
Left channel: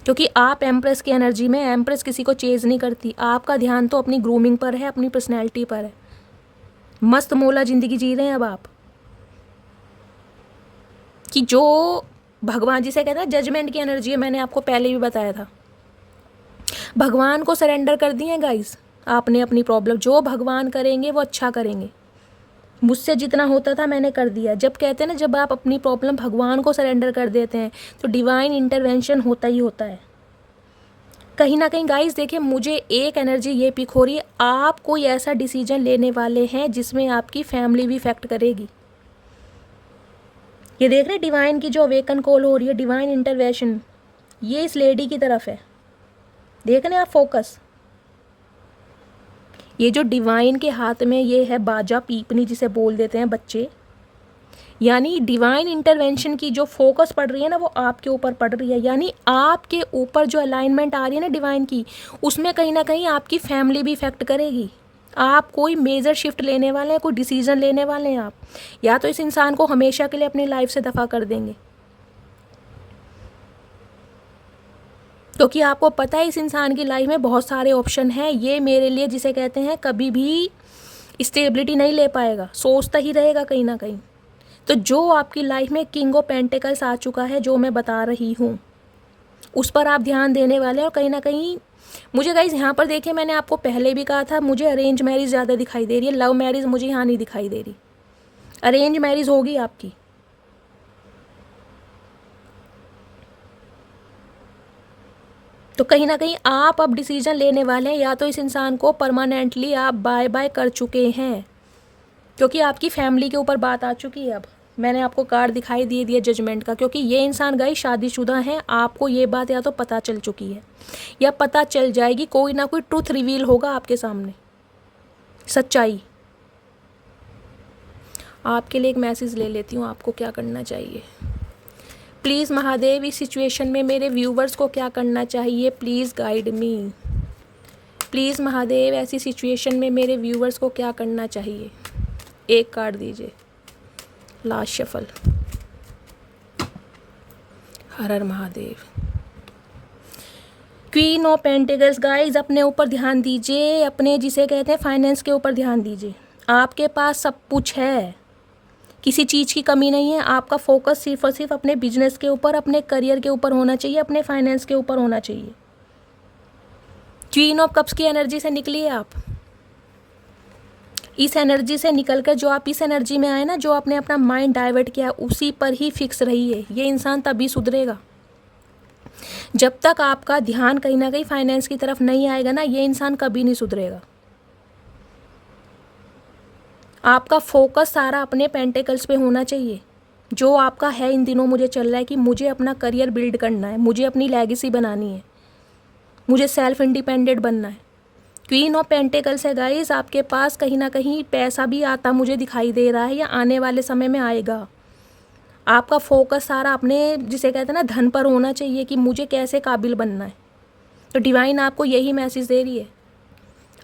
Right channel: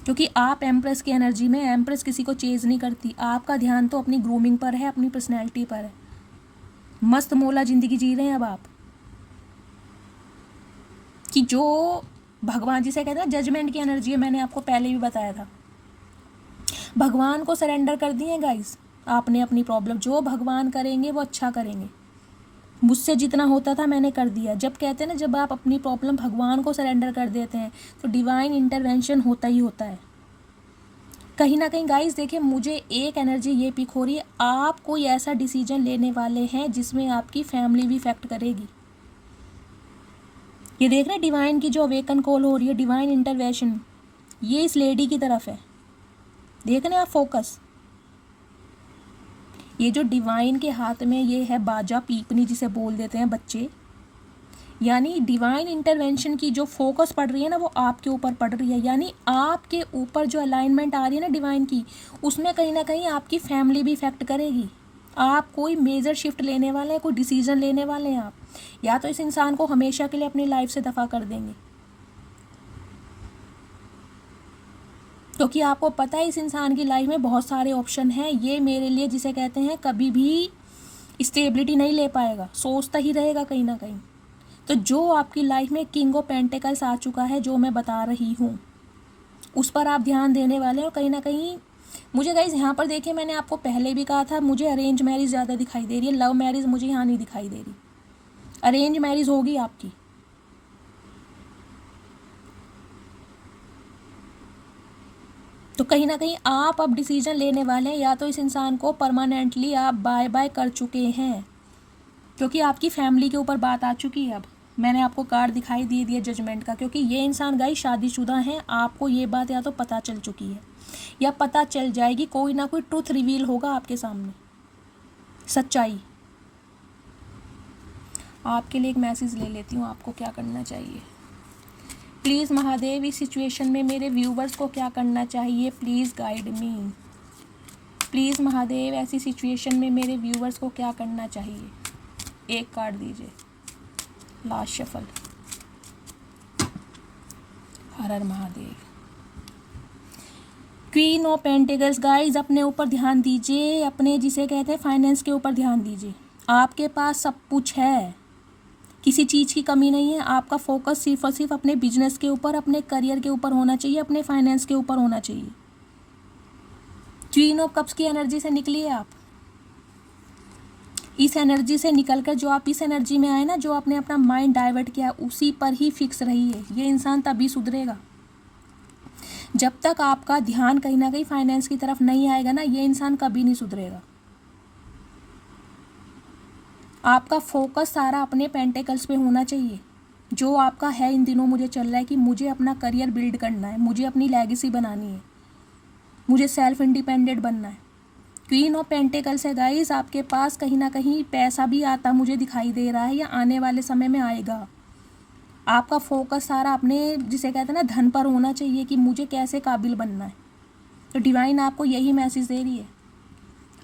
क्योंकि आप एम्प्रेस की एनर्जी में। एम्प्रेस किसी को चेज नहीं करती, आपका ध्यान तो अपनी ग्रूमिंग पर है, अपनी पर्सनैलिटी पर है। मस्त मौला ज़िंदगी जी रहे हैं अब आप, कि जो भगवान जिसे कहते हैं जजमेंट की एनर्जी है, मैंने आपको पहले भी बताया था। भगवान को सरेंडर कर दिए गाइस आपने अपनी प्रॉब्लम। जो भगवान करेंगे वो अच्छा करेंगे, मुझसे जितना होता था मैंने कर दिया। जब कहते हैं ना, जब आप अपनी प्रॉब्लम भगवान को सरेंडर कर देते हैं तो डिवाइन इंटरवेंशन होता ही होता है। कहीं ना कहीं गाइस देखिए मुझे एक एनर्जी ये पिक हो रही है, आप कोई ऐसा डिसीजन लेने वाले हैं जिसमें आपकी फैमिली भी इफेक्ट करेगी। ये देख रहे हैं डिवाइन की जो अवेकन कॉल हो रही है, डिवाइन इंटरवेंशन, ये इस लेडी की तरफ है। देख रहे हैं आप फोकस, ये जो डिवाइन के हाथ में ये है बाजा, पीपनी जिसे बोल देते हैं बच्चे, यानी डिवाइन इंटरवेंशन की जो फोकस पड़ रही है ना वो आपके ऊपर पड़ रही है। यानी आपके ऊपर जो अलाइनमेंट आ रही है ना डिवाइन की, उसमें कहीं ना कहीं आपकी फैमिली भी इफेक्ट करेगी। आप कोई मेजर शिफ्ट लेने वाले हैं, कोई डिसीजन लेने वाले हैं आप, या तो इस इंसान को हमेशा के लिए अपनी लाइफ से दफा कर देंगे, क्योंकि आपको पता है इस इंसान की लाइफ में बहुत सारे ऑप्शन हैं। ये मेरे लिए जिसे कहते हैं कभी भी स्टेबिलिटी नहीं ले पाएगा, सोचता ही रहेगा कहीं ना कहीं। तो जो आपकी लाइफ में किंग ऑफ पेंटिकल्स आ चुका है, जो मैं बता रही हूँ, उस पर आप ध्यान देने वाले हैं। और कहीं ना कहीं मुझे गाइस यहाँ पर देखिए, मैंने आपको पहले भी कहा था, मुझे अरेंज मैरिज ज़्यादा दिखाई दे रही है, लव मैरिज मुझे यहाँ नहीं दिखाई दे रही। अरेंज मैरिज होगी आपकी। तो कहीं ना कहीं आप अब डिसीजन लेने वाले हैं, या तो इस इंसान को परमानेंटली आप बाय बाय कर चुके हैं, क्योंकि आपकी फैमिली के ऊपर बात आ चुकी है। अब मैंने आपको कार्ड दिखाई दे दिया जजमेंट का, क्योंकि ये इंसान गाइस शादीशुदा हैं। आपको ये बात या तो पता चल चुकी है या पता चल जाएगी, कोई ना कोई ट्रूथ रिवील होगा आपके सामने, सच्चाई। आपके लिए एक मैसेज ले लेती हूँ, आपको क्या करना चाहिए। प्लीज़ महादेव, इस सिचुएशन में मेरे व्यूवर्स को क्या करना चाहिए, please guide me. Please Mahadev, ऐसी सिचुएशन में मेरे व्यूवर्स को क्या करना चाहिए। एक कार्ड दीजिए, लास्ट शफल। हर हर Mahadev. Queen of pentacles guys, अपने ऊपर ध्यान दीजिए, अपने जिसे कहते हैं फाइनेंस के ऊपर ध्यान दीजिए। आपके पास सब कुछ है, किसी चीज़ की कमी नहीं है। आपका फोकस सिर्फ और सिर्फ अपने बिजनेस के ऊपर, अपने करियर के ऊपर होना चाहिए, अपने फाइनेंस के ऊपर होना चाहिए। क्वीन ऑफ कप्स की एनर्जी से निकलिए आप। इस एनर्जी से निकलकर जो आप इस एनर्जी में आए ना, जो आपने अपना माइंड डाइवर्ट किया, उसी पर ही फिक्स रहिए। ये इंसान तभी सुधरेगा। जब तक आपका ध्यान कहीं ना कहीं फाइनेंस की तरफ नहीं आएगा ना, ये इंसान कभी नहीं सुधरेगा। आपका फोकस सारा अपने पेंटिकल्स पे होना चाहिए। जो आपका है इन दिनों, मुझे चल रहा है कि मुझे अपना करियर बिल्ड करना है, मुझे अपनी लेगेसी बनानी है, मुझे सेल्फ इंडिपेंडेंट बनना है। क्वीन ऑफ पेंटिकल्स है गाइस, आपके पास कहीं ना कहीं पैसा भी आता मुझे दिखाई दे रहा है, या आने वाले समय में आएगा। आपका फोकस सारा अपने जिसे कहते हैं ना धन पर होना चाहिए, कि मुझे कैसे काबिल बनना है। तो डिवाइन आपको यही मैसेज दे रही है,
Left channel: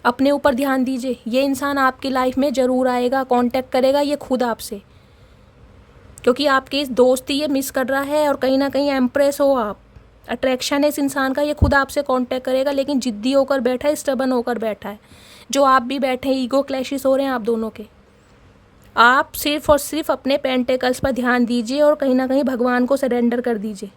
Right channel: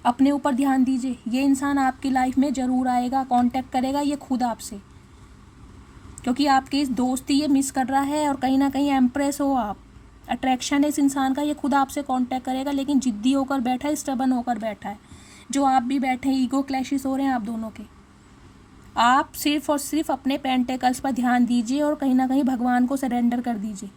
अपने ऊपर ध्यान दीजिए। ये इंसान आपकी लाइफ में ज़रूर आएगा, कांटेक्ट करेगा ये खुद आपसे, क्योंकि आपकी इस दोस्ती ये मिस कर रहा है। और कहीं ना कहीं एम्प्रेस हो आप, अट्रैक्शन है इस इंसान का, ये खुद आपसे कांटेक्ट करेगा। लेकिन जिद्दी होकर बैठा है, स्टबन होकर बैठा है, जो आप भी बैठे हैं। ईगो क्लैशेस हो रहे हैं आप दोनों के। आप सिर्फ और सिर्फ अपने पेंटिकल्स पर ध्यान दीजिए और कहीं ना कहीं भगवान को सरेंडर कर दीजिए।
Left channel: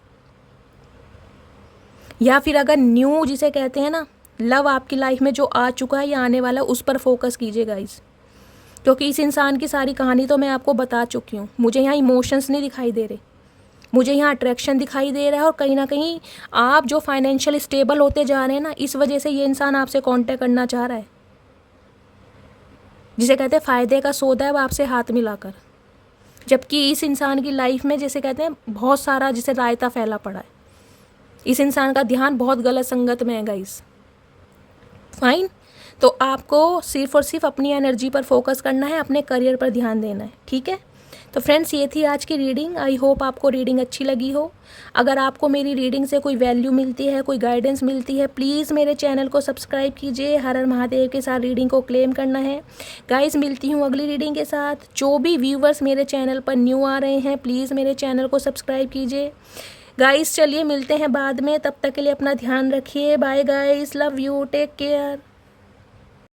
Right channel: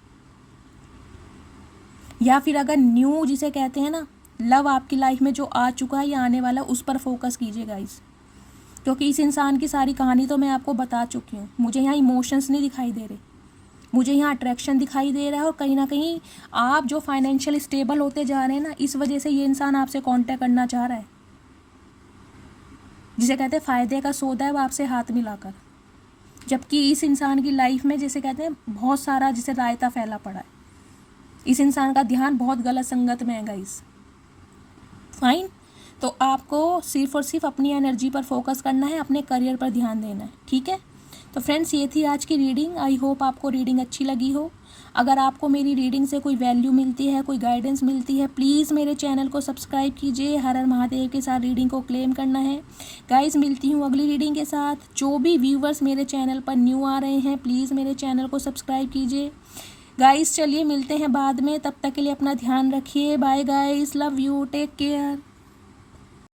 या फिर अगर न्यू जिसे कहते हैं ना लव आपकी लाइफ में जो आ चुका है या आने वाला है, उस पर फोकस कीजिए गाइस, क्योंकि इस इंसान की सारी कहानी तो मैं आपको बता चुकी हूँ। मुझे यहाँ इमोशंस नहीं दिखाई दे रहे, मुझे यहाँ अट्रैक्शन दिखाई दे रहा है। और कहीं ना कहीं आप जो फाइनेंशियल स्टेबल होते जा रहे हैं ना, इस वजह से ये इंसान आपसे कांटेक्ट करना चाह रहा है। जिसे कहते हैं फ़ायदे का सौदा है वो आपसे हाथ मिलाकर, जबकि इस इंसान की लाइफ में जिसे कहते हैं बहुत सारा जिसे रायता फैला पड़ा है। इस इंसान का ध्यान बहुत गलत संगत में है गाइस। फाइन, तो आपको सिर्फ और सिर्फ अपनी एनर्जी पर फोकस करना है, अपने करियर पर ध्यान देना है, ठीक है। तो फ्रेंड्स, ये थी आज की रीडिंग। आई होप आपको रीडिंग अच्छी लगी हो। अगर आपको मेरी रीडिंग से कोई वैल्यू मिलती है, कोई गाइडेंस मिलती है, प्लीज़ मेरे चैनल को सब्सक्राइब कीजिए। हर हर महादेव के साथ रीडिंग को क्लेम करना है गाइस। मिलती हूँ अगली रीडिंग के साथ। जो भी व्यूवर्स मेरे चैनल पर न्यू आ रहे हैं, प्लीज़ मेरे चैनल को सब्सक्राइब कीजिए गाइस। चलिए मिलते हैं बाद में, तब तक के लिए अपना ध्यान रखिए। Bye guys, love you, take care.